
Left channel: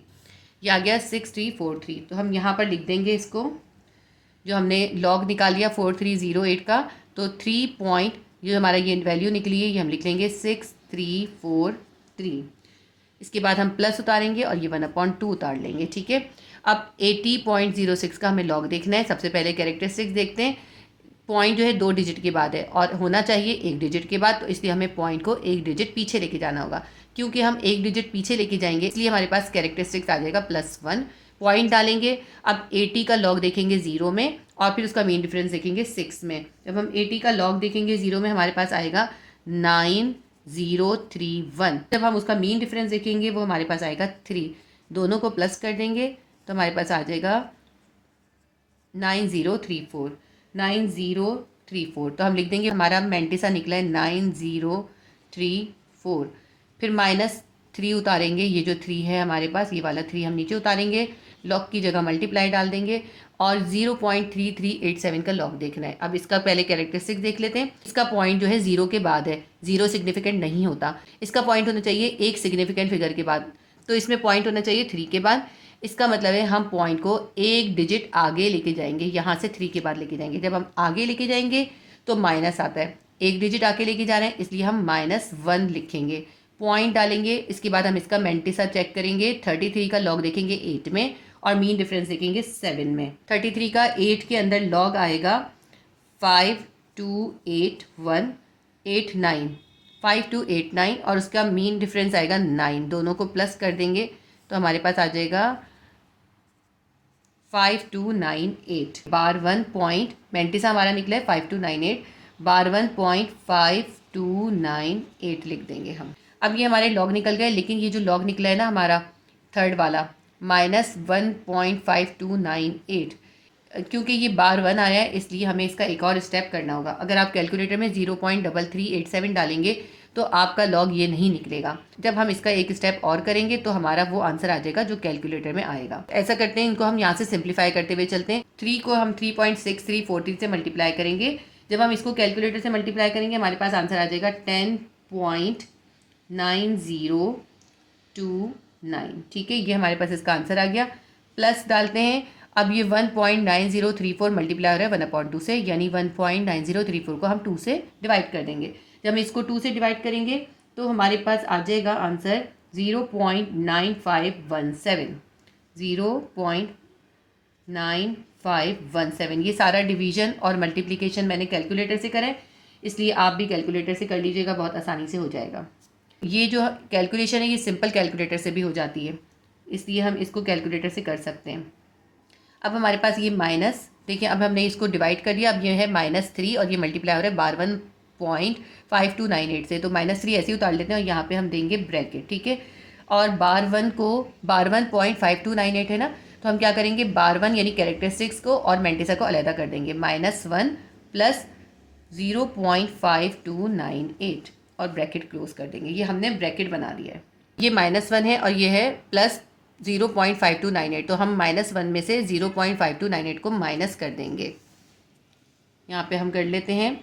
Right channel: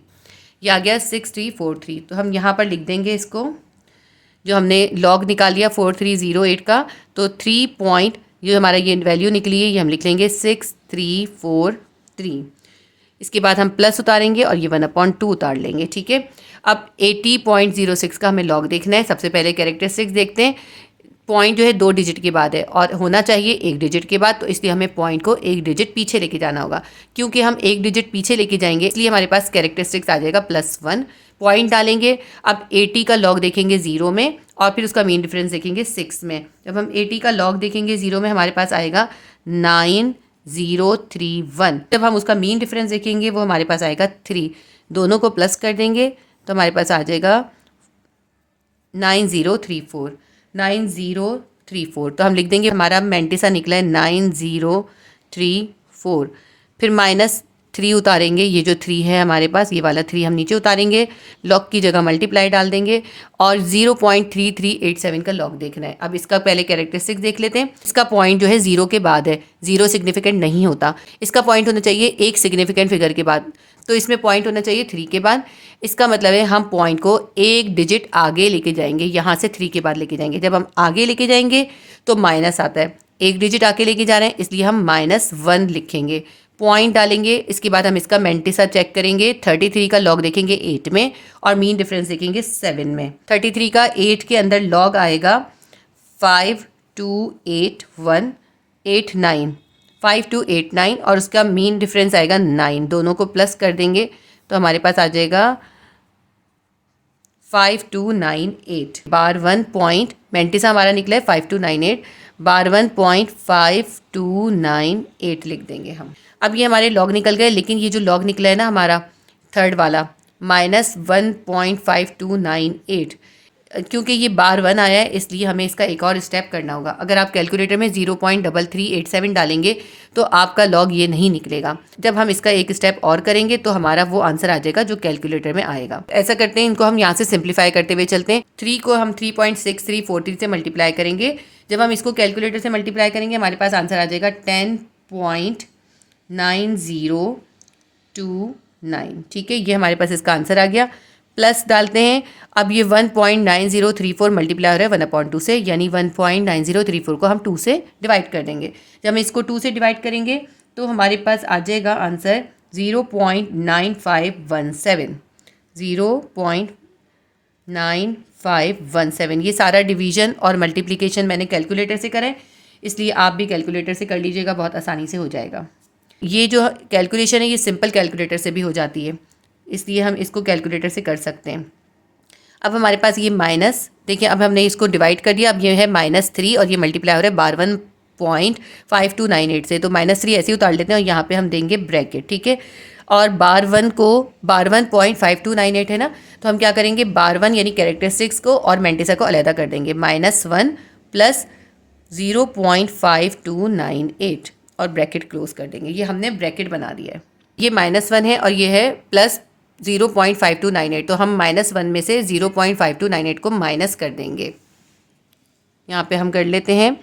ये आ गया 6343। तो हम यहाँ पर लिख देंगे इसको, जो हमने लॉग निकाल लिया 4308 का, तो 3 पॉइंट, जो हमारा ये वैल्यू निकली है ये हम लिख लेंगे 6343। इसके बाद हम प्लस उतारेंगे और ये 1/2 उतार लेंगे। ठीक है, अब 80.06 का हमें लॉग देखना है। सबसे पहले कैरेक्टरिस्टिक्स देखते हैं। पॉइंट जो है 2 डिजिट के बाद है और होना चाहिए 1 डिजिट के बाद, तो इसलिए हमें पॉइंट को 1 डिजिट पीछे लेके जाना होगा। क्योंकि हम 1 डिजिट पीछे लेके जाएंगे, इसलिए हमारे पास कैरेक्टरिस्टिक्स आ जाएगा +1। पॉइंट डालेंगे। अब 80 का लॉग देखेंगे 0 में, और फिर उसका मीन डिफरेंस देखेंगे 6 में। जब हम 80 का लॉग देखेंगे 0 में, हमारे पास आएगा 9031। जब हम उसका मीन डिफरेंस देखेंगे वो हमारे पास आएगा 3। दोनों को प्लस कर देंगे तो हमारे पास आ जाएगा 9034। तो हम लिख देंगे, हमारा मेंटिसा निकला है 9034। फिर -3 उतारेंगे, ये जो 3 है हमारे पास, ये वाला 3 हम नीचे उतारेंगे, लॉग की जगह मल्टीप्लाई डाल देंगे, और 0.3387 का लॉग देखना है। अब इसका पहले कैरेक्टरिस्टिक्स देख लेते हैं। इसका पॉइंट जो है 0 के बाद है, 0 सिग्निफिकेंट नहीं होता, इसका पॉइंट होना चाहिए एक सिग्निफिकेंट फिगर के बाद, तो इसमें पॉइंट होना चाहिए 3 के बाद। इसका मतलब है हम पॉइंट को 1 डिजिट आगे लेके जाएंगे, यहाँ से 3 के बाद लेके जाएंगे। जब हम आगे लेके जाएंगे तो माइनस आता है, 1 डिजिट आगे लेके जा रहे हैं, इसलिए हम -1 लिखेंगे। पॉइंट डालेंगे, इसके बाद हम इसका मेंटिसा चेक करेंगे। 33 का लॉग देखेंगे 8 में और मीन डिफरेंस देखेंगे 7 में। 33 का 8 के अंदर लॉग आएगा 528189, 5289 और उसका मीन डिफरेंस आएगा 9। दोनों को प्लस कर देंगे तो हमारे पास आ जाएगा 5298। बार 1 पॉइंट मेंटिसा हमारा निकला है 5298, बार 1 पॉइंट 5298 लिख देंगे हम। अब ये हमारे लॉग निकल गए, लेकिन ये जो लॉग निकला है ना हमारा थर्ड वाला -1.5298, क्योंकि ये बार 1 आया है इसलिए हमें इसका एक और स्टेप करना होगा। अगर आप कैलकुलेटर में 0.3387 डालेंगे तो आपका लॉग ये नहीं निकलेगा। जब हम इसका एक स्टेप और करेंगे तो हमारा वो आंसर आ जाएगा जो कैलकुलेटर में आएगा। ऐसा करते हैं, इनको हम यहाँ से सिंप्लीफाई करते हुए चलते हैं। 3 को हम 3.6343 से मल्टीप्लाई करेंगे। जब हम इसको कैलकुलेटर से मल्टीप्लाई करेंगे हमारे पास आंसर आ जाएगा 10.9029। ठीक है, ये हमारे पास इसका आंसर आ गया। प्लस डालते हैं। अब ये 1.9034 मल्टीप्लाई हो रहा है 1/2 से, यानी 1.9034 को हम 2 से डिवाइड कर देंगे। जब हम इसको 2 से डिवाइड करेंगे तो हमारे पास आ जाएगा आंसर 0.9517, 0.9517। ये सारा डिवीजन और मल्टीप्लिकेशन मैंने कैलकुलेटर से करा है, इसलिए आप भी कैलकुलेटर से कर लीजिएगा, बहुत आसानी से हो जाएगा। ये जो कैलकुलेशन है ये सिंपल कैलकुलेटर से भी हो जाती है, इसलिए हम इसको कैलकुलेटर से कर सकते हैं। अब हमारे पास ये माइनस, देखिए अब हमने इसको डिवाइड कर दिया। अब ये है -3 और ये मल्टीप्लाई हो रहा है बार 1.5298 से, तो -3 ऐसे ही उतार लेते हैं और यहाँ पे हम देंगे ब्रैकेट। ठीक है, और बार 1 को बार 1.5298 है ना, तो हम क्या करेंगे, बार 1 यानी कैरेक्टरिस्टिक्स को और मेंटिसा को अलहदा कर देंगे। -1 प्लस 0.5298 और ब्रैकेट क्लोज कर देंगे। ये हमने ब्रैकेट बना दिया है। ये -1 है और ये है प्लस 0.5298, तो हम -1 में से 0.5298 को माइनस कर देंगे। यहाँ पे हम कर लेते हैं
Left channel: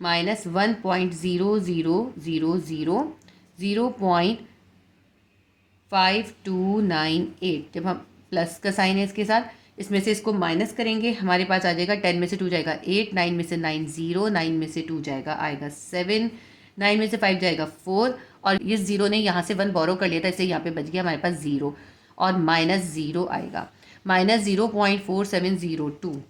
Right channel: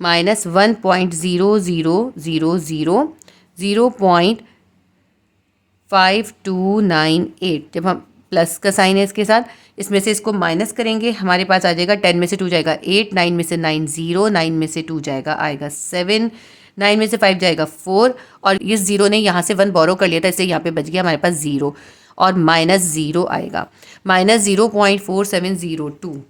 -1.0000 0.5298। जब हम प्लस का साइन है इसके साथ, इसमें से इसको माइनस करेंगे, हमारे पास आ जाएगा 10 में से 2 जाएगा 8, 9 में से 9 0, 9 में से 2 जाएगा आएगा 7, 9 में से 5 जाएगा 4, और इस 0 ने यहाँ से 1 बोरो कर लिया था, इससे यहाँ पे बच गया हमारे पास 0 और -0 आएगा। -0.4702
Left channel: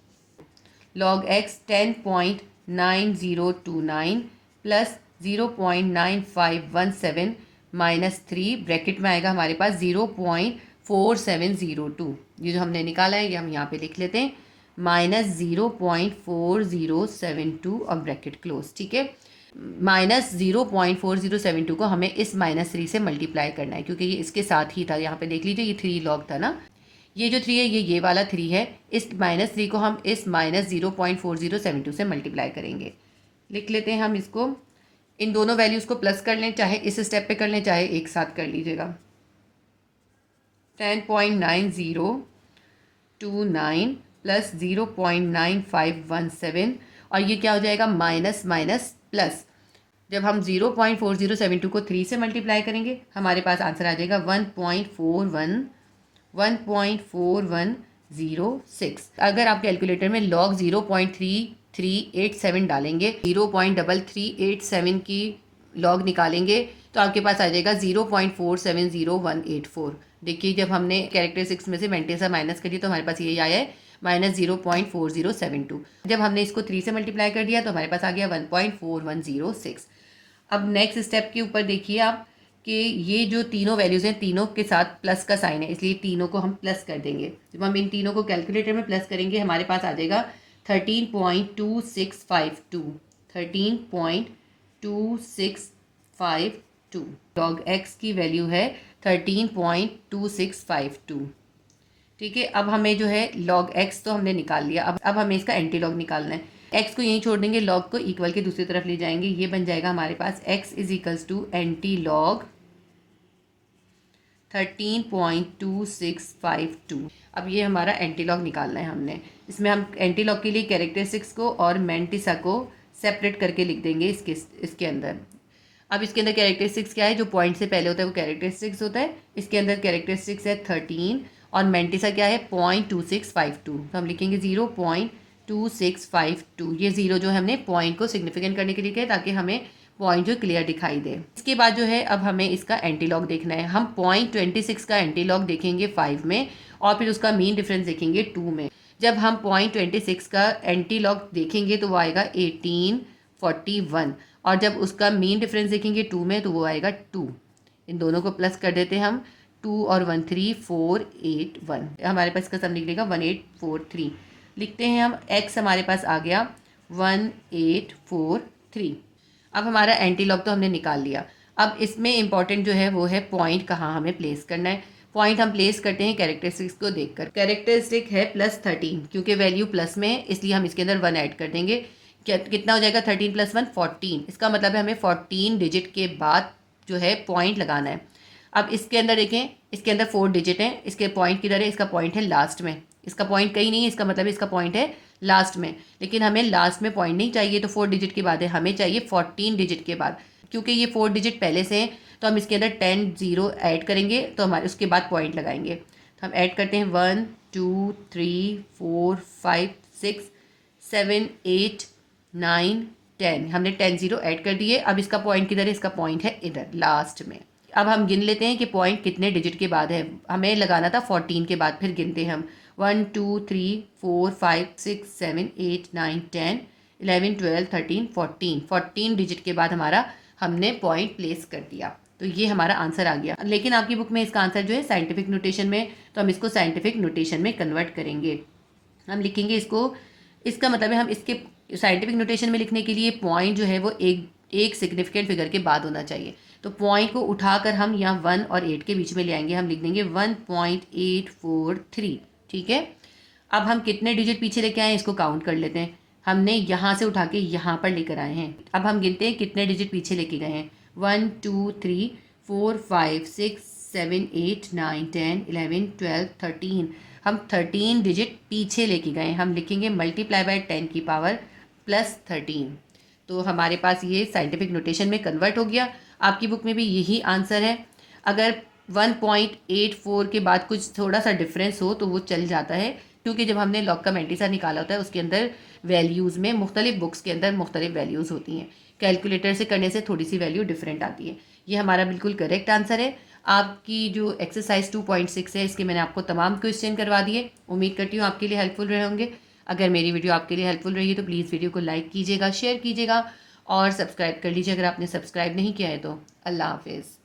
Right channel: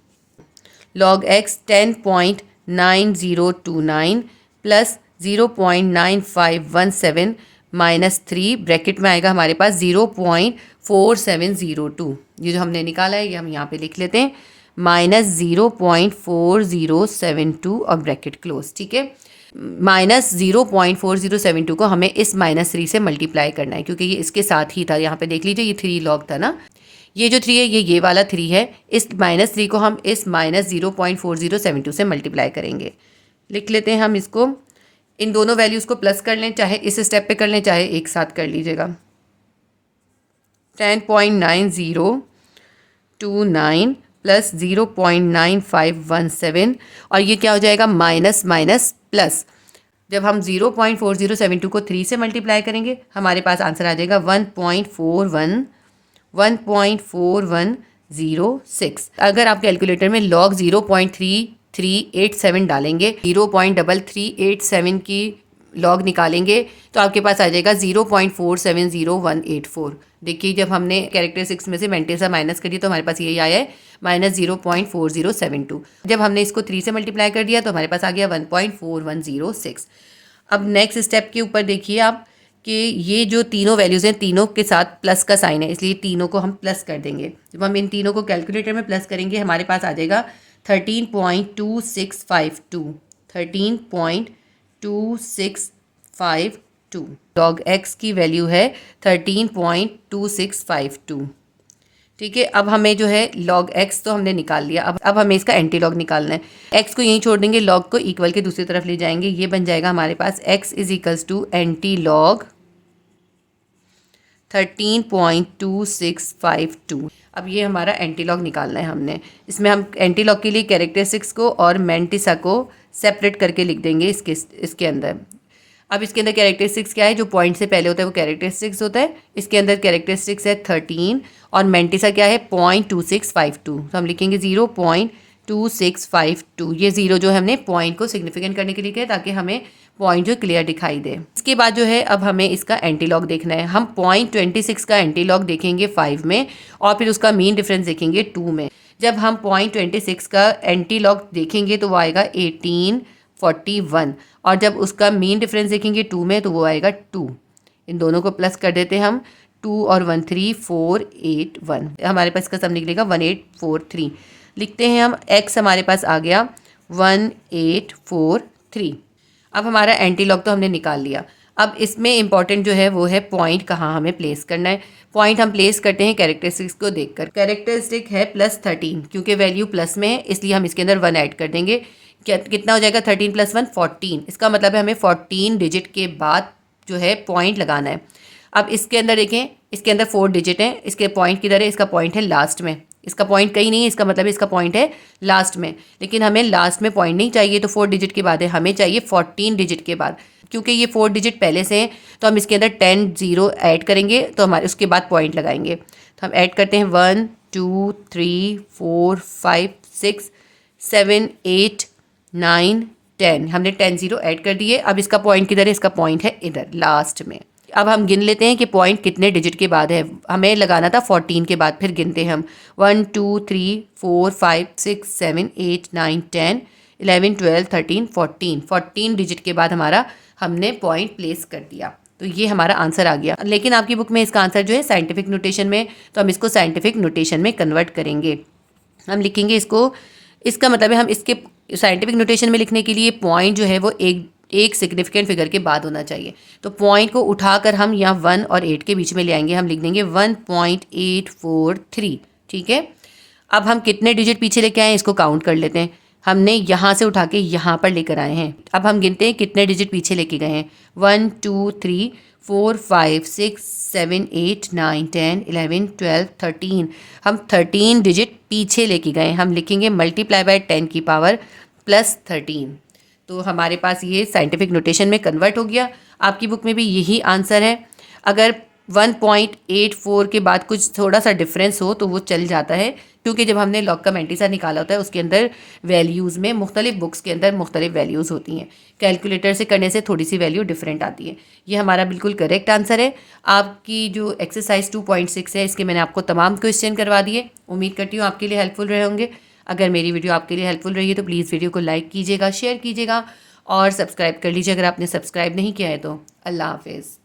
log x 10.9029 प्लस 0.9517 -3 ब्रैकेट में आएगा हमारे पास 0.4702। ये जो हमने निकाला है ये हम यहाँ पे लिख लेते हैं -0.4072 और ब्रैकेट क्लोज। ठीक है, -0.4072 को हमें इस -3 से मल्टीप्लाई करना है, क्योंकि ये इसके साथ ही था। यहाँ पे देख लीजिए ये 3 लॉग था ना, ये जो 3 है ये वाला 3 है। इस -3 को हम इस -0.4072 से मल्टीप्लाई करेंगे। लिख लेते हैं हम इसको, इन दोनों वैल्यूज़ को प्लस कर लें, चाहे इस स्टेप पे कर लें चाहे एक साथ कर लीजिएगा। 10.9029 प्लस 0.9517 और ये क्या हो जाएगा, माइनस माइनस प्लस। जब हम 0.4072 को 3 से मल्टीप्लाई करेंगे हमारे पास आंसर आ जाएगा 1.4106। अगर आप कैलकुलेटर में लॉग 0.3387 डालेंगे, 0.3387 की लॉग निकालेंगे तो आपके पास आ जाएगा 0.470184। देखिए जब हमने कैरेक्टरिस्टिक्स में से मेंटिसा माइनस कर दिया तो हमारे पास यही आया है -0.4072। जब हमने इसको 3 से मल्टीप्लाई कर दिया तो हमारे पास आ गया 1.4106। अब नेक्स्ट स्टेप के ऊपर देखिए आप कि ये जो तीनों वैल्यूज़ हैं तीनों के साथ प्लस का साइन है, इसलिए तीनों को हम प्लस कर देंगे। जब हम इन तीनों को कैलकुलेटर में प्लस करेंगे हमारे पास आ जाएगा 13.2652, 13.2652। log x की वैल्यू है 13.2652। ठीक है, अब हमें जो है log x तो हमने निकाल लिया, अब हमें इसका एंटी लॉग निकालना है। x को यहीं छोड़ देंगे, log को इक्वल के दूसरी तरफ ले जाएंगे, ये बन जाएगा हमारे पास x is equals to antilog 13.2652। अब ये हमारा एंटी लॉग निकालना है हमने। इसमें हम एंटी लॉग के लिए कैरेक्टरिस्टिक्स को और मेंटिसा को सेपरेट करके लिख देंगे इसके अंदर। अब इसके अंदर कैरेक्टरिस्टिक्स क्या है, जो पॉइंट से पहले होता है वो कैरेक्टरिस्टिक्स होता है। इसके अंदर कैरेक्टरिस्टिक्स है 13 और मेंटिसा क्या है 0.2652, तो हम लिखेंगे 0.2652। ये 0 जो है हमने पॉइंट को सिग्निफिकेंट करने के लिए किया ताकि हमें पॉइंट जो क्लियर दिखाई दे। इसके बाद जो है अब हमें इसका एंटी लॉग देखना है। हम पॉइंट 26 का एंटी लॉग देखेंगे 5 में और फिर उसका मीन डिफरेंस देखेंगे 2 में। जब हम पॉइंट 26 का एंटी लॉग देखेंगे तो वो आएगा 1841 और जब उसका मीन डिफरेंस देखेंगे 2 में तो वो आएगा 2। इन दोनों को प्लस कर देते हैं हम, 2 और 1 3 4 8 1, हमारे पास इसका सम निकलेगा 1843। लिखते हैं हम, x हमारे पास आ गया 1843। अब हमारा एंटी लॉग तो हमने निकाल लिया। अब इसमें इंपॉर्टेंट जो है वो है पॉइंट कहाँ हमें प्लेस करना है। पॉइंट हम प्लेस करते हैं कैरेक्टरिस्टिक्स को देखकर। कैरेक्टरिस्टिक है +13, क्योंकि वैल्यू प्लस में है इसलिए हम इसके अंदर 1 ऐड कर देंगे। कितना हो जाएगा 13 + 1 14। इसका मतलब है हमें 14 डिजिट के बाद जो है पॉइंट लगाना है। अब इसके अंदर देखें, इसके अंदर 4 डिजिट हैं, इसके पॉइंट किधर है, इसका पॉइंट है लास्ट में, इसका पॉइंट कहीं नहीं है, इसका मतलब है इसका पॉइंट है लास्ट में। लेकिन हमें लास्ट में पॉइंट नहीं चाहिए तो 4 डिजिट के बाद है, हमें चाहिए 14 डिजिट के बाद। क्योंकि ये 4 डिजिट पहले से हैं तो हम इसके अंदर 10 0 ऐड करेंगे तो हमारे उसके बाद पॉइंट लगाएंगे। तो हम ऐड करते हैं 1 2 3 4 5 6 7 8 9 10। हमने 10 0 ऐड कर दिए। अब इसका पॉइंट किधर है, इसका पॉइंट है इधर लास्ट में। अब हम गिन लेते हैं कि पॉइंट कितने डिजिट के बाद है। हमें लगाना था 14 के बाद, फिर गिनते हैं हम 1 2 3 4 5 6 7 8 9 10 11 12 13 14। 14 डिजिट के बाद हमारा हमने पॉइंट प्लेस कर दिया, तो ये हमारा आंसर आ गया। लेकिन आपकी बुक में इसका आंसर जो है साइंटिफिक नोटेशन में, तो हम इसको साइंटिफिक नोटेशन में कन्वर्ट करेंगे। हम लिखेंगे इसको, इसका मतलब है हम इसके साइंटिफिक नोटेशन में लिखने के लिए पॉइंट जो है वो एक सिग्निफिकेंट फिगर के बाद होना चाहिए। तो पॉइंट को उठाकर हम यहाँ 1 और 8 के बीच में ले आएंगे। हम लिख देंगे 1.843। ठीक है। अब हम कितने डिजिट पीछे लेके आए हैं इसको काउंट कर लेते हैं। हमने यहाँ से उठा के यहाँ पर लेकर आए हैं। अब हम गिनते हैं कितने डिजिट पीछे लेके गए हैं। 1 2 3 4 5 6 7 8 9 10 11 12 13। हम 13 डिजिट पीछे लेके गए। हम लिखेंगे मल्टीप्लाई बाय 10 की पावर +13। तो हमारे पास ये साइंटिफिक नोटेशन में कन्वर्ट हो गया। आपकी बुक में भी यही आंसर है। अगर 1.84 के बाद कुछ थोड़ा सा डिफरेंस हो तो वो चल जाता है, क्योंकि जब हमने लॉग का मैंटीसा निकाला होता है उसके अंदर वैल्यूज़ में मुख्तलिफ बुक्स के अंदर मुख्तलिफ वैल्यूज़ होती हैं। कैलकुलेटर से करने से थोड़ी सी वैल्यू डिफरेंट आती है। ये हमारा बिल्कुल करेक्ट आंसर है। आपकी जो एक्सरसाइज 2.6 है इसके मैंने आपको तमाम क्वेश्चन करवा दिए। उम्मीद करती हूँ आपके लिए हेल्पफुल रहे होंगे। अगर मेरी वीडियो आपके लिए हेल्पफुल रही है तो प्लीज़ वीडियो को लाइक कीजिएगा, शेयर कीजिएगा और सब्सक्राइब कर लीजिए अगर आपने सब्सक्राइब नहीं किया है तो। अल्लाह हाफिज़।